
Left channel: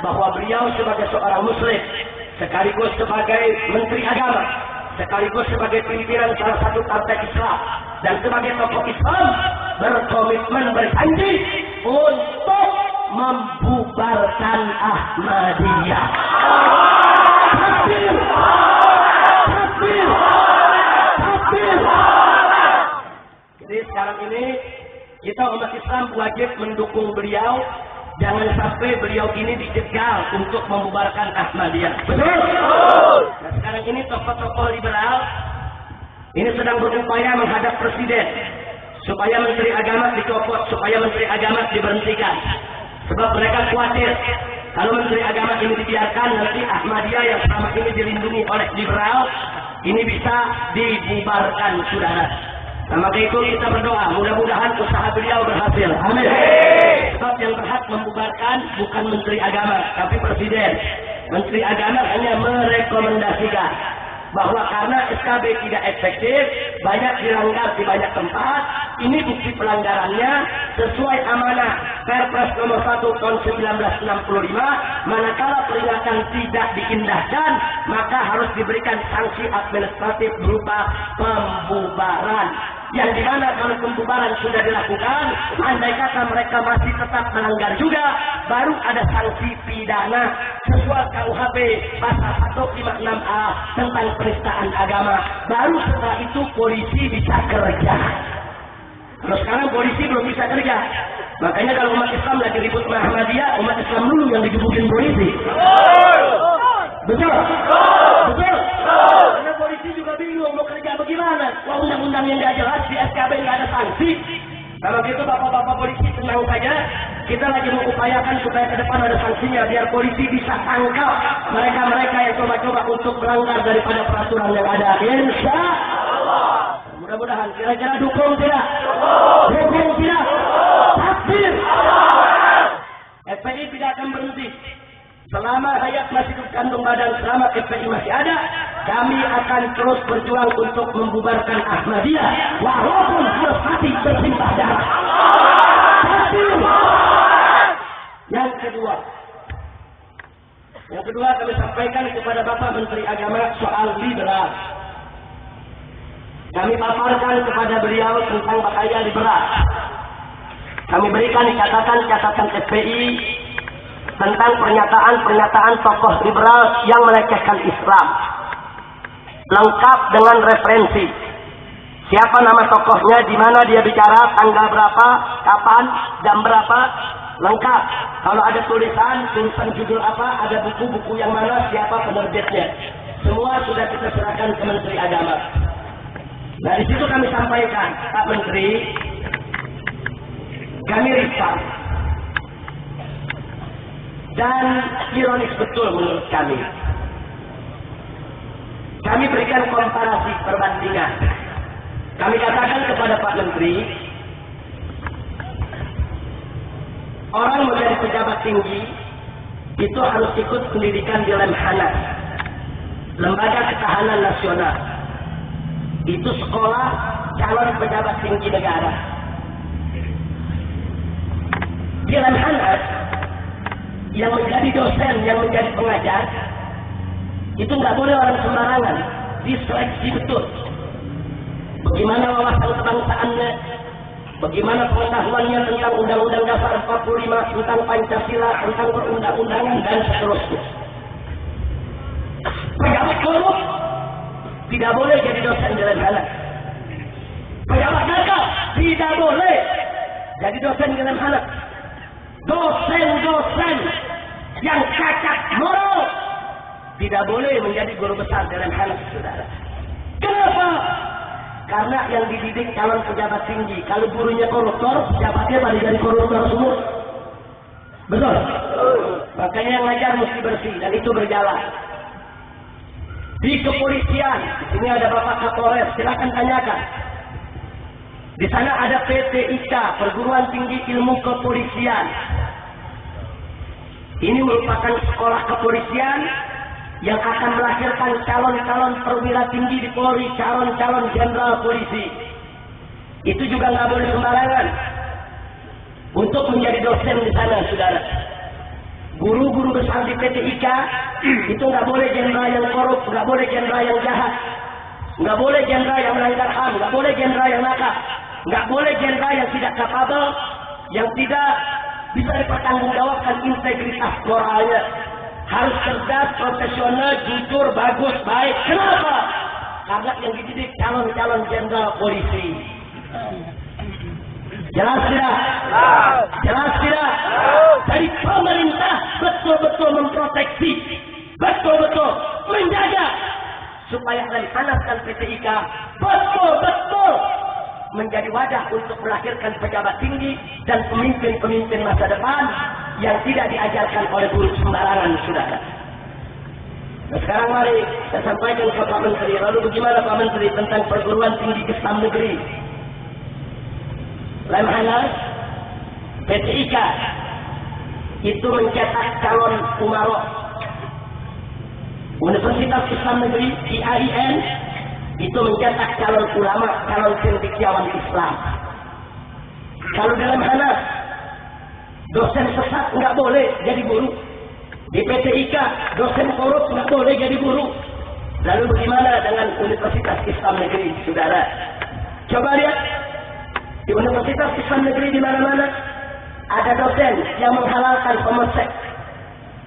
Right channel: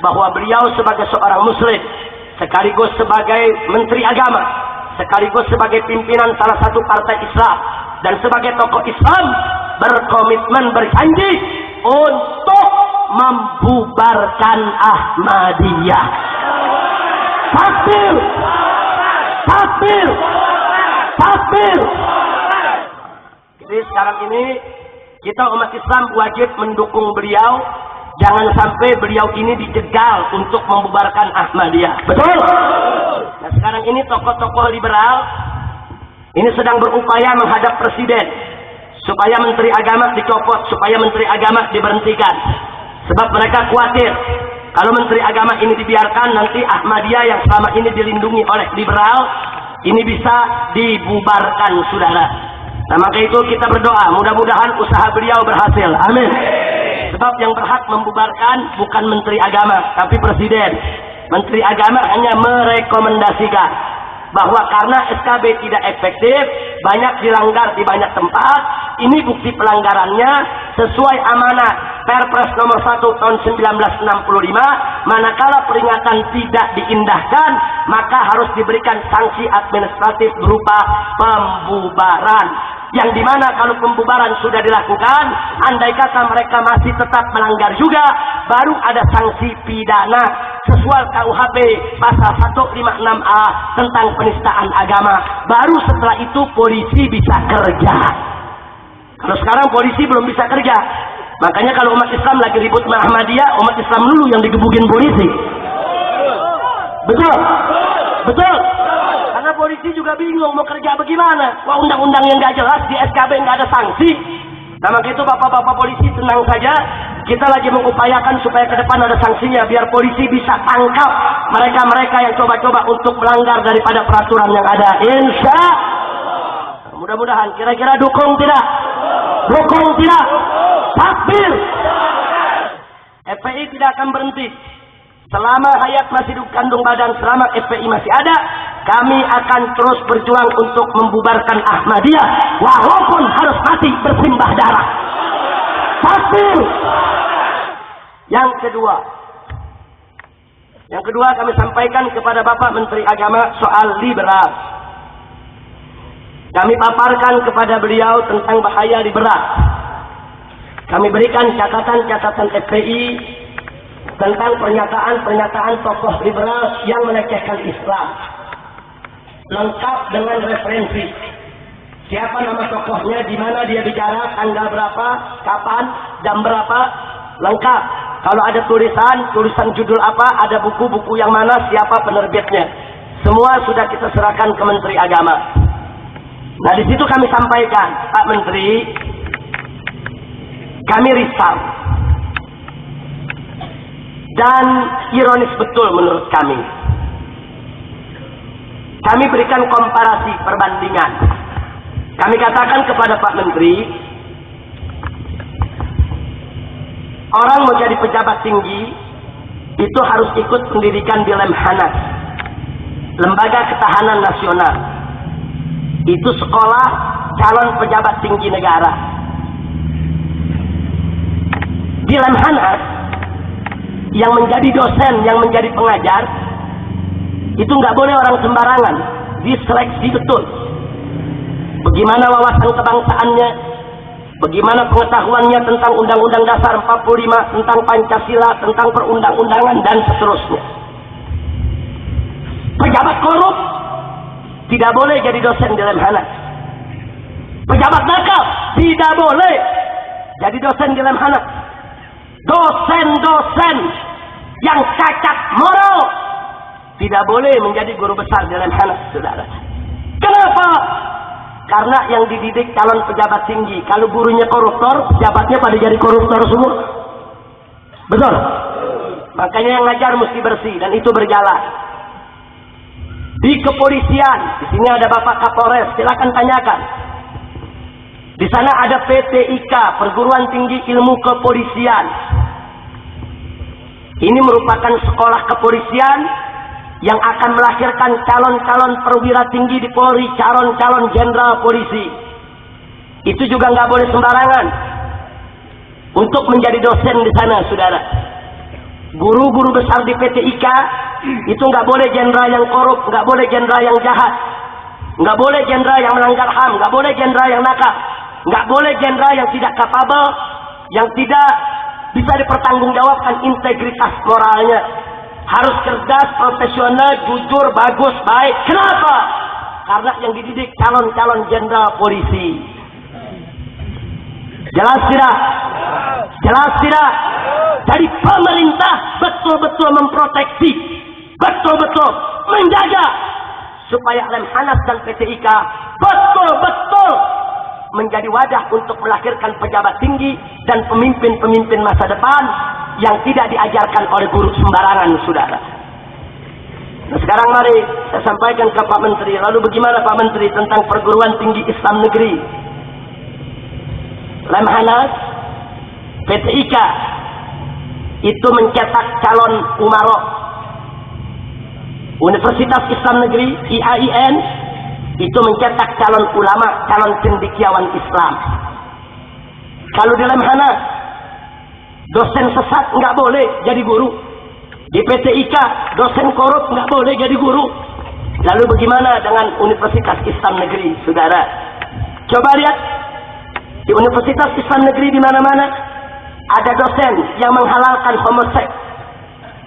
bahwa beliau sebagai seorang muslim, sekaligus sebagai Menteri Agama, sekaligus sebagai pimpinan salah satu partai Islam, dan sebagai tokoh Islam, berkomitmen berjanji untuk membubarkan Ahmadiyah. Takbir! Takbir! Takbir! Jadi sekarang ini kita umat Islam wajib mendukung beliau. Jangan sampai beliau ini dijegal untuk membubarkan Ahmadiyah. Betul? Nah sekarang ini tokoh-tokoh liberal ini sedang berupaya menghadap presiden supaya Menteri Agama dicopot, supaya Menteri Agama diberhentikan. Sebab mereka khawatir kalau Menteri Agama ini dibiarkan, nanti Ahmadiyah yang selama ini dilindungi oleh liberal ini bisa dibubarkan, saudara. Nah maka itu kita berdoa, mudah-mudahan usaha beliau berhasil. Amin. Sebab yang berhak membubarkan bukan Menteri Agama, tapi Presiden. Menteri Agama hanya merekomendasikan bahwa karena SKB tidak efektif, banyak dilanggar di banyak tempat. Ini bukti pelanggarannya sesuai amanat Perpres nomor 1 tahun 1965. Manakala peringatan tidak diindahkan, maka harus diberikan sanksi administratif berupa pembubaran. Yang dimana kalau pembubaran sudah dilakukan, andai kata mereka masih tetap melanggar juga, baru ada sanksi pidana sesuai KUHP pasal 156A tentang penistaan agama. Baru setelah itu polisi bisa kerja. Kalau sekarang polisi belum bisa kerja. Makanya kalau umat Islam lagi ribut sama Ahmadiyah, umat Islam dulu yang digebukin polisi. Betul? Betul? Karena polisi juga bingung mau kerja bagaimana. Wah, undang-undang yang nggak jelas, di SKB nggak ada sanksi. Nah maka itu bapak-bapak polisi tenang saja. Kita lagi mengupayakan supaya ke depan ada sanksinya, biar polisi bisa tangkap mereka-mereka yang coba-coba untuk melanggar daripada peraturan yang ada. Insya Allah. Mudah-mudahan. Kira-kira dukung tidak? Dukung tidak? Takbir! FPI tidak akan berhenti. Selama hayat masih di kandung badan, selama FPI masih ada, kami akan terus berjuang untuk membubarkan Ahmadiyah, walaupun harus mati bersimbah darah. Takbir! Yang kedua kami sampaikan kepada Bapak Menteri Agama soal liberal. Kami paparkan kepada beliau tentang bahaya liberal. Kami berikan catatan-catatan FPI tentang pernyataan-pernyataan tokoh liberal yang melecehkan Islam, lengkap dengan referensi. Siapa nama tokohnya, di mana dia bicara, tanggal berapa, kapan, jam berapa, lengkap. Kalau ada tulisan judul apa, ada buku-buku yang mana, siapa penerbitnya. Semua sudah kita serahkan ke Menteri Agama. Nah di situ kami sampaikan, Pak Menteri, kami risau. Dan ironis betul menurut kami. Kami berikan komparasi perbandingan. Kami katakan kepada Pak Menteri, orang mau jadi pejabat tinggi itu harus ikut pendidikan di Lemhanas, Lembaga Ketahanan Nasional. Itu sekolah calon pejabat tinggi negara. Di Lemhanas, yang menjadi dosen, yang menjadi pengajar, itu nggak boleh orang sembarangan, diseleksi betul. Bagaimana wawasan kebangsaannya, bagaimana pengetahuannya tentang Undang-Undang Dasar 45, tentang Pancasila, tentang perundang-undangan, dan seterusnya. Pejabat korup tidak boleh jadi dosen di Lemhanas. Pejabat nakal tidak boleh jadi dosen di Lemhanas. Dosen-dosen yang cacat moral tidak boleh menjadi guru besar di Lemhanas, saudara. Kenapa? Karena yang dididik calon pejabat tinggi, kalau gurunya koruptor, pejabatnya pada jadi koruptor semua. Betul? Makanya yang ngajar mesti bersih, dan itu berjalan. Di kepolisian, di sini ada Bapak Kapolres, silakan tanyakan. Di sana ada PTIK, Perguruan Tinggi Ilmu Kepolisian. Ini merupakan sekolah kepolisian yang akan melahirkan calon-calon perwira tinggi di Polri, calon-calon jenderal polisi. Itu juga nggak boleh sembarangan untuk menjadi dosen di sana, saudara. Guru-guru besar di PT IKA itu nggak boleh jenderal yang korup, nggak boleh jenderal yang jahat, nggak boleh jenderal yang melanggar HAM, nggak boleh jenderal yang nakal, nggak boleh jenderal yang tidak kapabel, yang tidak bisa dipertanggungjawabkan integritas moralnya. Harus cerdas, profesional, jujur, bagus, baik. Kenapa? Karena yang dididik calon-calon jenderal polisi. Jelas tidak? Jelas tidak? Jadi pemerintah betul-betul memproteksi, betul-betul menjaga supaya Lemhanas dan PT IKA betul-betul menjadi wadah untuk melahirkan pejabat tinggi dan pemimpin-pemimpin masa depan yang tidak diajarkan oleh guru sembarangan, saudara. Nah, sekarang mari saya sampaikan ke Pak Menteri. Lalu bagaimana Pak Menteri tentang perguruan tinggi Islam negeri? Lemhanas, PT IKA itu mencetak calon umarok. Universitas Islam Negeri IAIN itu mencetak calon ulama, calon cendekiawan Islam. Kalau di Lemhanas, dosen sesat nggak boleh jadi guru. Di PT IKA, dosen korup nggak boleh jadi guru. Lalu bagaimana dengan Universitas Islam Negeri, saudara? Coba lihat. Di Universitas Islam Negeri di mana-mana ada dosen yang menghalalkan homoseks,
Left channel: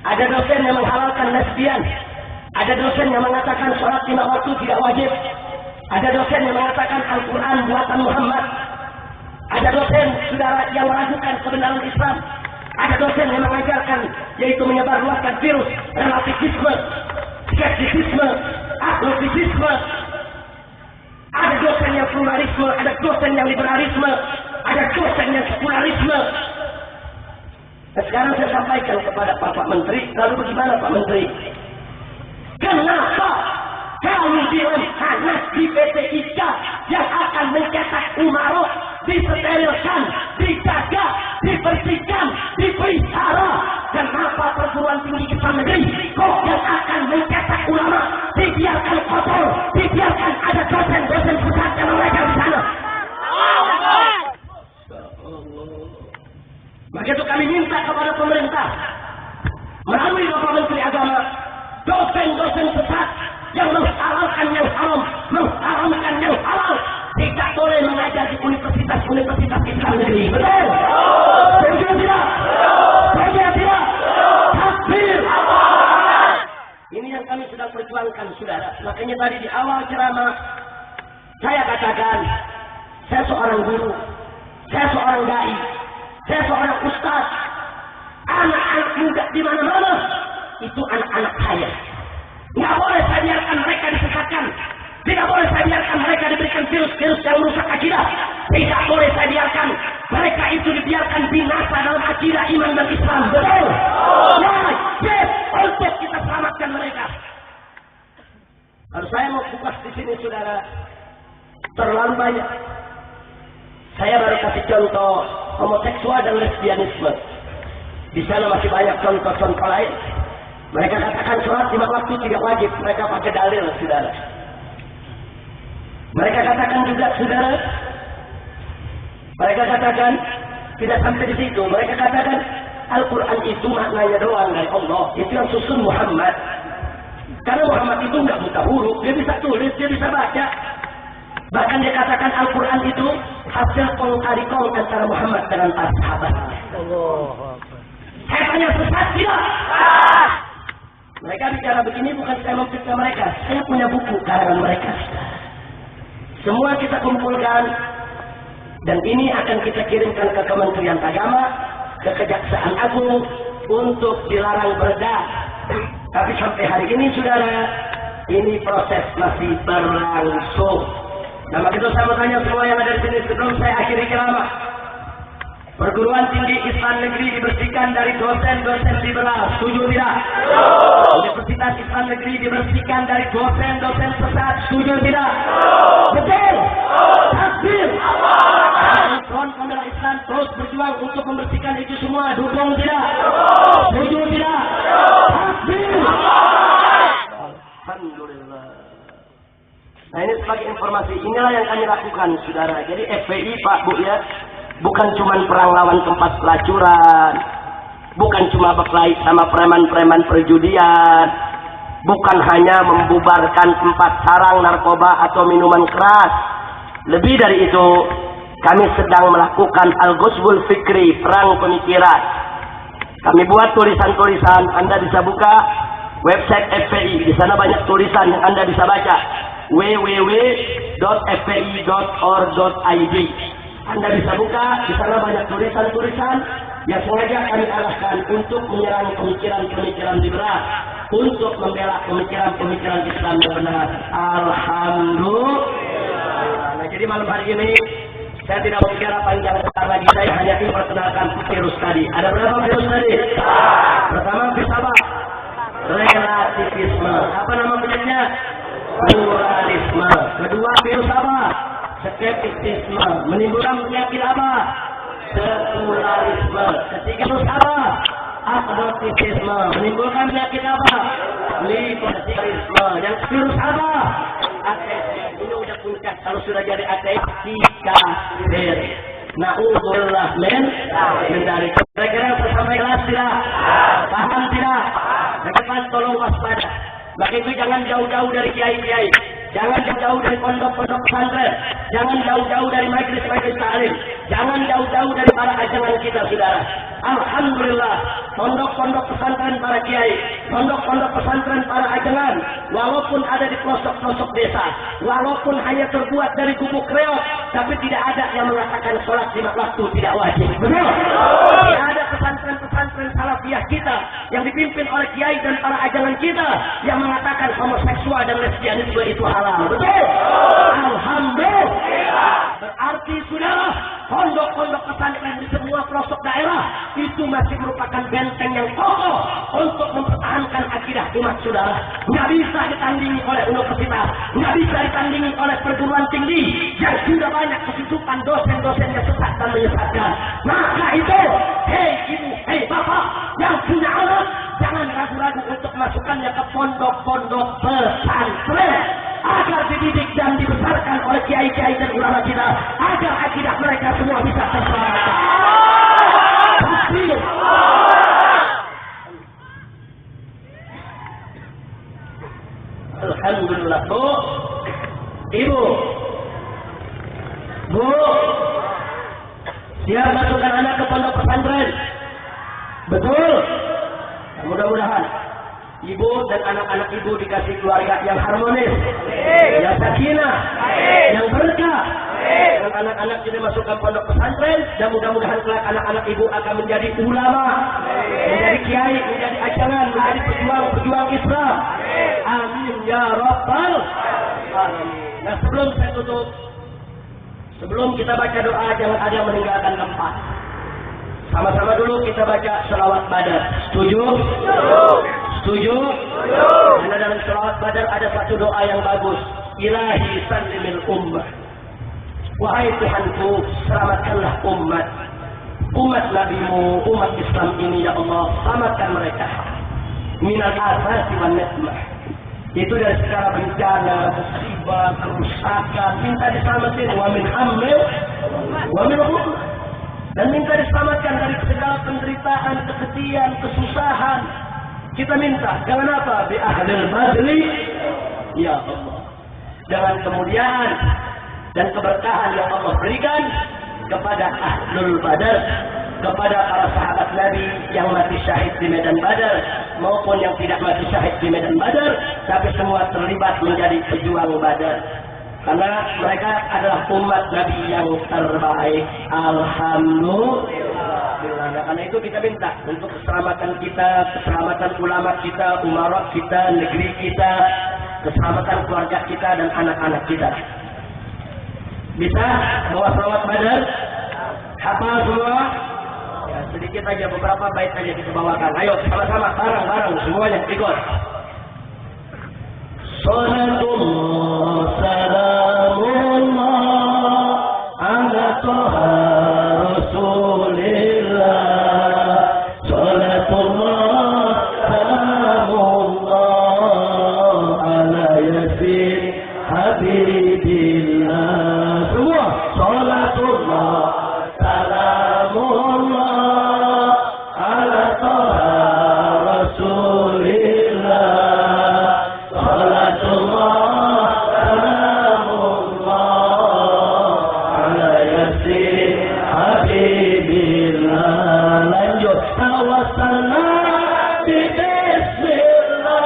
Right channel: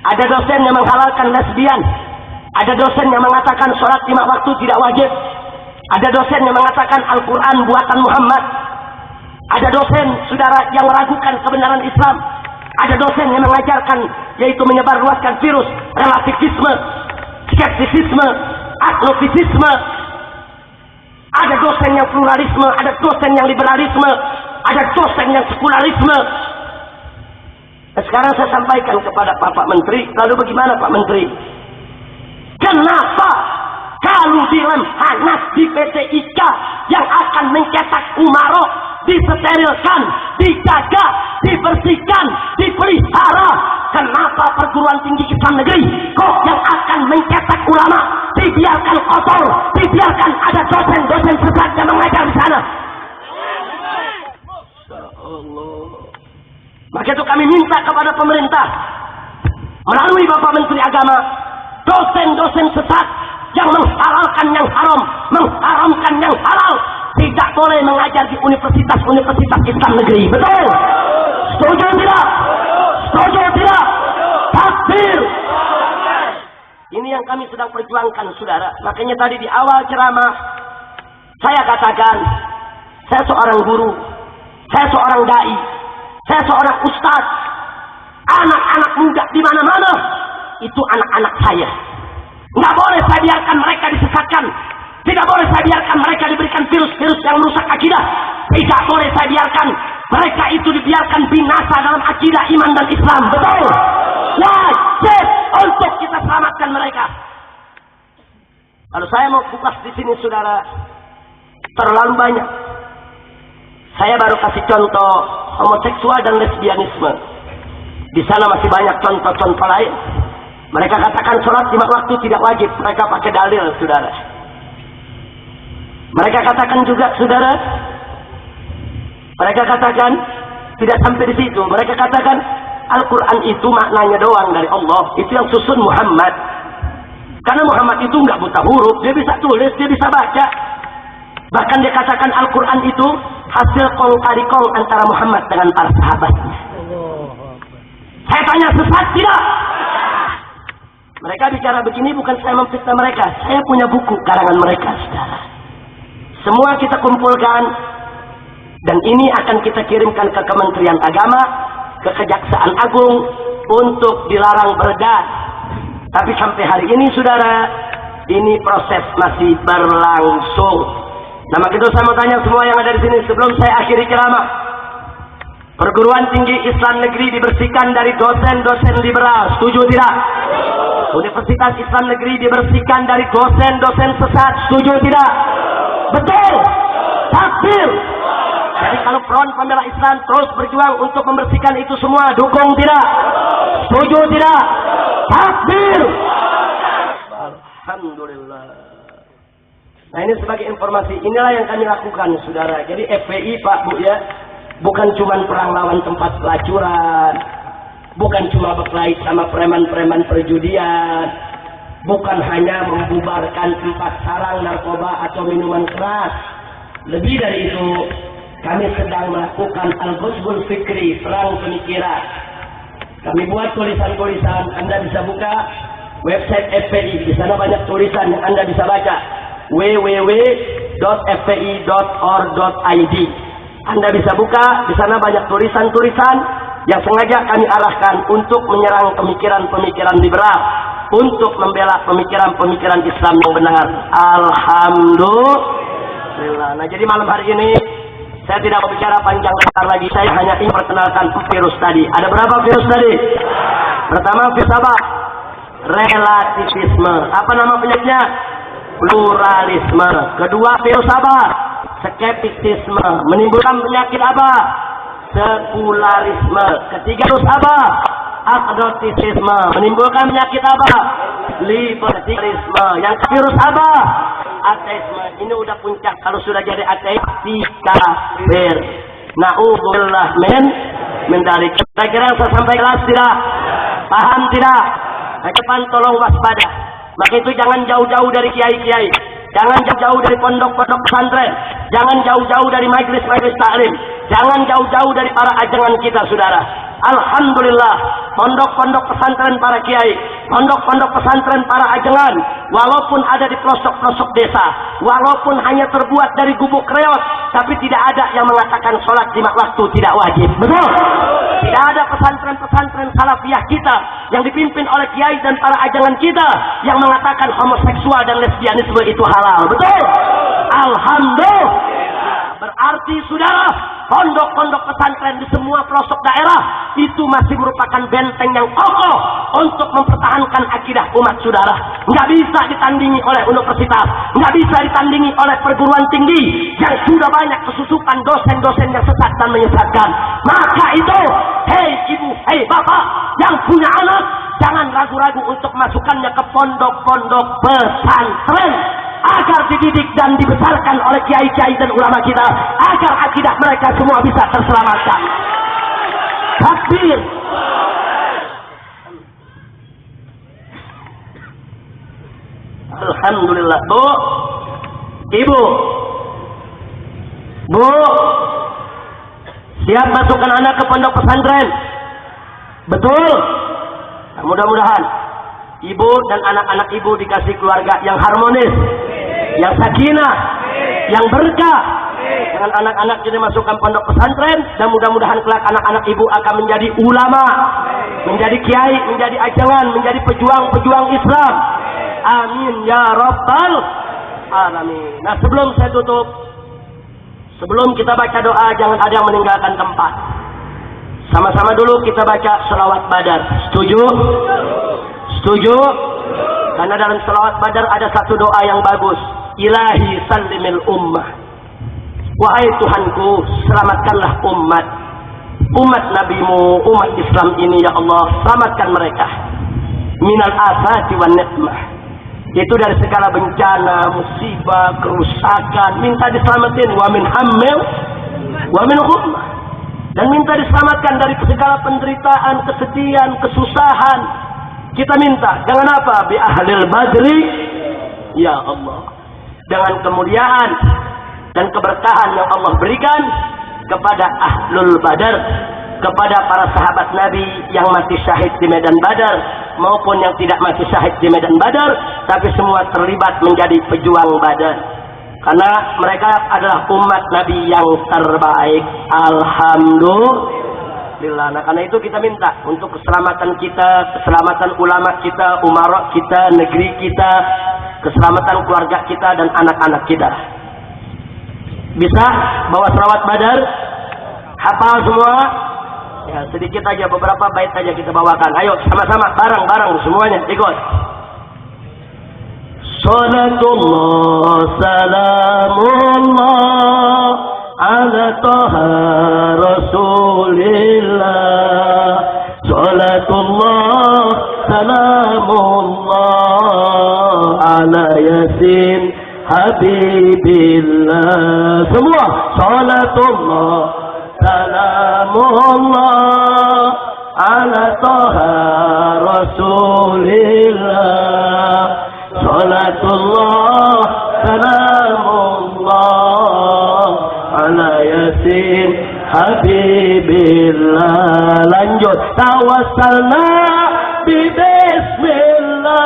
ada dosen yang menghalalkan lesbian, ada dosen yang mengatakan sholat 5 waktu tidak wajib, ada dosen yang mengatakan Al-Quran buatan Muhammad, ada dosen saudara yang meragukan kebenaran Islam, ada dosen yang mengajarkan yaitu menyebarluaskan virus relativisme, skeptisisme, agnostisisme. Ada dosen yang pluralisme, ada dosen yang liberalisme, ada dosen yang sekularisme. Nah, sekarang saya sampaikan kepada Pak Menteri, lalu bagaimana Pak Menteri? Kenapa kalau di Lemhanas di PT IKA yang akan mencetak umarok disterilkan, dijaga, dibersihkan, dipelihara? Kenapa perguruan tinggi Islam negeri kok yang akan mencetak ulama dibiarkan kotor, dibiarkan ada dosen-dosen sesat yang mengajar di sana? Maka itu kami minta kepada pemerintah melalui Bapak Menteri Agama, dosen-dosen sesat yang menghalalkan yang haram, mengharamkan yang halal tidak boleh mengajar di universitas-universitas Islam negeri. Betul? Setuju tidak? Setuju tidak? Takbir! Ini yang kami sedang perjuangkan, saudara. Makanya tadi di awal ceramah saya katakan, saya seorang guru, saya seorang dai, saya seorang ustaz. Anak-anak muda di mana-mana itu anak-anak saya. Nggak boleh saya biarkan mereka disesatkan. Tidak boleh saya biarkan mereka diberikan virus-virus yang merusak akidah. Tidak boleh saya biarkan mereka itu dibiarkan binasa dalam akidah, iman dan Islam. Betul? Wajib untuk kita selamatkan mereka. Kalau saya mau kupas di sini, saudara, terlalu banyak. Saya baru kasih contoh homoseksual dan lesbianisme. Di sana masih banyak contoh-contoh lain. Mereka katakan sholat 5 waktu tidak wajib. Mereka pakai dalil, saudara. Mereka katakan juga, saudara, mereka katakan tidak sampai di situ. Mereka katakan Al-Quran itu maknanya doang dari Allah. Itu yang susun Muhammad. Karena Muhammad itu nggak buta huruf, dia bisa tulis, dia bisa baca. Bahkan dia katakan Al-Quran itu hasil kong kali kong antara Muhammad dengan para sahabat. Saya tanya, sesat tidak? Mereka bicara begini bukan saya memfitnah mereka. Saya punya buku karangan mereka, saudara. Semua kita kumpulkan dan ini akan kita kirimkan ke Kementerian Agama, ke Kejaksaan Agung untuk dilarang beredar. Tapi sampai hari ini, saudara, ini proses masih berlangsung. Nah, maka itu saya mau tanya semua yang ada di sini sebelum saya akhiri ceramah. Perguruan tinggi Islam negeri dibersihkan dari dosen-dosen liberal. Setuju tidak? Universitas Islam negeri dibersihkan dari dosen-dosen sesat. Setuju tidak? Betul? Takbir! Jadi kalau Front Pembela Islam terus berjuang untuk membersihkan itu semua, dukung tidak? Setuju tidak? Takbir! Alhamdulillah. Nah ini sebagai informasi, inilah yang kami lakukan saudara. Jadi FPI Pak Bu ya, bukan cuma perang lawan tempat pelacuran, bukan cuma berkelahi sama preman-preman perjudian, bukan hanya membubarkan tempat sarang narkoba atau minuman keras. Lebih dari itu, kami sedang melakukan al-ghusbul fikri, perang pemikiran. Kami buat tulisan-tulisan, Anda bisa buka website FPI, di sana banyak tulisan yang Anda bisa baca. www.fpi.org.id. Anda bisa buka, di sana banyak tulisan-tulisan yang sengaja kami arahkan untuk menyerang pemikiran-pemikiran liberal, untuk membela pemikiran-pemikiran Islam yang benar. Alhamdulillah. Nah, jadi malam hari ini saya tidak berbicara panjang lebar lagi. Saya hanya ingin memperkenalkan virus tadi. Ada berapa virus tadi? Pertama virus apa? Relativisme. Apa nama penyakitnya? Pluralisme. Kedua virus apa? Skeptisisme. Menimbulkan penyakit apa? Sekularisme. Ketiga virus apa? Agnotisisme. Menimbulkan penyakit apa? Liberalisme. Yang virus apa? Ateisme. Ini udah puncak. Kalau sudah jadi ateis, si kafir. Na'udzubillah min dzalik. Kira-kira saya sampai kelas tidak? Paham tidak? Ke depan tolong waspada. Maka itu jangan jauh-jauh dari kiai-kiai, jangan jauh-jauh dari pondok-pondok pesantren, jangan jauh-jauh dari majelis-majelis taklim, jangan jauh-jauh dari para ajengan kita saudara. Alhamdulillah, pondok-pondok pesantren para kiai, pondok-pondok pesantren para ajengan, walaupun ada di pelosok-pelosok desa, walaupun hanya terbuat dari gubuk reot, tapi tidak ada yang mengatakan sholat 5 waktu tidak wajib. Betul? Tidak ada pesantren-pesantren salafiyah kita yang dipimpin oleh kiai dan para ajengan kita yang mengatakan homoseksual dan lesbianisme itu halal. Betul? Alhamdulillah. Berarti saudara, pondok-pondok pesantren di semua pelosok daerah itu masih merupakan benteng yang kokoh untuk mempertahankan akidah umat saudara. Nggak bisa ditandingi oleh universitas, nggak bisa ditandingi oleh perguruan tinggi yang sudah banyak kesusupan dosen-dosen yang sesat dan menyesatkan. Maka itu, hei ibu, hei bapak yang punya anak, jangan ragu-ragu untuk masukkannya ke pondok-pondok pesantren agar dididik dan dibesarkan oleh kiai-kiai dan ulama kita, agar akidah mereka semua bisa terselamatkan. Takbir. Alhamdulillah. Bu, ibu, bu, siap masukkan anak ke pondok pesantren? Betul? Nah, mudah-mudahan ibu dan anak-anak ibu dikasih keluarga yang harmonis, yang sakinah, yang berkah. Dengan anak-anak jadi masukkan pondok pesantren, dan mudah-mudahan kelak anak-anak ibu akan menjadi ulama, menjadi kiai, menjadi ajangan, menjadi pejuang-pejuang Islam. Amin ya rabbal alamin. Nah, sebelum saya tutup, sebelum kita baca doa, jangan ada yang meninggalkan tempat. Sama-sama dulu kita baca selawat Badar. Setuju? Setuju? Karena dalam selawat Badar ada satu doa yang bagus. Ilahi sallimil ummah. Wahai Tuhanku, selamatkanlah umat Nabimu, umat Islam ini ya Allah, selamatkan mereka minal asati wan nikmah. Itu dari segala bencana, musibah, kerusakan, minta diselamatkan. Wa min hammil wa min ghummah. Dan minta diselamatkan dari segala penderitaan, kesedihan, kesusahan. Kita minta, dengan apa? Bi ahlil badri, ya Allah. Dengan kemuliaan dan keberkahan yang Allah berikan kepada ahlul badar, kepada para sahabat Nabi yang mati syahid di medan Badar maupun yang tidak mati syahid di medan Badar, tapi semua terlibat menjadi pejuang Badar. Karena mereka adalah umat Nabi yang terbaik. Alhamdulillah. Nah, karena itu kita minta untuk keselamatan kita, keselamatan ulama kita, umarok kita, negeri kita, keselamatan keluarga kita dan anak-anak kita. Bisa bawa selawat Badar? Hafal semua? Ya, sedikit aja, beberapa bait aja kita bawakan. Ayo sama-sama, bareng-bareng semuanya ikut. Salatullah salamullah ala taha rasulillah. Salatullah salamullah Taha Rasulillah. Salatullah salamullah ala yasin habibillah. Lanjut. Tawassalna bi bismillah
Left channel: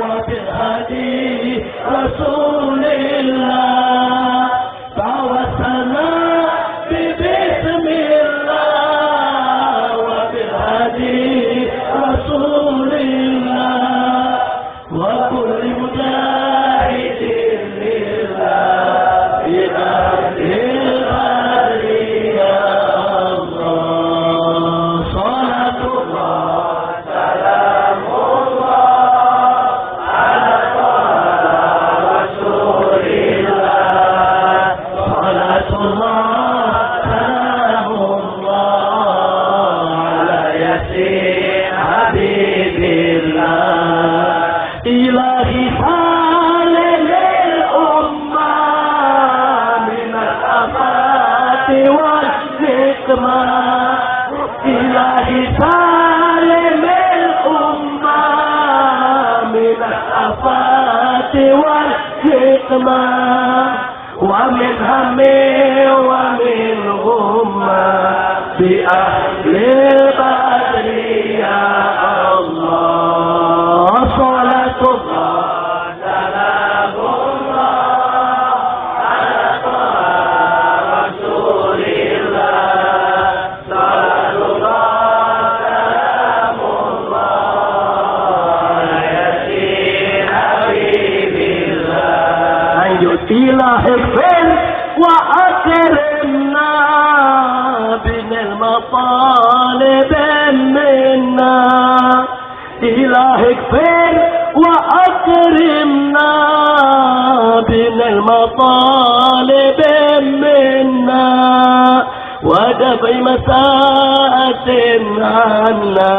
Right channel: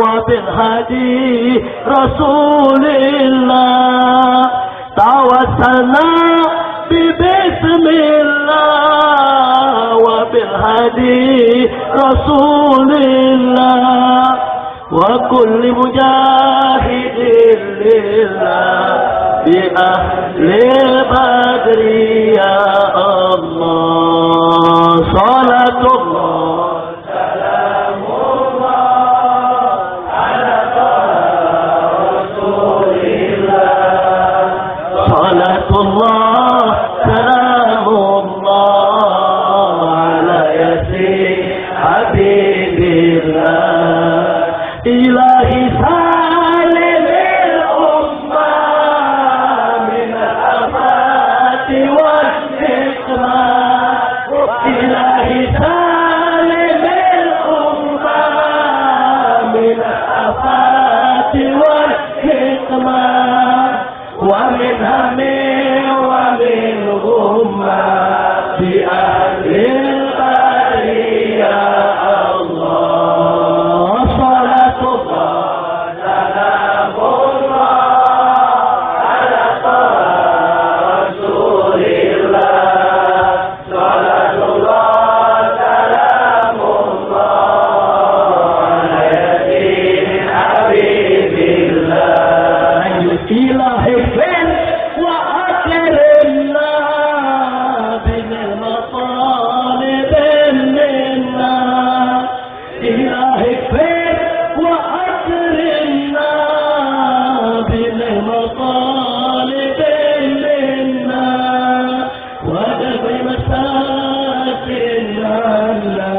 wa bil hadi Rasulillah. Tawassalna bi bismillah wa bil hadi Rasulillah wa kulli mujahidin lillah bi ahlil badri ya Allah. Salatullah salamullah ala taha Rasulillah. Salatullah salamullah ala yasin habibillah. Ilahi salimil ummah minal afati wal hikmah. Ilahi salimil ummah minal afati wal hikmah. Wa min hammi wa min ghummah bi ahlil badri ya Allah. Salatullah salamullah ala taha Rasulillah. Salatullah salamullah ala yasin habibillah. Lanjut. Ilahi fil wa akrimna binil matalib minna. Ilahi fil wa akrimna binil matalib minna wa dafi masatin anna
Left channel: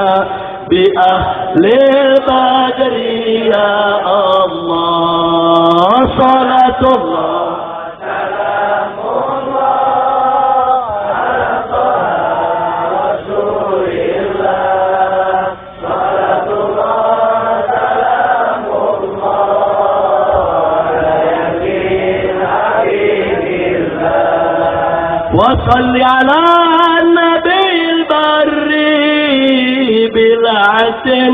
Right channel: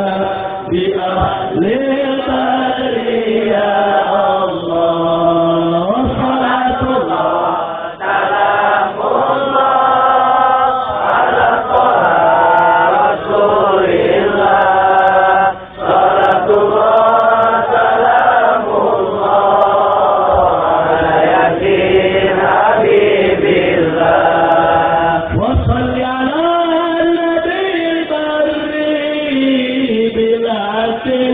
bi ahlil badri ya Allah. Salatullah salamullah ala taha Rasulillah. Salatullah salamullah ala yasin habibillah. Wa salli ala nabiyil barri bila asin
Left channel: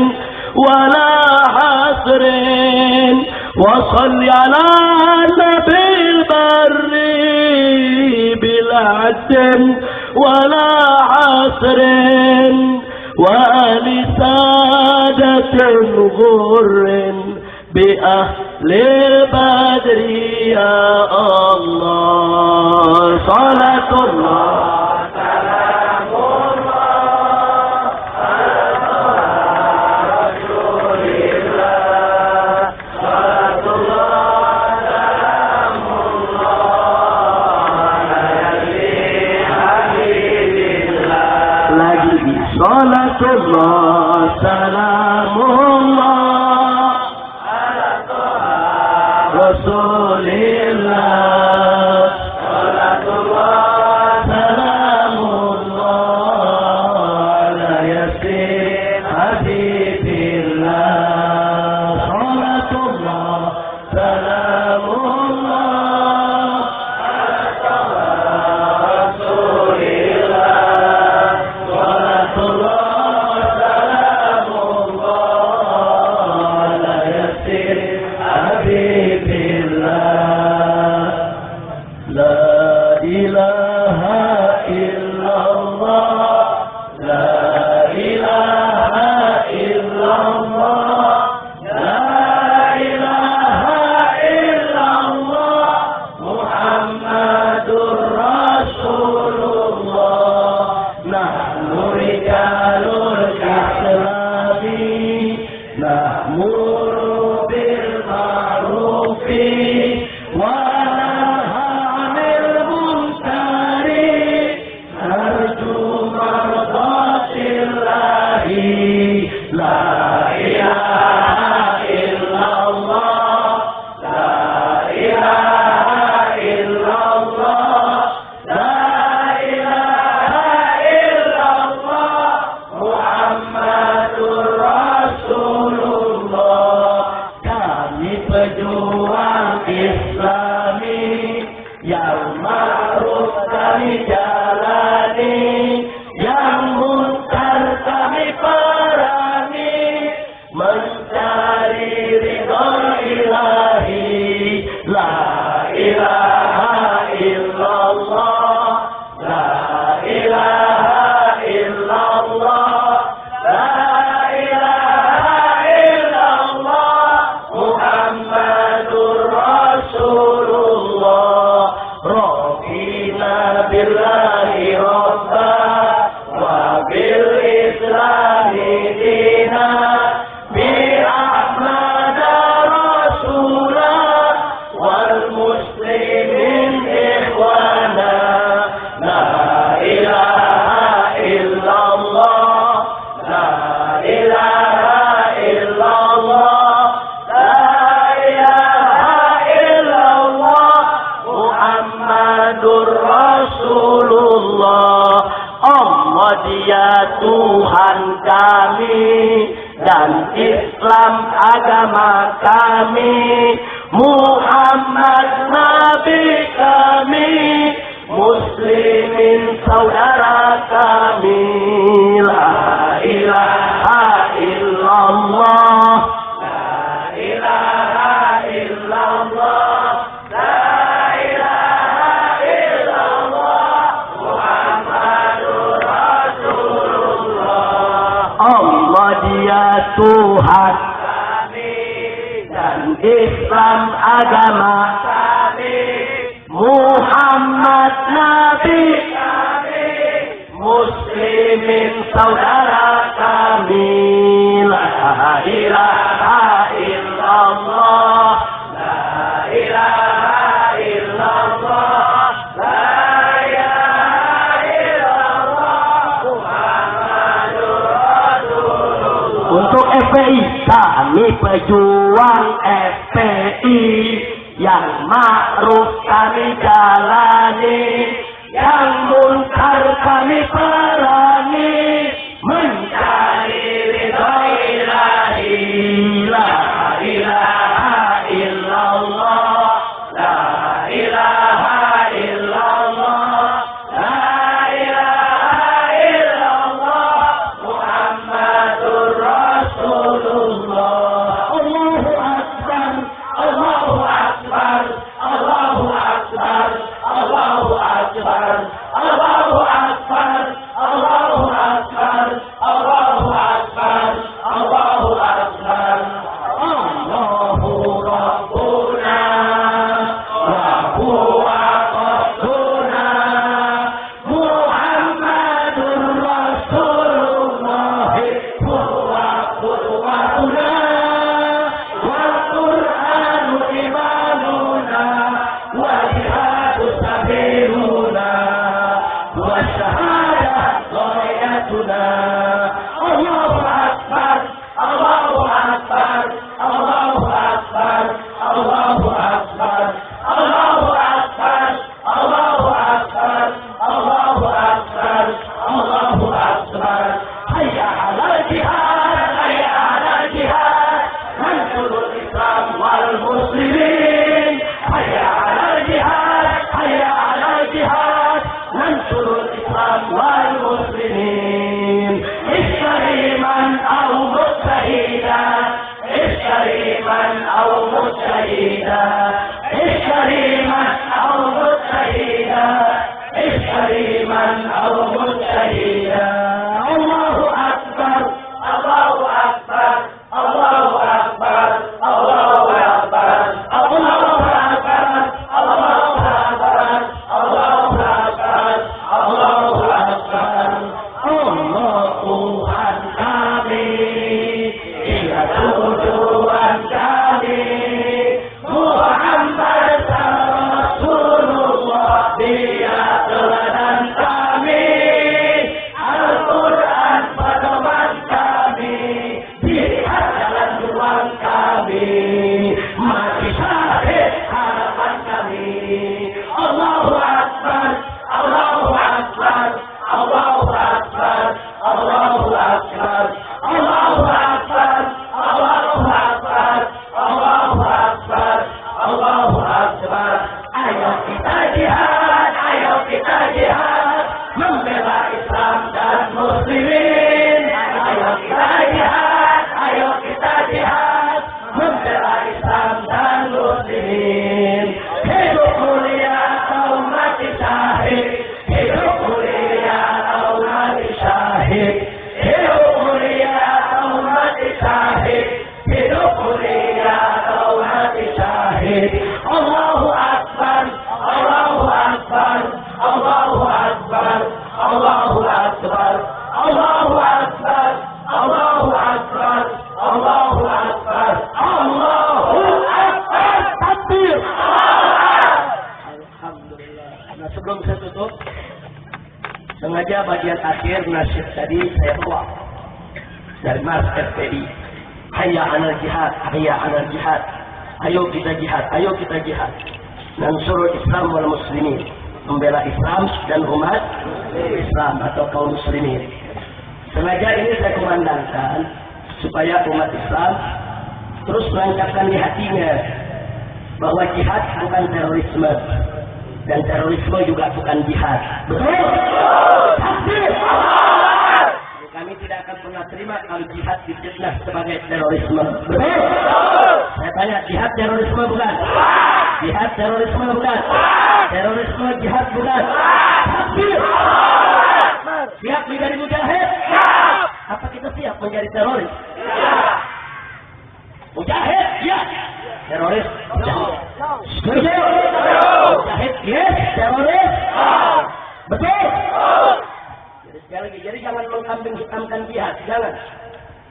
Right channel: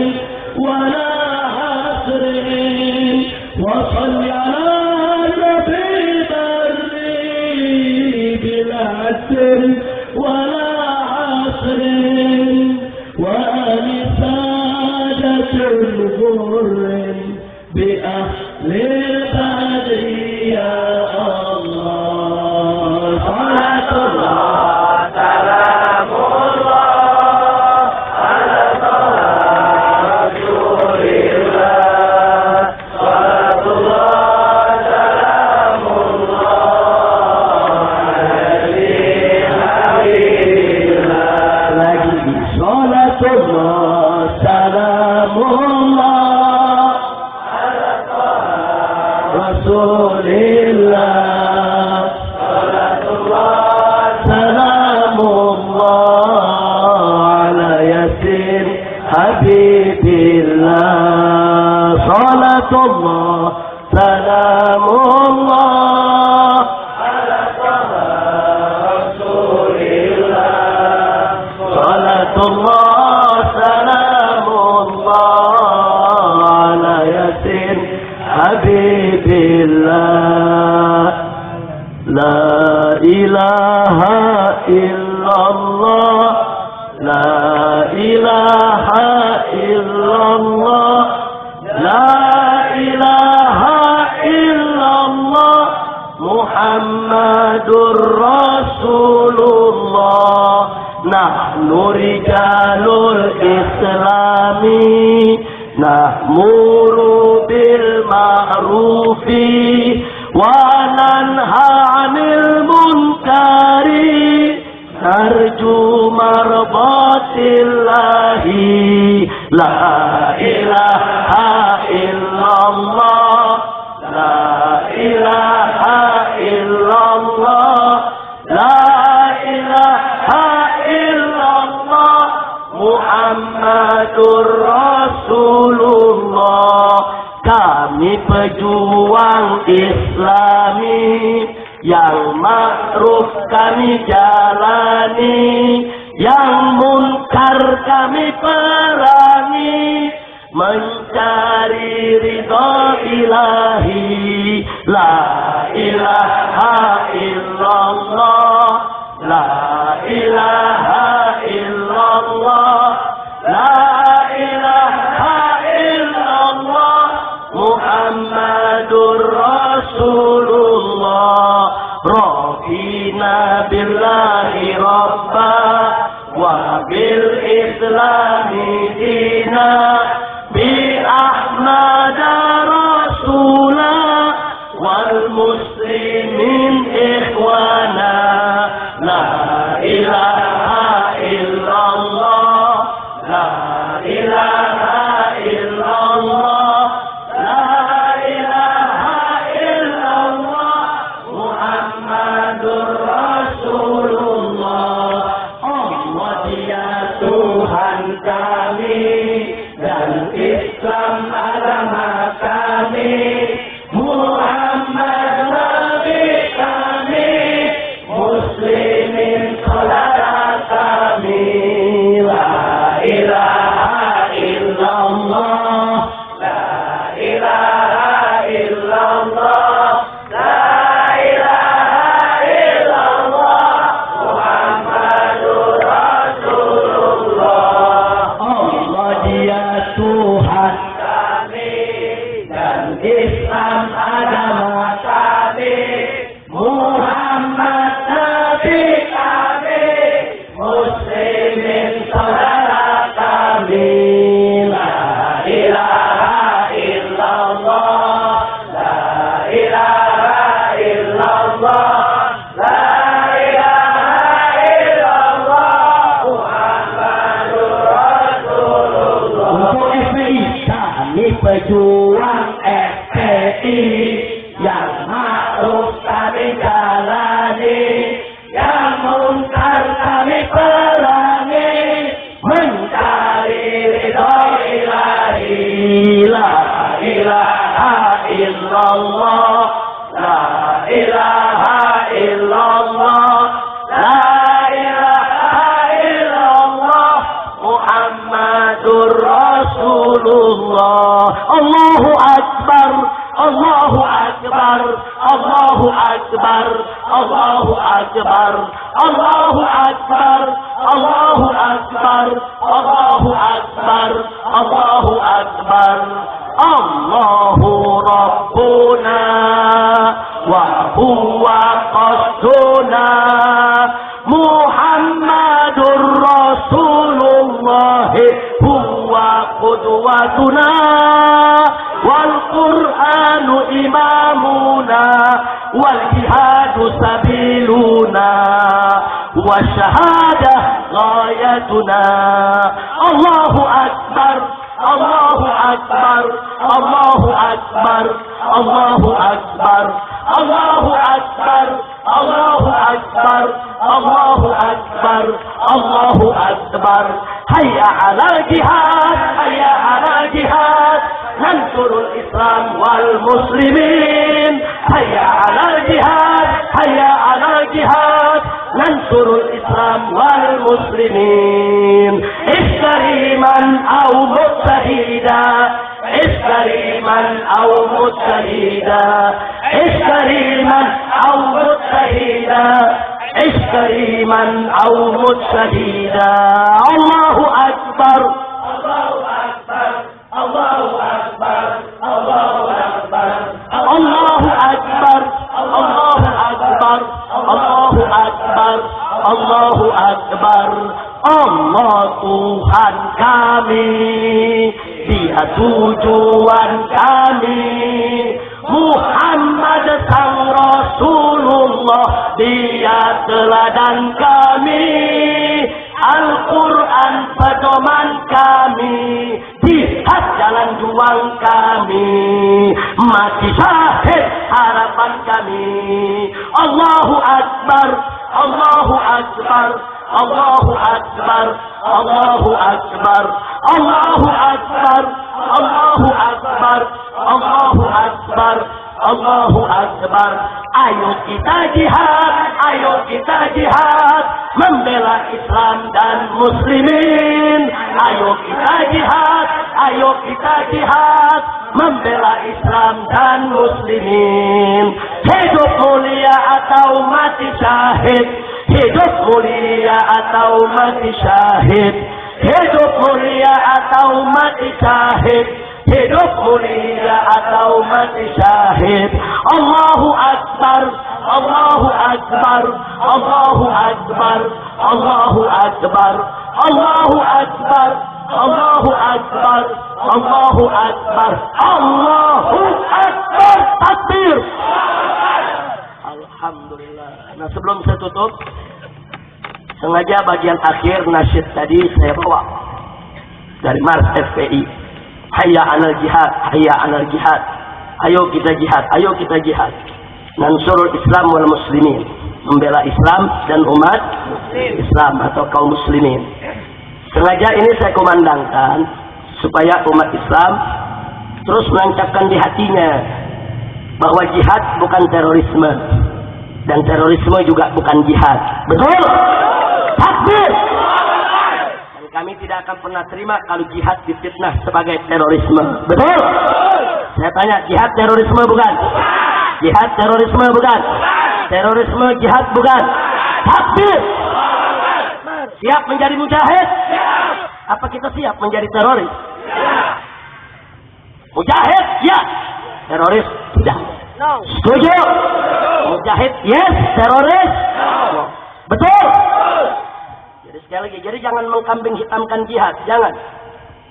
wala hasrin. وصل على النبي البري بلا عسر ولا عسر وآل سادة غر بأهل البدر يا الله. صلاة الله سلام الله على رسول الله. صلاة الله سلام الله على حبيب الله. lagi صلاة الله سلام الله على رسول الله. صلاة الله سلام الله على ياسين حبيب الله. صلاة الله سلام الله على رسول الله. صلاة الله سلام الله على ياسين حبيب الله. لا إله إلا الله. لا إله إلا الله. لا إله إلا الله محمد رسول الله. نحن رجال الإسلام نأمر بالمعروف وننهى عن المنكر. نرجو مرضاة الله. لا إله إلا الله. لا إله إلا الله. لا إله إلا الله mencari ridho ilahi. La ilaha illallah, la ilaha illallah, la ilaha illallah, Muhammadur Rasulullah. Rabbina billahi rabba wa bil islami dina, bi Ahmad rasula wal muslimin ikhwana. La ilaha illallah, la ilaha illallah, la ilaha illallah, Muhammadur Rasulullah. Allah dia Tuhan kami dan Islam agama kami, Muhammad Nabi kami, Muslimin saudara kami. La ilaha illallah, la ilaha illallah, la ilaha illallah, Muhammadur Rasulullah. Allah dia Tuhan kami dan Islam agama kami, Muhammad Nabi kami, Muslimin saudara kami. La ilaha illallah, la ilaha illallah, la ilaha illallah, Muhammadur Rasulullah. Untuk FPI, kami pejuang FPI, yang ma'ruf kami jalani, yang munkar kami perangi, mencari ridho ilahi. La ilaha illallah, la ilaha illallah, la ilaha illallah, Muhammadur Rasulullah. Allahu Akbar, Allahu Akbar, Allahu Akbar, Allahu Akbar, Allahu Akbar, Allahu Akbar, Allahu Akbar, Allahu Akbar. Allahu Rabbuna wa huwa qasduna, Muhammadur Rasulullah huwa qudwatuna, wal Qur'anu imamuna, wal jihadu sabiluna, wa syahadah ghayatuna. Allahu Akbar, Allahu Akbar, Allahu Akbar, Allahu Akbar, Allahu Akbar, Allahu Akbar, Allahu Akbar, Allahu Akbar. Hayya 'alal jihad, hayya 'alal jihad, mansurul Islam wal muslimin. Hayya 'alal jihad, hayya 'alal jihad, mansurul Islam wal muslimin. Iskariman aw mujtahida, iskariman aw mujtahida, iskariman aw mujtahida, iskariman aw mujtahida. Allahu Akbar, Allahu Akbar, Allahu Akbar, Allahu Akbar, Allahu Akbar, Allahu Akbar, Allahu Akbar, Allahu Akbar. Allah Tuhan kami, Dia tujuan kami, Muhammad sang Rasulullah, Dia teladan kami, Al-Quran pedoman kami, jihad jalan juang kami, mati syahid harapan kami. Allahu Akbar, Allahu Akbar, Allahu Akbar, Allahu Akbar, Allahu Akbar, Allahu Akbar, Allahu Akbar, Allahu Akbar. Ayo kita jihad, ayo kita jihad, membela Islam dan muslimin. Ayo kita jihad, ayo kita jihad membela Islam dan muslimin. Hidup mulia atau mati syahid, hidup mulia atau mati syahid, hidup mulia atau mati syahid, hidup mulia atau mati syahid. Allahu Akbar, Allahu Akbar, Allahu Akbar, Allahu Akbar, Allahu Akbar, Allahu Akbar, Allahu Akbar, Allahu Akbar, takbir. Alhamdulillah. Nah, sebelum saya tutup, sengaja bagian akhir nasyid tadi saya bawa dari Mars FPI. Hayya 'alal jihad, hayya 'alal jihad. Ayo kita jihad, ayo kita jihad. Nansurul Islam wal muslimin. Membela Islam dan umat Islam atau kaum muslimin. Sengaja ini saya kumandangkan supaya umat Islam terus menancapkan di hatinya bahwa jihad bukan terorisme dan terorisme juga bukan jihad. Betul? Takbir! Dan kami tidak akan pernah terima kalau jihad difitnah sebagai terorisme. Betul? Saya tanya, jihad terorisme bukan? Jihad terorisme bukan? Terorisme jihad bukan? Takbir! Siap menjadi mujahid? Apa kita siap menjadi teroris? Mujahid? Ya. Teroris? Tidak. Setuju? Mujahid? Yes. Teroris? Betul? Jadi sekali lagi, jadi jangan mengkambing hitamkan jihad.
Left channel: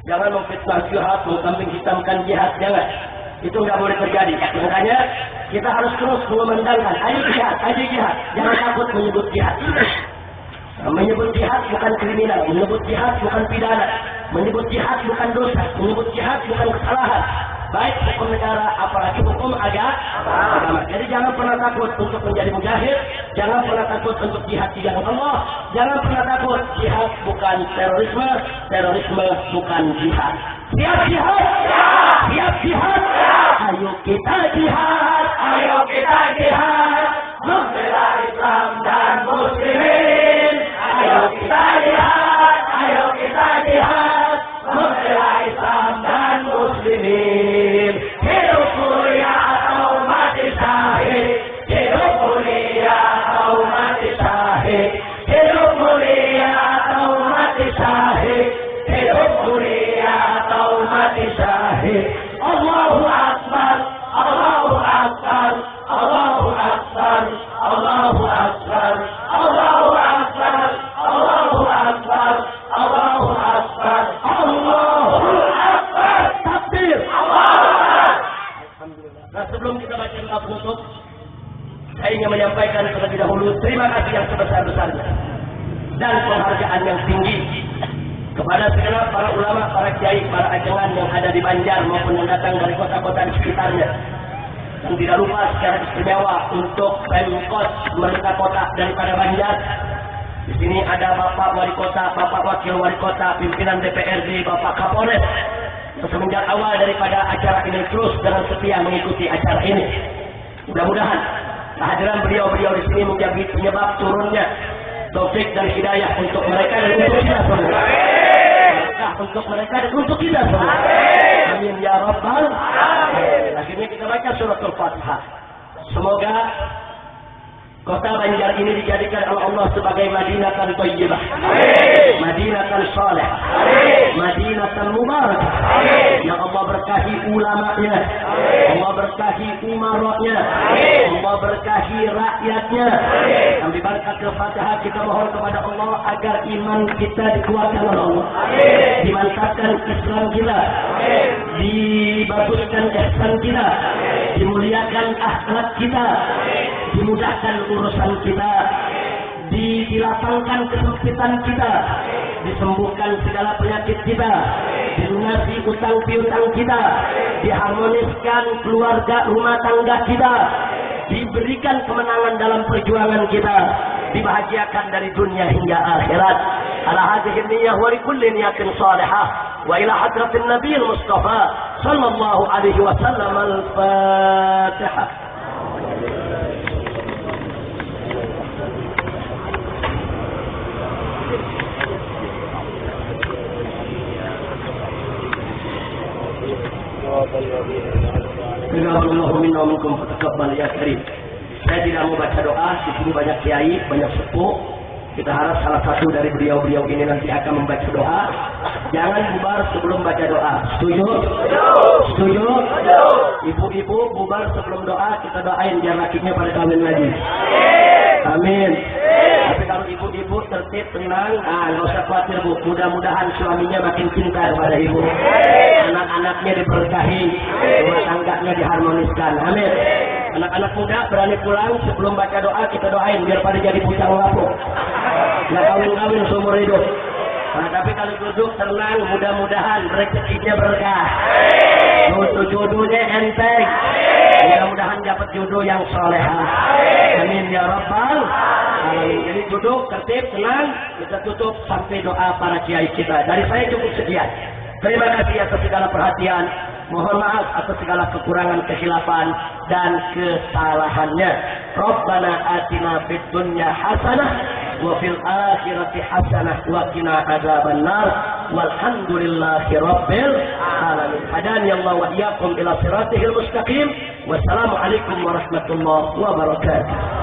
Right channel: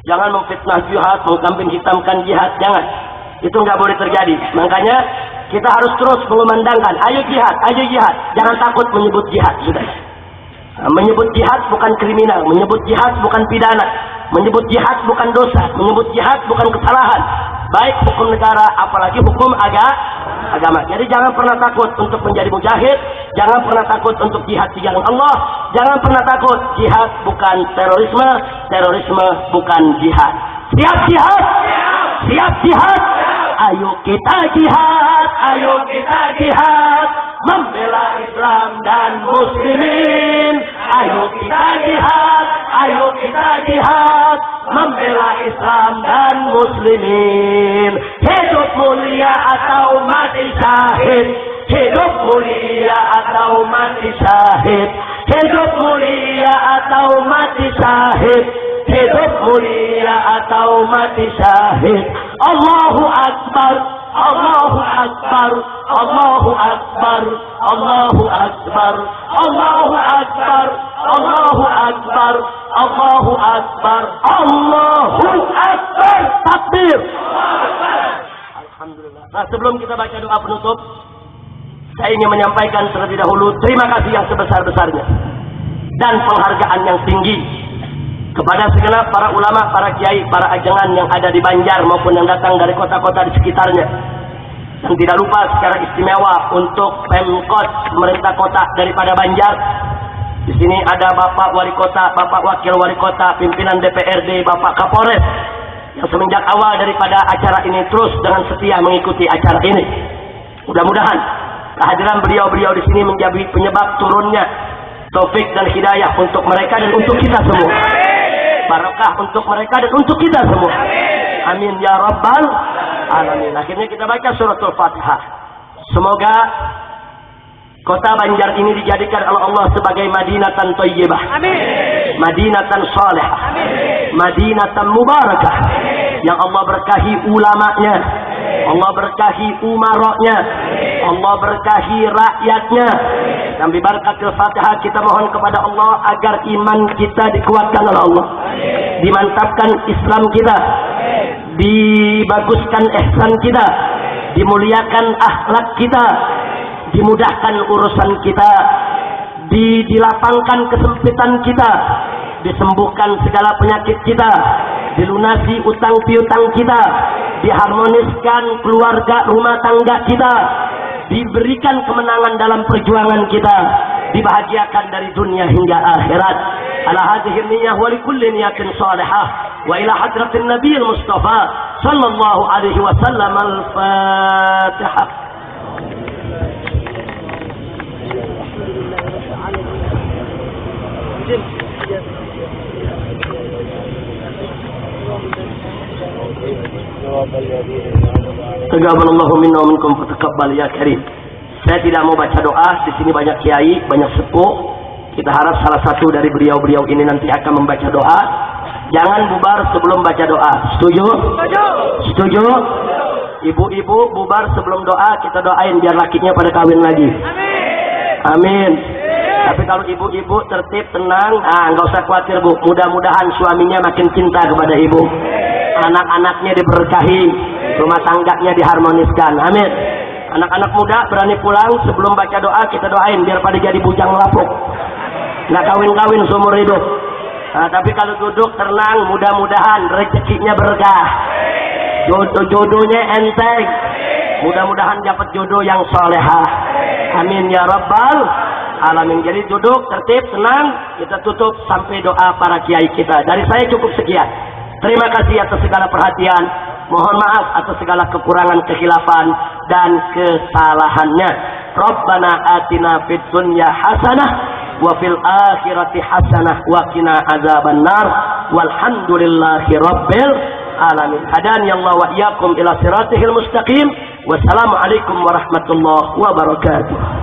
Jangan memfitnah jihad, mengkambing hitamkan jihad. Jangan. Itu nggak boleh terjadi. Makanya kita harus terus mengumandangkan, ayo jihad, ayo jihad. Jangan takut menyebut jihad. Sudah. Menyebut jihad bukan kriminal, menyebut jihad bukan pidana, menyebut jihad bukan dosa, menyebut jihad bukan kesalahan. Baik hukum negara, apalagi hukum agama. Jadi jangan pernah takut untuk menjadi mujahid, jangan pernah takut untuk jihad di jalan Allah, jangan pernah takut. Jihad bukan terorisme, terorisme bukan jihad. Siap jihad? Siap jihad? Ayo kita jihad, ayo kita jihad, membela Islam dan muslimin. Ayo kita jihad, ayo kita jihad, membela Islam dan muslimin. Hidup mulia atau mati syahid, hidup mulia atau mati syahid, hidup mulia atau mati syahid, hidup mulia atau mati syahid. Allahu Akbar, Allahu Akbar, Allahu Akbar, Allahu Akbar, Allahu Akbar, Allahu Akbar, Allahu Akbar, Allahu Akbar, takbir. Alhamdulillah. Nah, sebelum kita baca doa penutup, saya ingin menyampaikan terlebih dahulu terima kasih yang sebesar-besarnya dan penghargaan yang tinggi kepada segenap para ulama, para kiai, para ajengan yang ada di Banjar maupun yang datang dari kota-kota di sekitarnya. Dan tidak lupa secara istimewa untuk Pemkot pemerintah kota daripada Banjar. Di sini ada Bapak Wali Kota, Bapak Wakil Wali Kota, pimpinan DPRD, Bapak Kapolres yang semenjak awal daripada acara ini terus dengan setia mengikuti acara ini. Mudah-mudahan kehadiran beliau-beliau di sini menjadi penyebab turunnya taufik dan hidayah untuk mereka dan untuk kita semua. Barakah untuk mereka dan untuk kita semua. Amin ya rabbal alamin. Akhirnya kita baca suratul Fatihah. Semoga kota Banjar ini dijadikan oleh Allah sebagai Madinatan Thayyibah, Madinatan Salihah, Madinatan Mubarakah. Yang Allah berkahi ulamanya, Allah berkahi umaroknya, Allah berkahi rakyatnya. Dan bibarakatil Fatihah kita mohon kepada Allah agar iman kita dikuatkan oleh Allah, dimantapkan Islam kita, dibaguskan ihsan kita, dimuliakan akhlak kita, dimudahkan urusan kita, dilapangkan kesempitan kita, disembuhkan segala penyakit kita, dilunasi utang piutang kita, diharmoniskan keluarga rumah tangga kita, diberikan kemenangan dalam perjuangan kita, dibahagiakan dari dunia hingga akhirat. Ala hadhihi niyyah wa likulli niyatin salihah wa ila hadratin nabiyil mustafa sallallahu alaihi wasallam. Al-Fatihah. Thank you. Taqabbalallahu minna wa minkum fataqabbal ya karim. Saya tidak mau baca doa, di sini banyak kiai, banyak sepuh. Kita harap salah satu dari beliau-beliau ini nanti akan membaca doa. Jangan bubar sebelum baca doa. Setuju? Setuju? Ibu-ibu bubar sebelum doa, kita doain biar lakinya pada kawin lagi. Amin. Tapi kalau ibu-ibu tertib, tenang, nggak usah khawatir bu. Mudah-mudahan suaminya makin cinta kepada ibu. Anak-anaknya diberkahi, rumah tangganya diharmoniskan. Amin. Anak-anak muda berani pulang sebelum baca doa, kita doain biar pada jadi bujang lapuk. Nggak kawin-kawin seumur hidup. Nah, tapi kalau duduk tenang, mudah-mudahan rezekinya berkah. Jodohnya enteng. Mudah-mudahan dapat jodoh yang solehah. Amin ya rabbal alamin. Jadi duduk tertib, tenang. Kita tutup sampai doa para kiai kita. Dari saya cukup sekian. Terima kasih atas segala perhatian. Mohon maaf atas segala kekurangan, kekhilafan dan kesalahannya. Rabbana atina fid dunya hasanah wa fil akhirati hasanah wa qina adzabannar. Walhamdulillahi rabbil alamin. Hadani Allah wa iyyakum ila siratihil mustaqim. Wassalamualaikum warahmatullahi wabarakatuh.